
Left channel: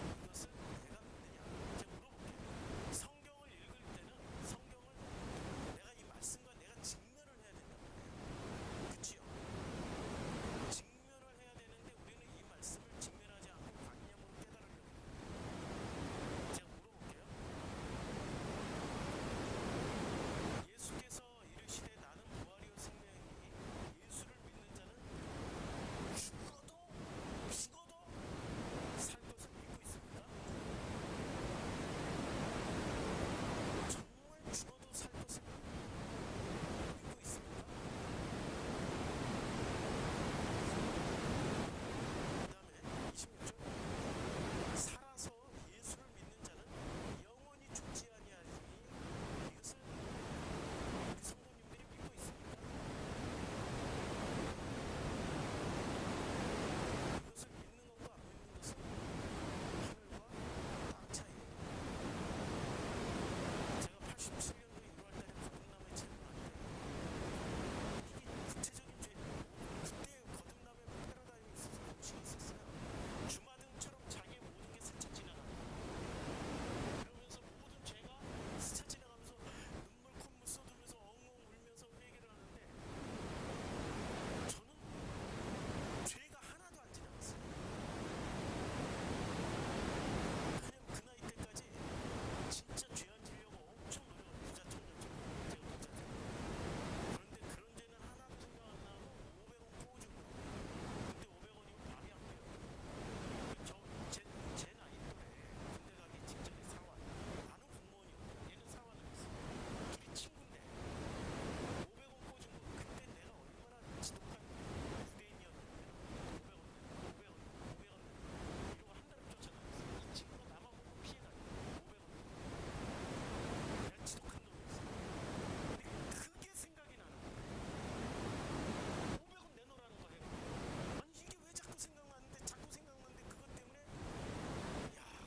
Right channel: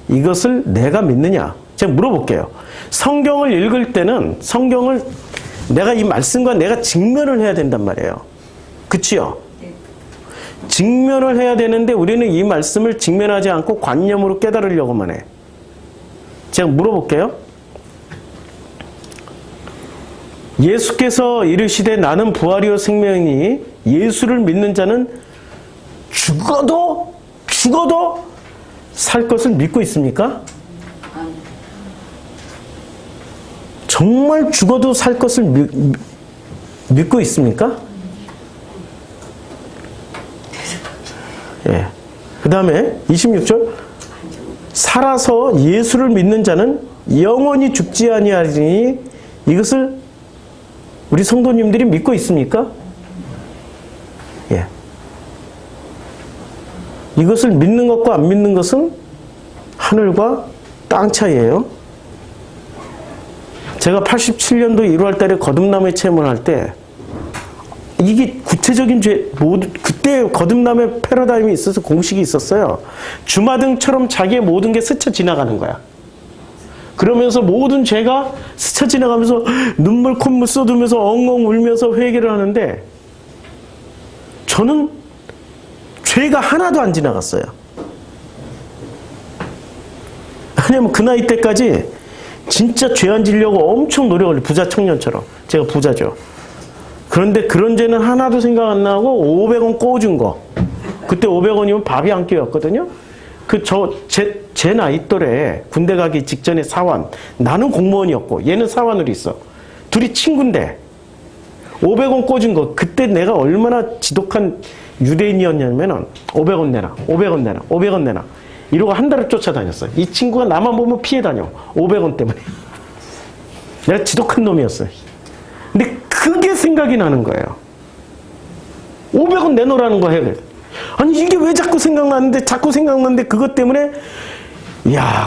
이것을 내가 믿느냐? 제가 물어볼게요. 성경을 읽을 때는 성경을 내가 이 말씀과 내가 직면을 해야 된단 말이에요. 그치요? 직면을 해야 되는데 우리는 이 말씀을 직면하지 않고 관념으로 깨달으려고만 해. 제가 물어볼게요. 예수께서 이르시되 나는 부활이요 생명이니 예수를 믿는 자는 죽어도 살 것을 믿고 있습니까? 정말 죽어도 살 것을 믿고 있습니까? 예. 그 다음에 26절 살아서 예수를 믿는 자는 영원히 죽지 아니하리니 이것을 우리 성도님들이 믿고 있습니까? 예. 이것을 믿는 것과 안 믿는 것은 하늘과 땅 차이예요. 제가 87년도 1월 달에 거듭남의 체험을 할 때 이게 구체적인 그때 거듭남의 패러다임이 있어서 공식이 있었어요. 주마등처럼 자기의 모든 게 스쳐 지나가는 거야. 그러면서 모든 죄가 스쳐 지나가면서 눈물 콧물 쏟으면서 엉엉 울면서 회개를 하는데 저는 죄가 하나도 안 지나갔어요. 왜냐면 그 나이 때까지 진짜 죄 안 지려고 엄청 노력을 해요. 부자 청년처럼. 제가 부자죠. 그런데 그런 죄는 하나도 생각 안 나고 500원 꿔준 거. 그때 500원이면 밥이 한 끼였거든요. 제 나이 또래 군대 가기 직전에 사원. 나는 공무원이었고 얘는 사원으로 있어. 둘이 친구인데 500원 꿔준 거. 그때 내가 얼마나 지독한 유대인이었냐면은 500원 내놔. 500원 내놔. 500원 내놔. 이러고 한 달을 쫓아다녔어요. 이 친구가 나만 보면 피해 다녀. 500원 때문에. 내가 지독한 놈이었어요. 근데 그게 생각이 나는 거예요. 500원 내놓으라는 거예요. 아니 이게 왜 자꾸 생각나는데 그것 때문에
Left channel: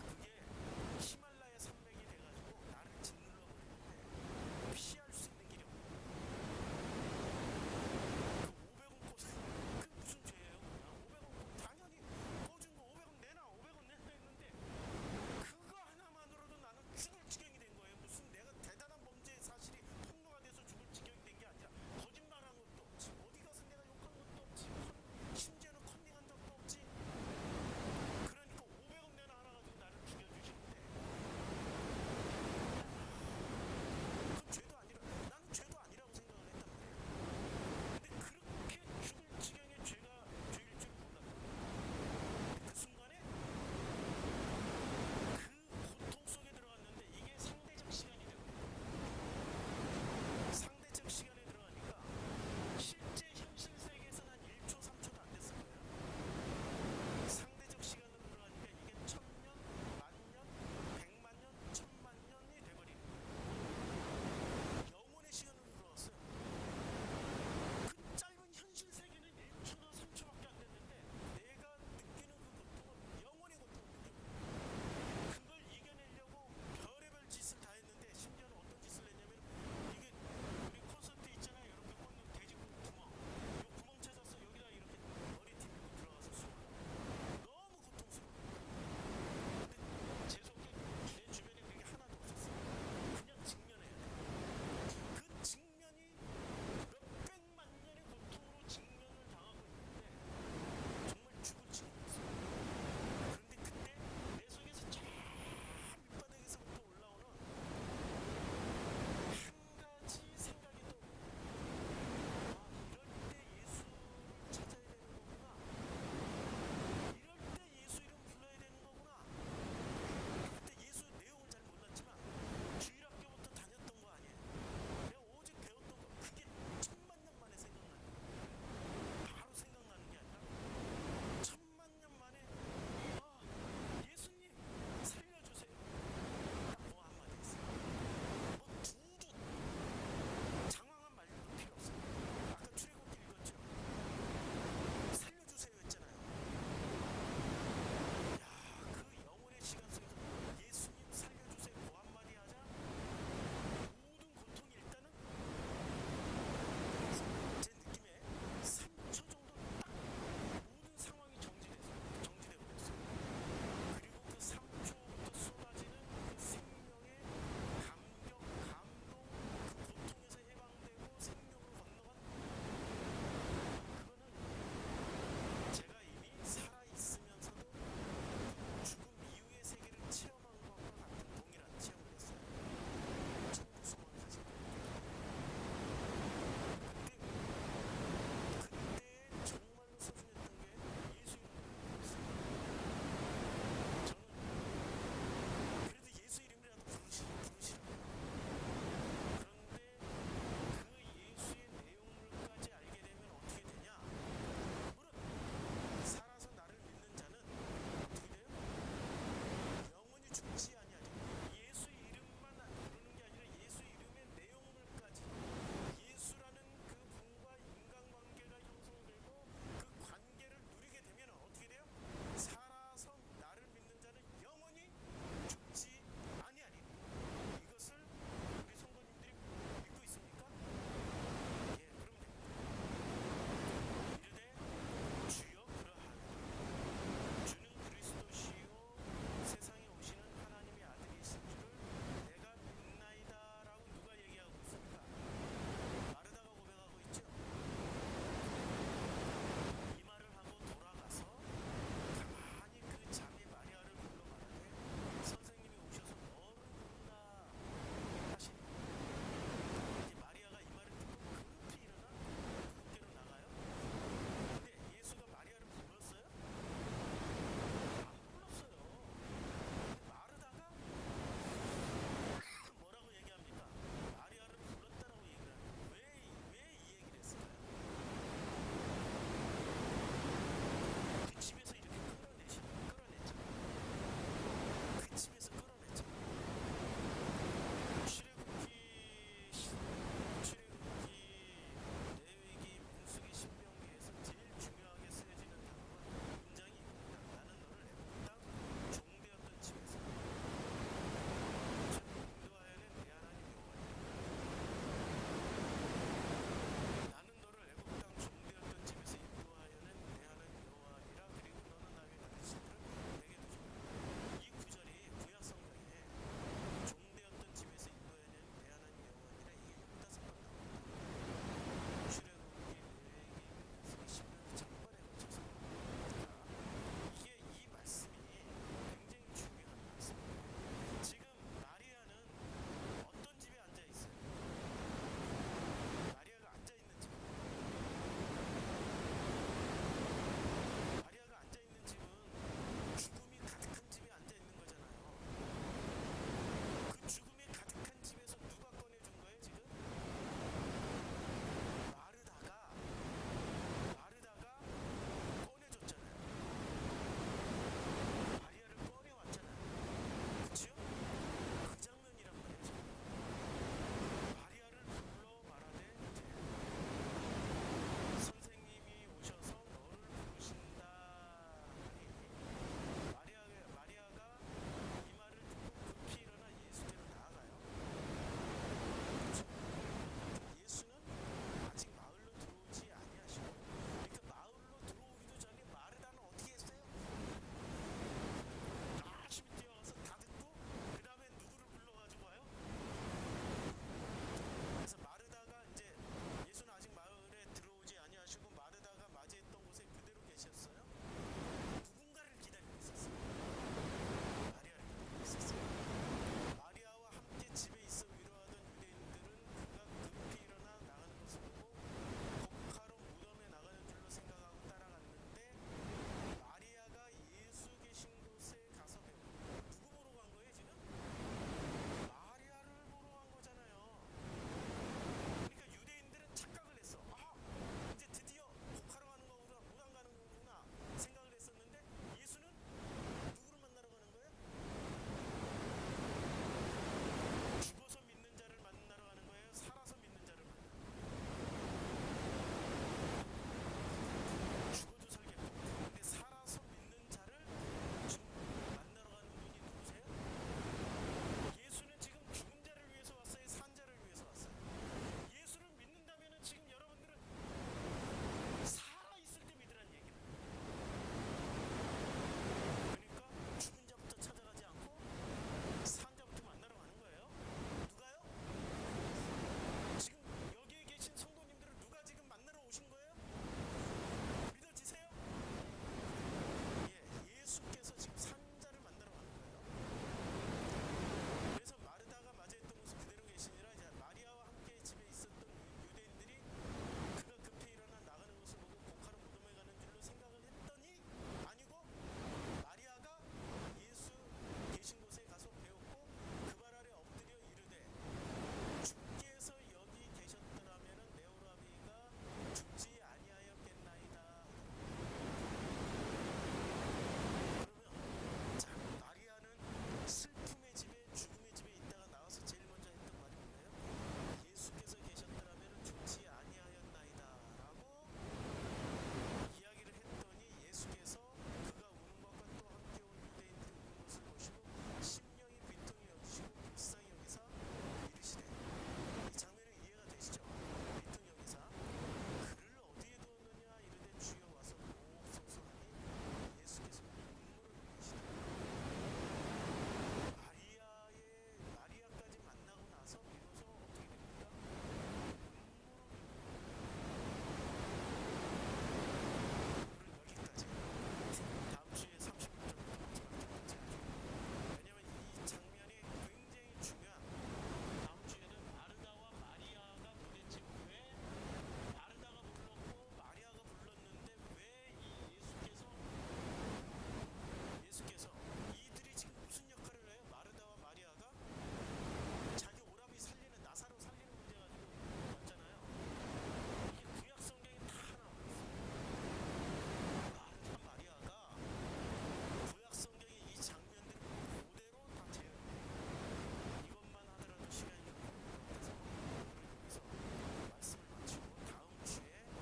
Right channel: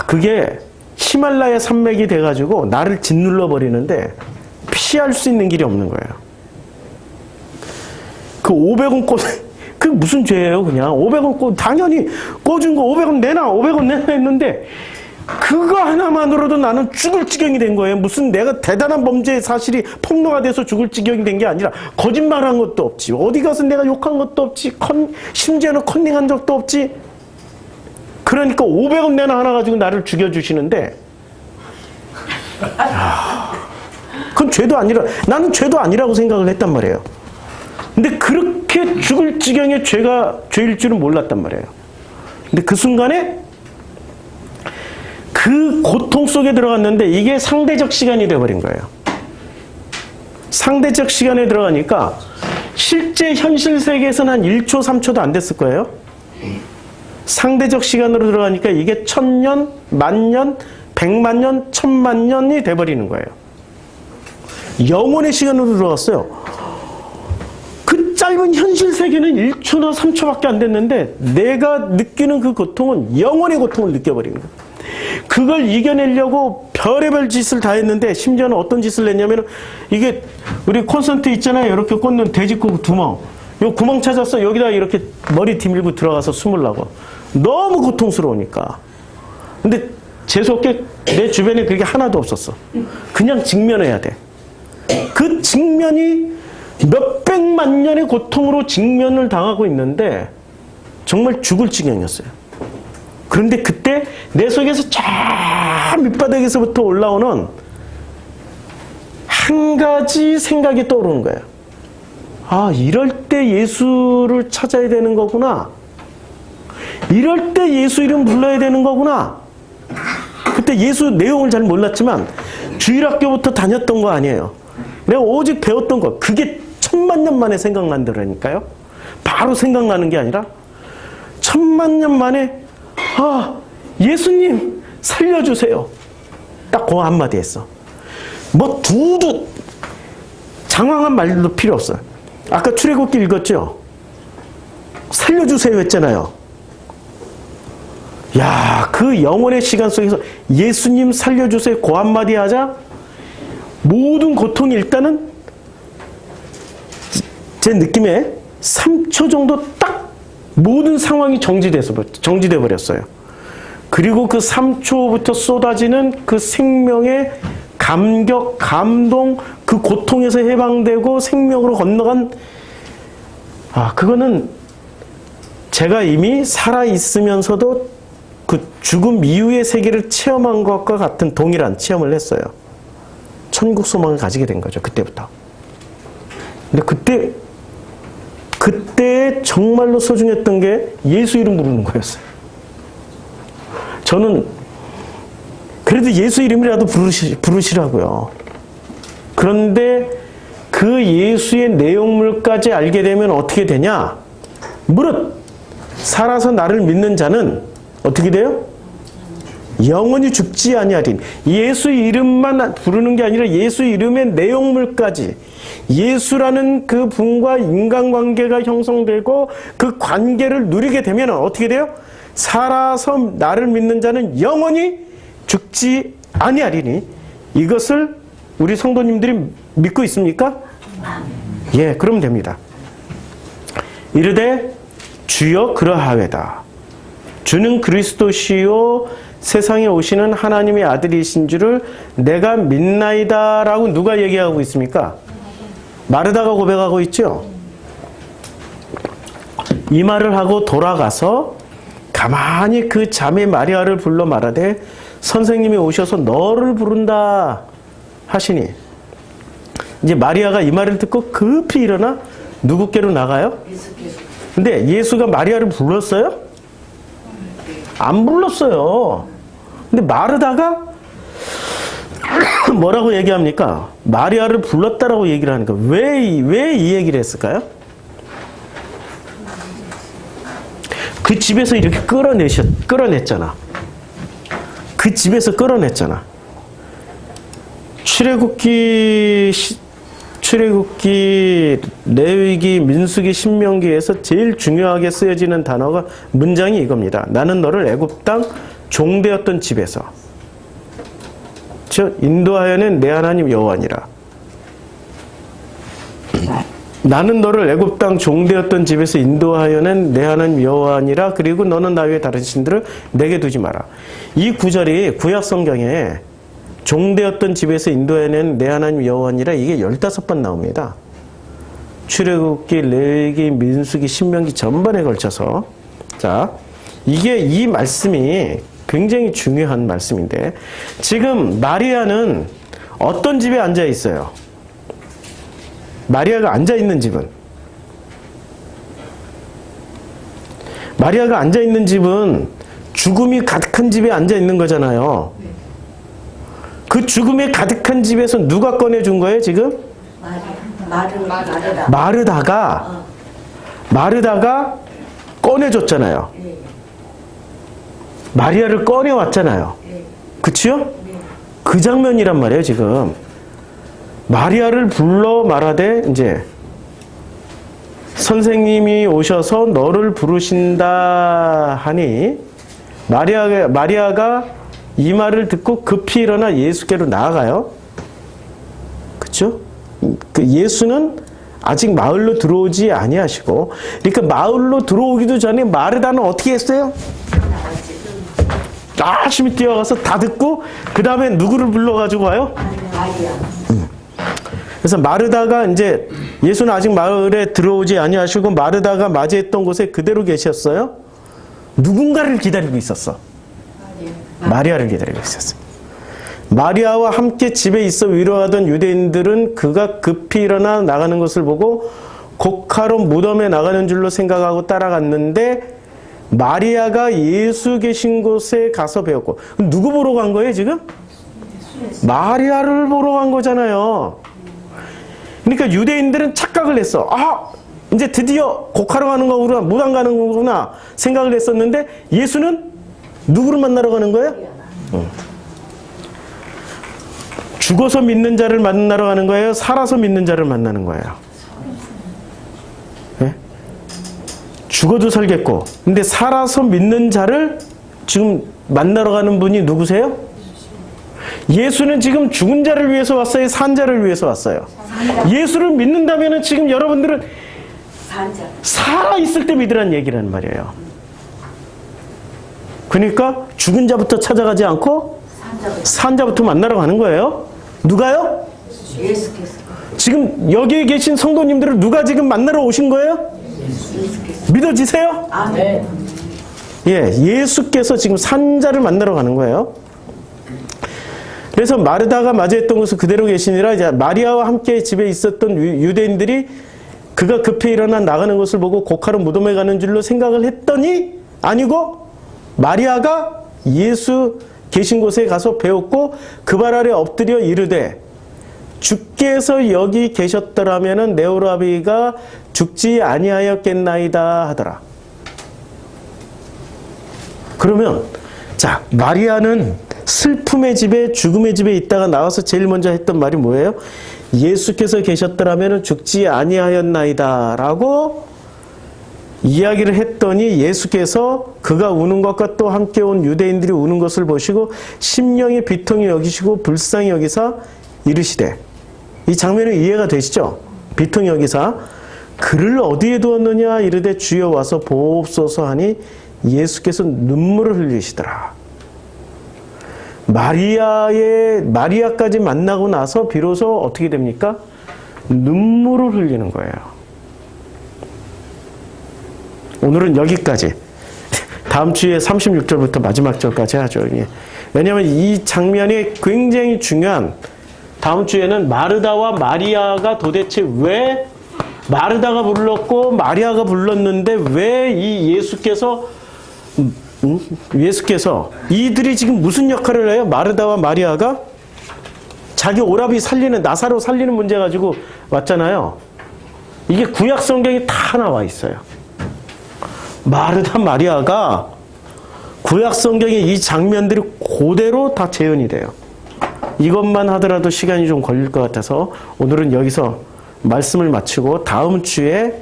그게 히말라야 산맥이 돼가지고 나를 짓눌러 버리는데 피할 수 있는 길이 없는 거예요. 그 500원 그 무슨 죄예요 그냥. 500원 당연히 꿔준 거 500원 내놔 했는데 그거 하나만으로도 나는 죽을 지경이 된 거예요. 무슨 내가 대단한 범죄의 사실이 폭로가 돼서 죽을 지경이 된 게 아니라 거짓말한 것도 없지. 어디 가서 내가 욕한 것도 없지. 심지어는 컨닝한 적도 없지. 그러니까 500원 내나 하나 가지고 나를 죽여주시는데 그건 죄도 아니라 나는 죄도 아니라고 생각을 했단 말이에요. 근데 그렇게 죽을 지경의 죄일 줄은 몰랐단 말이에요. 근데 그 순간에 그 고통 속에 들어갔는데 이게 상대적 시간이 되어버린 거예요. 상대적 시간에 들어가니까 실제 현실 세계에서는 한 1초, 3초도 안 됐을 거예요. 상대적 시간으로 들어가니까 이게 1000년, 10,000년, 100,000년, 10,000,000년이 돼버리는 거예요. 영혼의 시간으로 들어갔어요. 그 짧은 현실 세계는 1초나 3초밖에 안 됐는데 내가 느끼는 그 고통은 영원의 고통을 느껴버리는 거예요. 그걸 이겨내려고 별의별 짓을 다 했는데 심지어는 어떤 짓을 했냐면 이게 우리 콘센트 있잖아요. 이렇게 꽂는 돼지고기 구멍. 요 구멍 찾았어. 여기다 이렇게 머리 뒤밀고 들어가서 숨으려고. 너무 고통스러우니까. 근데 재수없게 내 주변에 그게 하나도 없었어. 그냥 직면해야 돼. 그 직면이 몇백만 년의 고통으로 직면을 당하고 있는데 정말 죽을 지경이었어요. 그런데 그때 내 속에서 저 밑바닥에서부터 올라오는 한 가지 생각이 떠오르는 거예요. 아, 이럴 때 예수를 찾아야 되는 거구나. 이럴 때 예수 이름 불러야 되는 거구나. 그때 예수 내용을 잘 몰랐지만 주일학교부터 다녔던 거 아니에요. 내가 오직 배웠던 거. 그게 1000만 년 만에 생각난다니까요. 바로 생각나는 게 아니라 1000만 년 만에 아, 예수님 살려주세요. 딱 그 한마디 했어. 뭐 두두 장황한 말도 필요 없어요. 아까 출애굽기 읽었죠? 살려주세요 했잖아요. 야, 그 영혼의 시간 속에서 예수님 살려주세요 그 한마디 하자 모든 고통이 일단은 제 느낌에 3초 정도 딱 모든 상황이 정지돼 버렸어요. 그리고 그 3초부터 쏟아지는 그 생명의 감격, 감동, 그 고통에서 해방되고 생명으로 건너간 그거는 제가 이미 살아있으면서도 그 죽음 이후의 세계를 체험한 것과 같은 동일한 체험을 했어요. 천국 소망을 가지게 된 거죠. 그때부터. 근데 그때 정말로 소중했던 게 예수 이름 부르는 거였어요. 저는 그래도 예수 이름이라도 부르시라고요. 그런데 그 예수의 내용물까지 알게 되면 어떻게 되냐? 무릇 살아서 나를 믿는 자는 어떻게 돼요? 영원히 죽지 아니하리니. 예수 이름만 부르는 게 아니라 예수 이름의 내용물까지 예수라는 그 분과 인간관계가 형성되고 그 관계를 누리게 되면 어떻게 돼요? 살아서 나를 믿는 자는 영원히 죽지 아니하리니. 이것을 우리 성도님들이 믿고 있습니까? 예, 그러면 됩니다. 이르되 주여 그러하외다. 주는 그리스도시요 세상에 오시는 하나님의 아들이신 줄을 내가 믿나이다 라고 누가 얘기하고 있습니까? 마르다가 고백하고 있죠. 이 말을 하고 돌아가서 가만히 그 자매 마리아를 불러 말하되 선생님이 오셔서 너를 부른다 하시니, 이제 마리아가 이 말을 듣고 급히 일어나 누구께로 나가요? 근데 예수가 마리아를 불렀어요? 안 불렀어요. 근데 마르다가 뭐라고 얘기합니까? 마리아를 불렀다라고 얘기를 하니까 왜 이 얘기를 했을까요? 그 집에서 이렇게 끌어냈잖아. 그 집에서 끌어냈잖아. 출애굽기, 레위기, 민수기, 신명기에서 제일 중요하게 쓰여지는 단어가 문장이 이겁니다. 나는 너를 애굽 땅 종되었던 집에서 인도하여낸 내 하나님 여호와니라. 나는 너를 애굽 땅 종되었던 집에서 인도하여낸 내 하나님 여호와니라. 그리고 너는 나 외에 다른 신들을 내게 두지 마라. 이 구절이 구약 성경에 종되었던 집에서 인도해낸 내 하나님 여호와니라 이게 15번 나옵니다. 출애굽기, 레위기, 민수기, 신명기 전반에 걸쳐서. 자, 이 말씀이 굉장히 중요한 말씀인데 지금 마리아는 어떤 집에 앉아 있어요? 마리아가 앉아 있는 집은 죽음이 가득한 집에 앉아 있는 거잖아요. 그 죽음에 가득한 집에서 누가 꺼내준 거예요, 지금? 마르다가 꺼내줬잖아요. 마리아를 꺼내왔잖아요. 그치요? 그 장면이란 말이에요, 지금. 마리아를 불러 말하되, 이제, 선생님이 오셔서 너를 부르신다 하니 마리아가 이 말을 듣고 급히 일어나 예수께로 나아가요. 그렇죠? 그 예수는 아직 마을로 들어오지 아니하시고, 그러니까 마을로 들어오기도 전에 마르다는 어떻게 했어요? 열심히 뛰어가서 다 듣고 그 다음에 누구를 불러가지고 와요? 마리아. 그래서 마르다가 이제 예수는 아직 마을에 들어오지 아니하시고 마르다가 맞이했던 곳에 그대로 계셨어요. 누군가를 기다리고 있었어. 마리아를 기다리고 있었어요. 마리아와 함께 집에 있어 위로하던 유대인들은 그가 급히 일어나 나가는 것을 보고 곡하러 무덤에 나가는 줄로 생각하고 따라갔는데 마리아가 예수 계신 곳에 가서 배웠고. 누구 보러 간 거예요 지금? 마리아를 보러 간 거잖아요. 그러니까 유대인들은 착각을 했어. 아, 이제 드디어 곡하러 가는 거구나, 무당 가는 거구나 생각을 했었는데 예수는 누구를 만나러 가는 거예요? 죽어서 믿는 자를 만나러 가는 거예요? 살아서 믿는 자를 만나는 거예요? 네? 죽어도 살겠고, 근데 살아서 믿는 자를 지금 만나러 가는 분이 누구세요? 예수는 지금 죽은 자를 위해서 왔어요? 산 자를 위해서 왔어요? 예수를 믿는다면 지금 여러분들은 살아있을 때 믿으라는 얘기라는 말이에요. 그러니까 죽은 자부터 찾아가지 않고 산 자부터 만나러 가는 거예요. 누가요? 예수께서. 지금 여기에 계신 성도님들을 누가 지금 만나러 오신 거예요? 예수께서. 믿어지세요? 아멘. 예, 예수께서 지금 산 자를 만나러 가는 거예요. 그래서 마르다가 맞이했던 곳을 그대로 계시니라. 이제 마리아와 함께 집에 있었던 유대인들이 그가 급히 일어나 나가는 것을 보고 곡하러 무덤에 가는 줄로 생각을 했더니 아니고 마리아가 예수 계신 곳에 가서 배웠고 그 발 아래 엎드려 이르되 주께서 여기 계셨더라면 내 오라비가 죽지 아니하였겠나이다 하더라. 그러면 자, 마리아는 슬픔의 집에 죽음의 집에 있다가 나와서 제일 먼저 했던 말이 뭐예요? 예수께서 계셨더라면 죽지 아니하였나이다 라고 이야기를 했더니 예수께서 그가 우는 것과 또 함께 온 유대인들이 우는 것을 보시고 심령이 비통히 여기시고 불쌍히 여기사 이르시되, 이 장면이 이해가 되시죠? 비통히 여기사 그를 어디에 두었느냐 이르되 주여 와서 보옵소서 하니 예수께서 눈물을 흘리시더라. 마리아까지 만나고 나서 비로소 어떻게 됩니까? 눈물을 흘리는 거예요. 오늘은 여기까지. 다음 주에 36절부터 마지막 절까지 하죠. 왜냐하면 이 장면이 굉장히 중요한, 다음 주에는 마르다와 마리아가 도대체 왜 마르다가 불렀고 마리아가 불렀는데 왜 이 예수께서 이들이 지금 무슨 역할을 해요? 마르다와 마리아가 자기 오라비 살리는, 나사로 살리는 문제 가지고 왔잖아요. 이게 구약 성경에 다 나와 있어요. 마르다 마리아가 구약 성경에 이 장면들이 그대로 다 재현이 돼요. 이것만 하더라도 시간이 좀 걸릴 것 같아서 오늘은 여기서 말씀을 마치고 다음 주에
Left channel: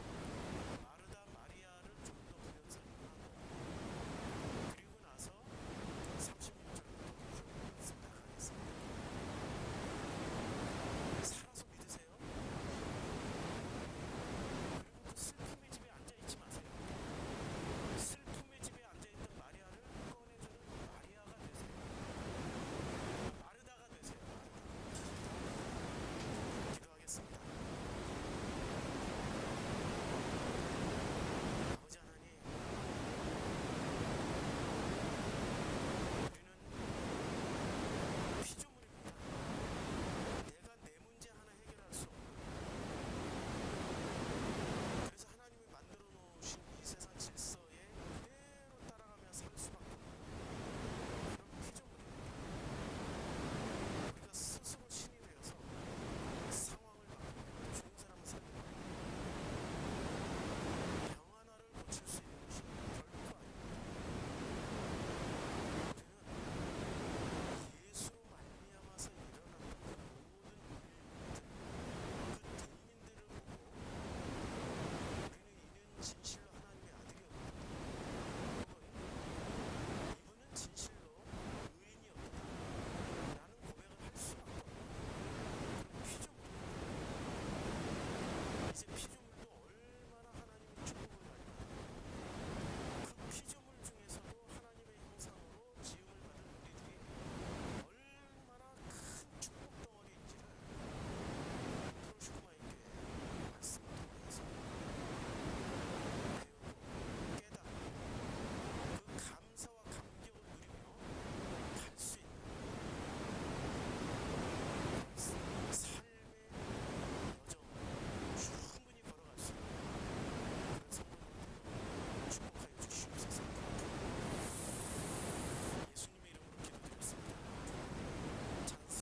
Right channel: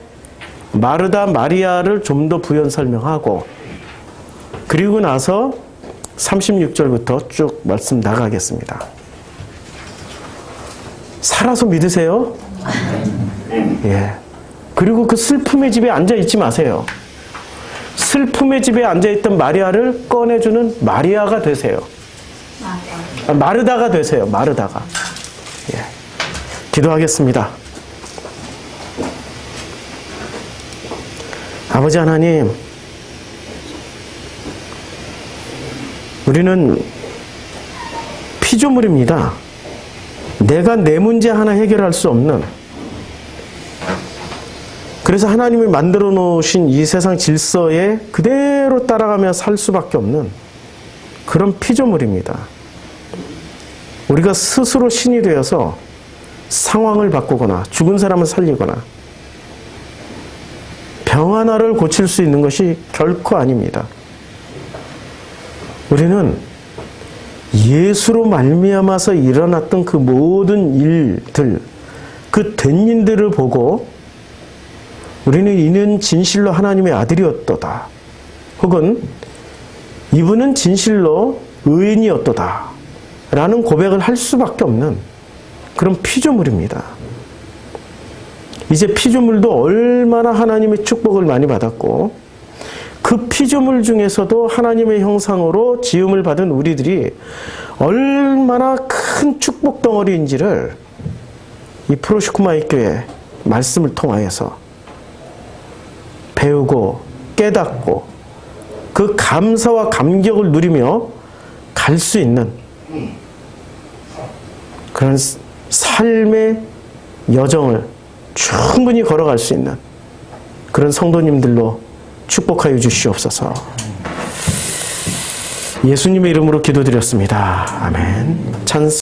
마르다 마리아를 좀 더 부연 설명하고 그리고 나서 36절부터 쭉 말씀 나가겠습니다. 살아서 믿으세요. 예. 그리고 그 슬픔의 집에 앉아 있지 마세요. 슬픔의 집에 앉아있던 마리아를 꺼내주는 마리아가 되세요. 마르다가 되세요. 마르다가. 예. 기도하겠습니다. 아버지 하나님, 우리는 피조물입니다. 내가 내 문제 하나 해결할 수 없는, 그래서 하나님이 만들어 놓으신 이 세상 질서에 그대로 따라가며 살 수밖에 없는 그런 피조물입니다. 우리가 스스로 신이 되어서 상황을 바꾸거나 죽은 사람을 살리거나 병 하나를 고칠 수 있는 것이 결코 아닙니다. 우리는 예수로 말미암아서 일어났던 그 모든 일들, 그 된 일들을 보고 우리는 이는 진실로 하나님의 아들이었도다. 혹은 이분은 진실로 의인이었도다. 라는 고백을 할 수밖에 없는 그런 피조물입니다. 이제 피조물도 얼마나 하나님의 축복을 많이 받았고 그 피조물 중에서도 하나님의 형상으로 지음을 받은 우리들이 얼마나 큰 축복 덩어리인지를 이 프로시쿠마이 교회 말씀을 통하여서 배우고 깨닫고 그 감사와 감격을 누리며 갈 수 있는 그런 삶의 여정을 충분히 걸어갈 수 있는 그런 성도님들로 축복하여 주시옵소서. 예수님의 이름으로 기도드렸습니다. 아멘. 찬스